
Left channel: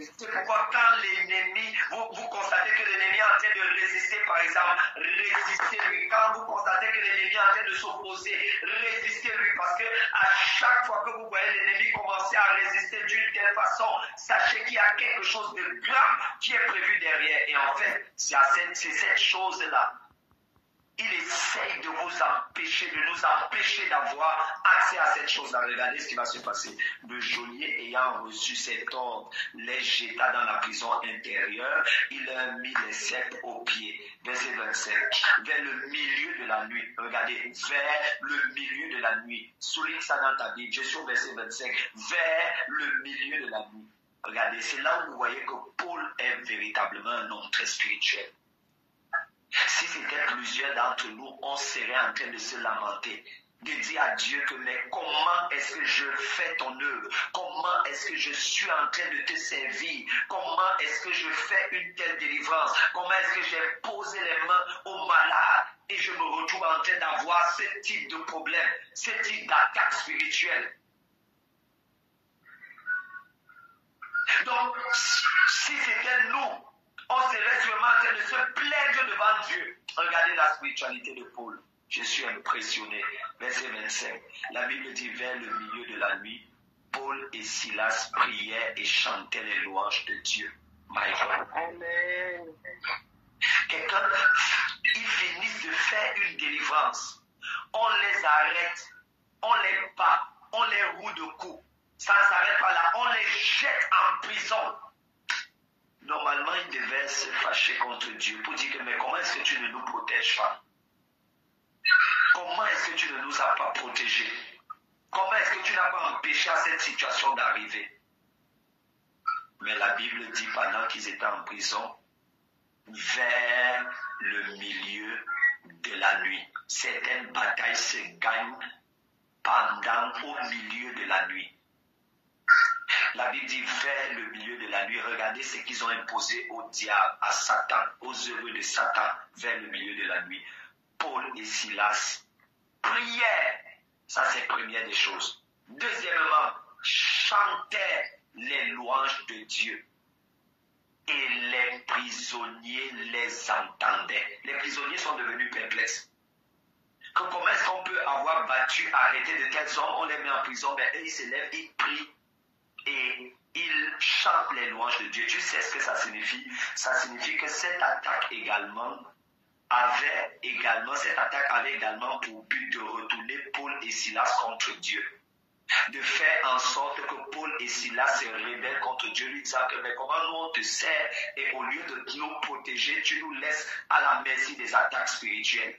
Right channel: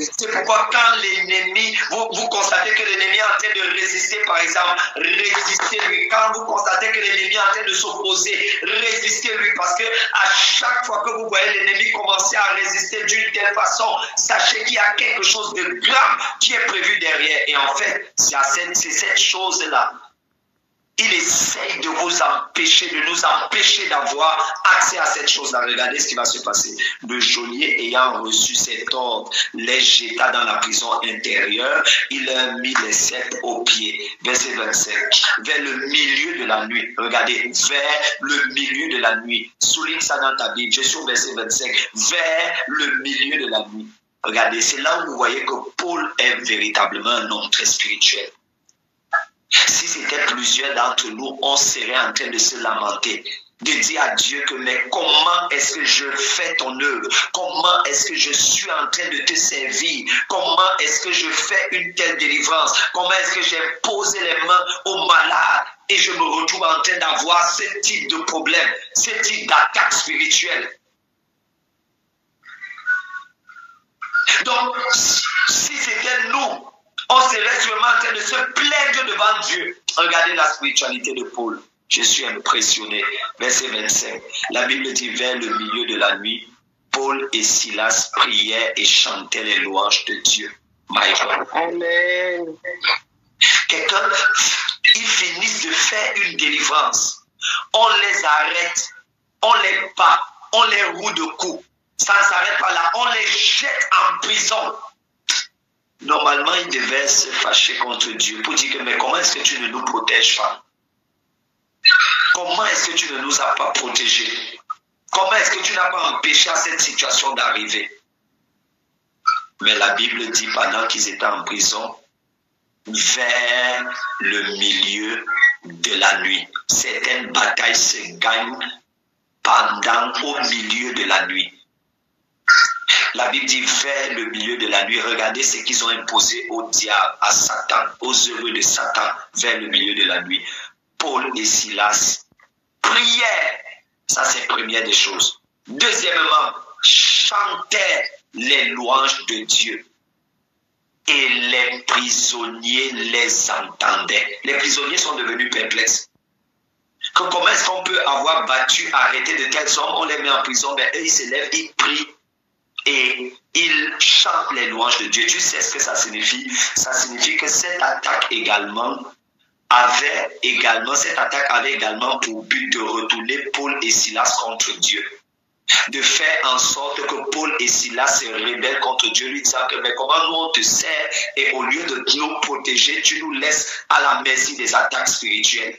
C'est pourquoi quand l'ennemi, vous constatez que l'ennemi est en train de résister, par exemple, résistez-lui. Quand vous constatez que l'ennemi est en train de s'opposer, résistez-lui. Parce que à chaque fois que vous voyez l'ennemi commencer à résister d'une telle façon, sachez qu'il y a quelque chose de grave qui est prévu derrière. Et en fait, c'est cette chose-là il essaye de vous empêcher, de nous empêcher d'avoir accès à cette chose-là. Regardez ce qui va se passer. Le geôlier ayant reçu cet ordre, les jeta dans la prison intérieure, il leur mit les ceps aux pieds. Verset 25. Vers le milieu de la nuit. Regardez, vers le milieu de la nuit. Souligne ça dans ta Bible. Je suis au verset 25. Vers le milieu de la nuit. Regardez, c'est là où vous voyez que Paul est véritablement un homme très spirituel. Si c'était plusieurs d'entre nous, on serait en train de se lamenter, de dire à Dieu que mais comment est-ce que je fais ton œuvre? Comment est-ce que je suis en train de te servir? Comment est-ce que je fais une telle délivrance? Comment est-ce que j'ai posé les mains aux malades et je me retrouve en train d'avoir ce type de problème, ce type d'attaque spirituelle? Donc, si c'était nous, on serait sûrement en train de se plaindre devant Dieu. Regardez la spiritualité de Paul. Je suis impressionné. Verset 25. La Bible dit, vers le milieu de la nuit, Paul et Silas priaient et chantaient les louanges de Dieu. My God. Amen. Quelqu'un, ils finissent de faire une délivrance. On les arrête, on les bat, on les roue de coups. Ça ne s'arrête pas là. On les jette en prison. Normalement, ils devaient se fâcher contre Dieu pour dire que mais comment est-ce que tu ne nous protèges pas? Comment est-ce que tu ne nous as pas protégés? Comment est-ce que tu n'as pas empêché à cette situation d'arriver? Mais la Bible dit pendant qu'ils étaient en prison, vers le milieu de la nuit. Certaines batailles se gagnent au milieu de la nuit. La Bible dit vers le milieu de la nuit. Regardez ce qu'ils ont imposé au diable, à Satan, aux heureux de Satan, vers le milieu de la nuit. Paul et Silas priaient. Ça, c'est la première des choses. Deuxièmement, chantaient les louanges de Dieu. Et les prisonniers les entendaient. Les prisonniers sont devenus perplexes. Comment est-ce qu'on peut avoir battu, arrêté de tels hommes? On les met en prison, mais eux, ils se lèvent, ils prient. Et ils chantent les louanges de Dieu. Tu sais ce que ça signifie? Ça signifie que cette attaque avait également pour but de retourner Paul et Silas contre Dieu. De faire en sorte que Paul et Silas se rebellent contre Dieu, lui disant que mais comment nous on te sert et au lieu de nous protéger, tu nous laisses à la merci des attaques spirituelles.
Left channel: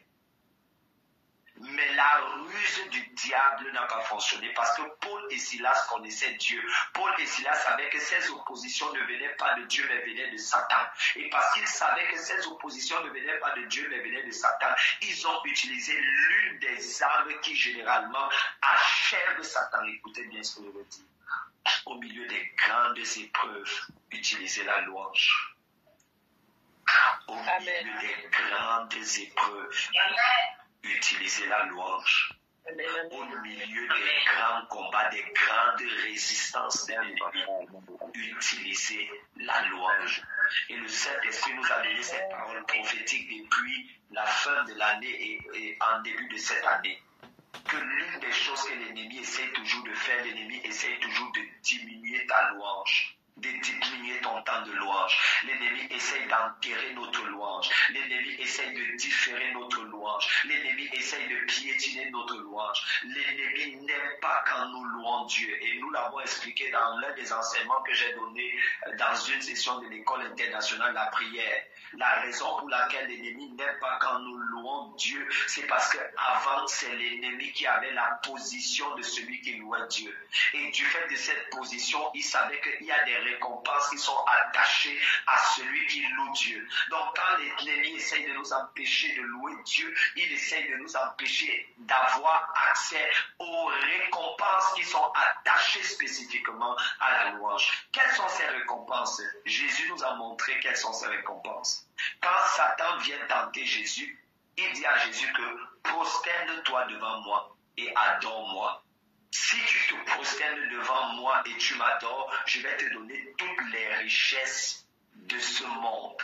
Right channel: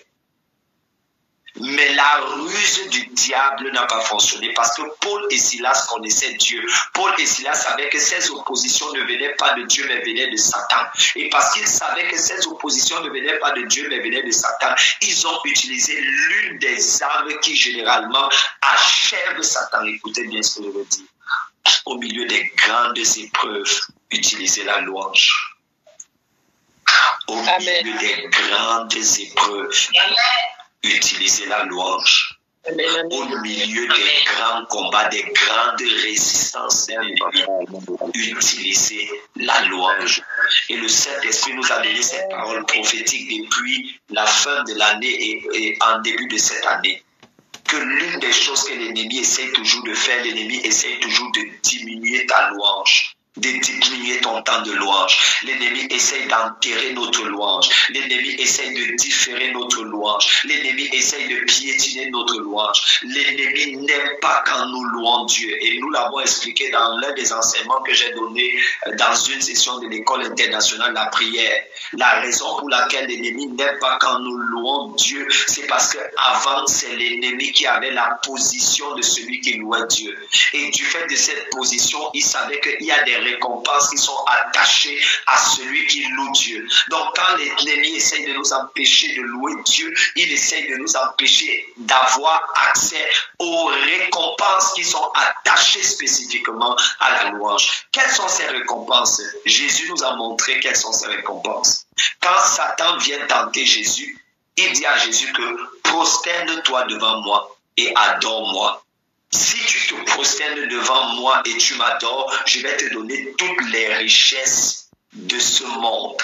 Mais la ruse du diable n'a pas fonctionné parce que Paul et Silas connaissaient Dieu. Paul et Silas savaient que ces oppositions ne venaient pas de Dieu mais venaient de Satan. Et parce qu'ils savaient que ces oppositions ne venaient pas de Dieu mais venaient de Satan, ils ont utilisé l'une des armes qui généralement achèvent Satan. Écoutez bien ce que je veux dire. Au milieu des grandes épreuves, utilisez la louange. Au milieu des grandes épreuves, utilisez la louange. Au milieu des grands combats, des grandes résistances, utilisez la louange. Et le Saint-Esprit nous a donné cette parole prophétique depuis la fin de l'année et en début de cette année. Que l'une des choses que l'ennemi essaie toujours de faire, l'ennemi essaie toujours de diminuer ta louange. De diminuer ton temps de louange. L'ennemi essaye d'enterrer notre louange. L'ennemi essaye de différer notre louange. L'ennemi essaye de piétiner notre louange. L'ennemi n'aime pas quand nous louons Dieu. Et nous l'avons expliqué dans l'un des enseignements que j'ai donné dans une session de l'école internationale de la prière. La raison pour laquelle l'ennemi n'aime pas quand nous louons Dieu, c'est parce qu'avant, c'est l'ennemi qui avait la position de celui qui louait Dieu. Et du fait de cette position, il savait qu'il y a des récompenses qui sont attachées à celui qui loue Dieu. Donc quand l'ennemi essaye de nous empêcher de louer Dieu, il essaye de nous empêcher d'avoir accès aux récompenses qui sont attachées spécifiquement à la louange. Quelles sont ces récompenses? Jésus nous a montré quelles sont ces récompenses. Quand Satan vient tenter Jésus, il dit à Jésus que prosterne-toi devant moi et adore-moi. Si tu te prosternes devant moi et tu m'adores, je vais te donner toutes les richesses de ce monde.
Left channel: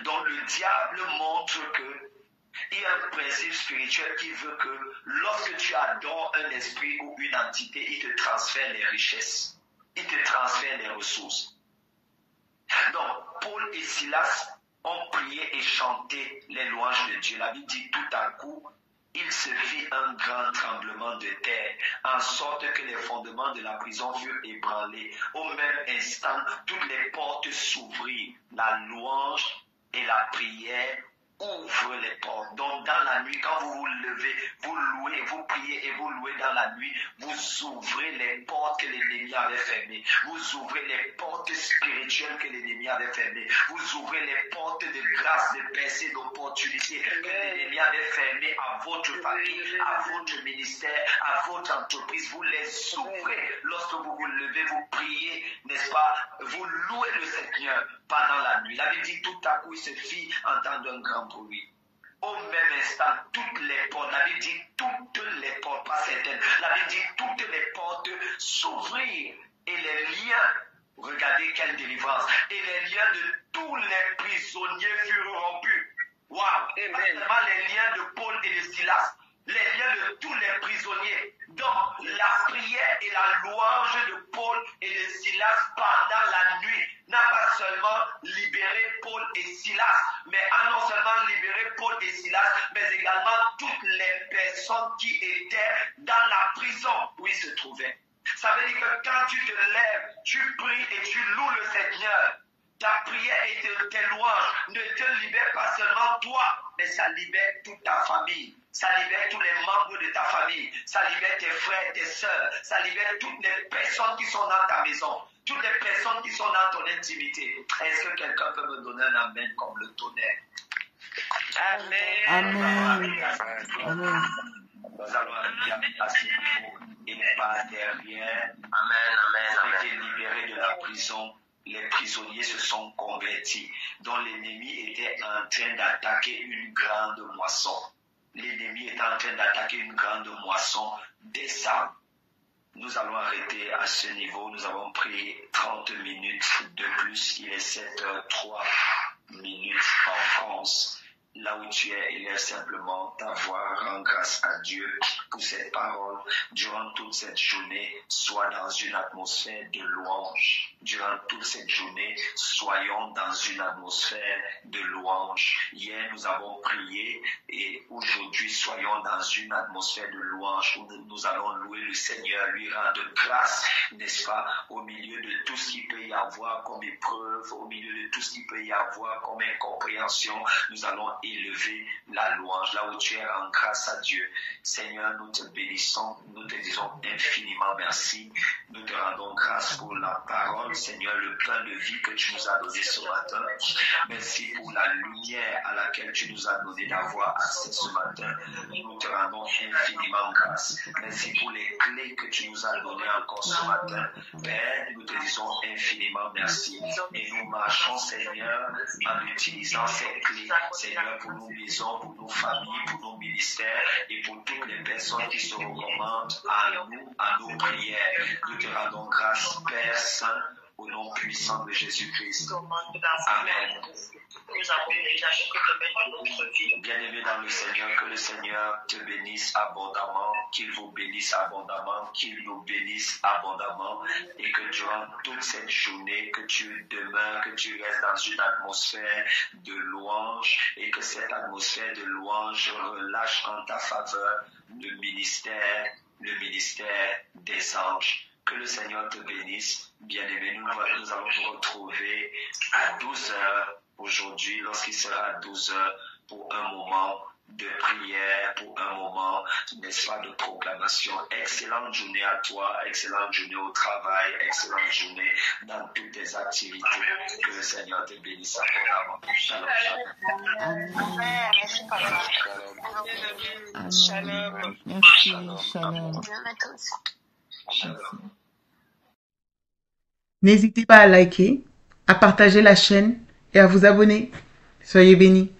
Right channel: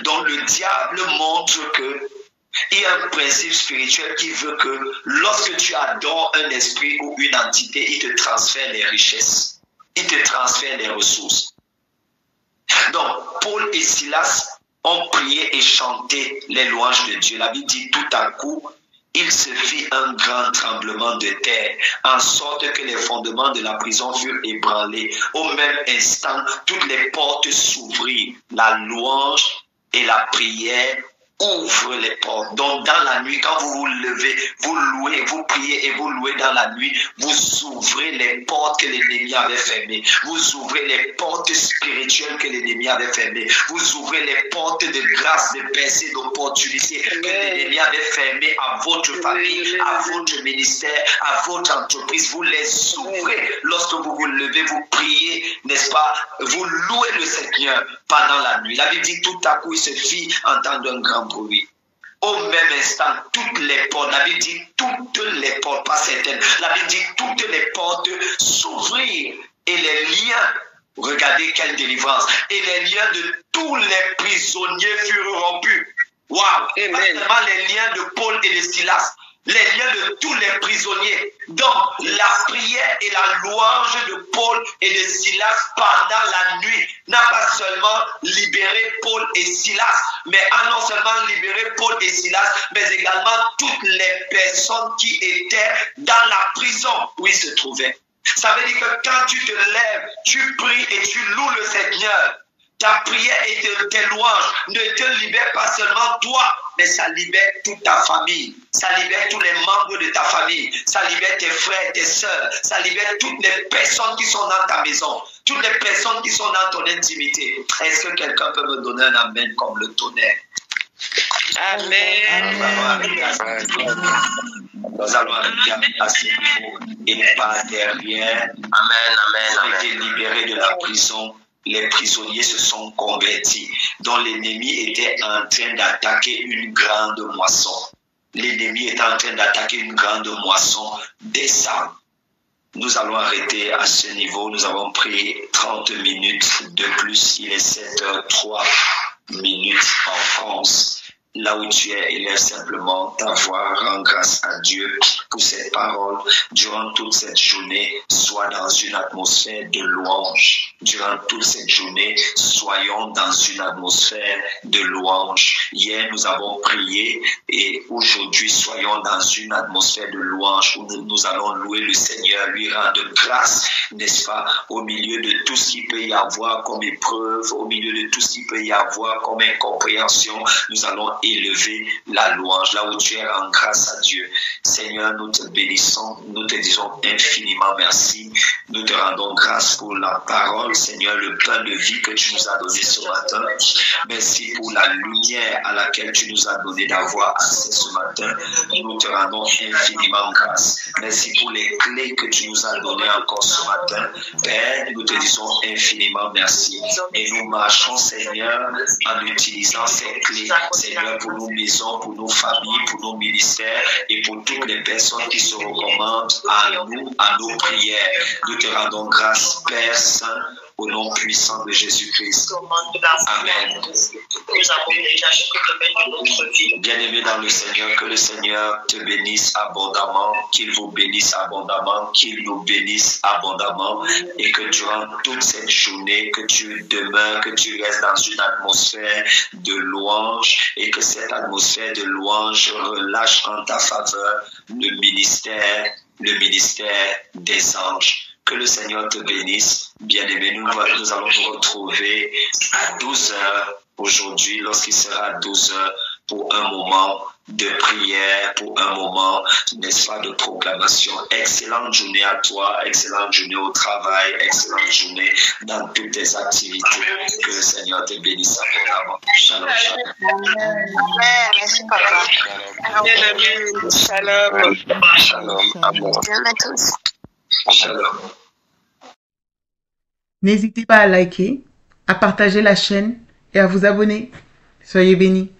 Donc le diable montre que il y a un principe spirituel qui veut que lorsque tu adores un esprit ou une entité, il te transfère les richesses, il te transfère les ressources. Donc Paul et Silas ont prié et chanté les louanges de Dieu. La Bible dit tout à coup, il se fit un grand tremblement de terre, en sorte que les fondements de la prison furent ébranlés. Au même instant, toutes les portes s'ouvrirent. La louange et la prière ouvrent les portes. Donc dans la nuit, quand vous vous levez, vous louez, vous priez et vous louez dans la nuit, vous ouvrez les portes que l'ennemi avait fermées. Vous ouvrez les portes spirituelles que l'ennemi avait fermées. Vous ouvrez les portes de grâce, de percée, d'opportunité que l'ennemi avait fermées à votre famille, à votre ministère, à votre entreprise. Vous les ouvrez lorsque vous vous levez, vous priez, n'est-ce pas? Vous louez le Seigneur pendant la nuit. La Bible dit tout à coup, il se fit entendre un grand bruit. Au même instant, toutes les portes, la Bible dit toutes les portes, pas certaines, la Bible dit toutes les portes s'ouvrirent et les liens, regardez quelle délivrance, et les liens de tous les prisonniers furent rompus. Waouh! Pas seulement les liens de Paul et de Silas, les liens de tous les prisonniers. Donc, la prière et la louange de Paul et de Silas pendant la nuit n'a pas seulement libéré Paul et Silas, mais a non seulement libéré Paul et Silas, mais également toutes les personnes qui étaient dans la prison où ils se trouvaient. Ça veut dire que quand tu te lèves, tu pries et tu loues le Seigneur, ta prière et tes louanges ne te libèrent pas seulement toi, mais ça libère toute ta famille, ça libère tous les membres de ta famille, ça libère tes frères, tes sœurs, ça libère toutes les personnes qui sont dans ta maison, toutes les personnes qui sont dans ton intimité. Est-ce que quelqu'un peut me donner un amen comme le tonnerre? Amen. Nous allons arriver à ce niveau et pas derrière. Amen. Ils ont été libérés de la prison. Les prisonniers se sont convertis, dont l'ennemi était en train d'attaquer une grande moisson. L'ennemi est en train d'attaquer une grande moisson des âmes. Nous allons arrêter à ce niveau. Nous avons pris 30 minutes de plus. Il est 7h03 en France. Là où tu es, élève simplement ta voix, rends grâce à Dieu pour cette parole. Durant toute cette journée, sois dans une atmosphère de louange. Durant toute cette journée, soyons dans une atmosphère de louange. Hier, nous avons prié et aujourd'hui, soyons dans une atmosphère de louange où nous allons louer le Seigneur, lui rendre grâce, n'est-ce pas, au milieu de tout ce qu'il peut y avoir comme épreuve, au milieu de tout ce qu'il peut y avoir comme incompréhension. Nous allons élever la louange, là où tu es en grâce à Dieu. Seigneur, nous te bénissons, nous te disons infiniment merci. Nous te rendons grâce pour la parole, Seigneur, le pain de vie que tu nous as donné ce matin. Merci pour la lumière à laquelle tu nous as donné d'avoir accès ce matin. Nous te rendons infiniment grâce. Merci pour les clés que tu nous as données encore ce matin. Père, nous te disons infiniment merci. Et nous marchons, Seigneur, en utilisant ces clés, Seigneur, pour nos maisons, pour nos familles, pour nos ministères et pour toutes les personnes qui se recommandent à nous, à nos prières. Nous te rendons grâce, Père Saint, au nom puissant de Jésus-Christ. Amen. Bien-aimés dans le Seigneur, que le Seigneur te bénisse abondamment, qu'il vous bénisse abondamment, qu'il nous bénisse abondamment et que durant toute cette journée, que tu demeures, que tu restes dans une atmosphère de louange et que cette atmosphère de louange relâche en ta faveur le ministère des anges. Que le Seigneur te bénisse. Bien-aimés, nous allons nous retrouver à 12h aujourd'hui, lorsqu'il sera 12h, pour un moment de prière, pour un moment, n'est-ce pas, de proclamation. Excellente journée à toi, excellente journée au travail, excellente journée dans toutes tes activités. Que le Seigneur te bénisse abondamment. Shalom, shalom. Amen. Merci, papa. Shalom. Shalom. Amen. Shalom à tous. Shalom. N'hésitez pas à liker, à partager la chaîne et à vous abonner. Soyez bénis.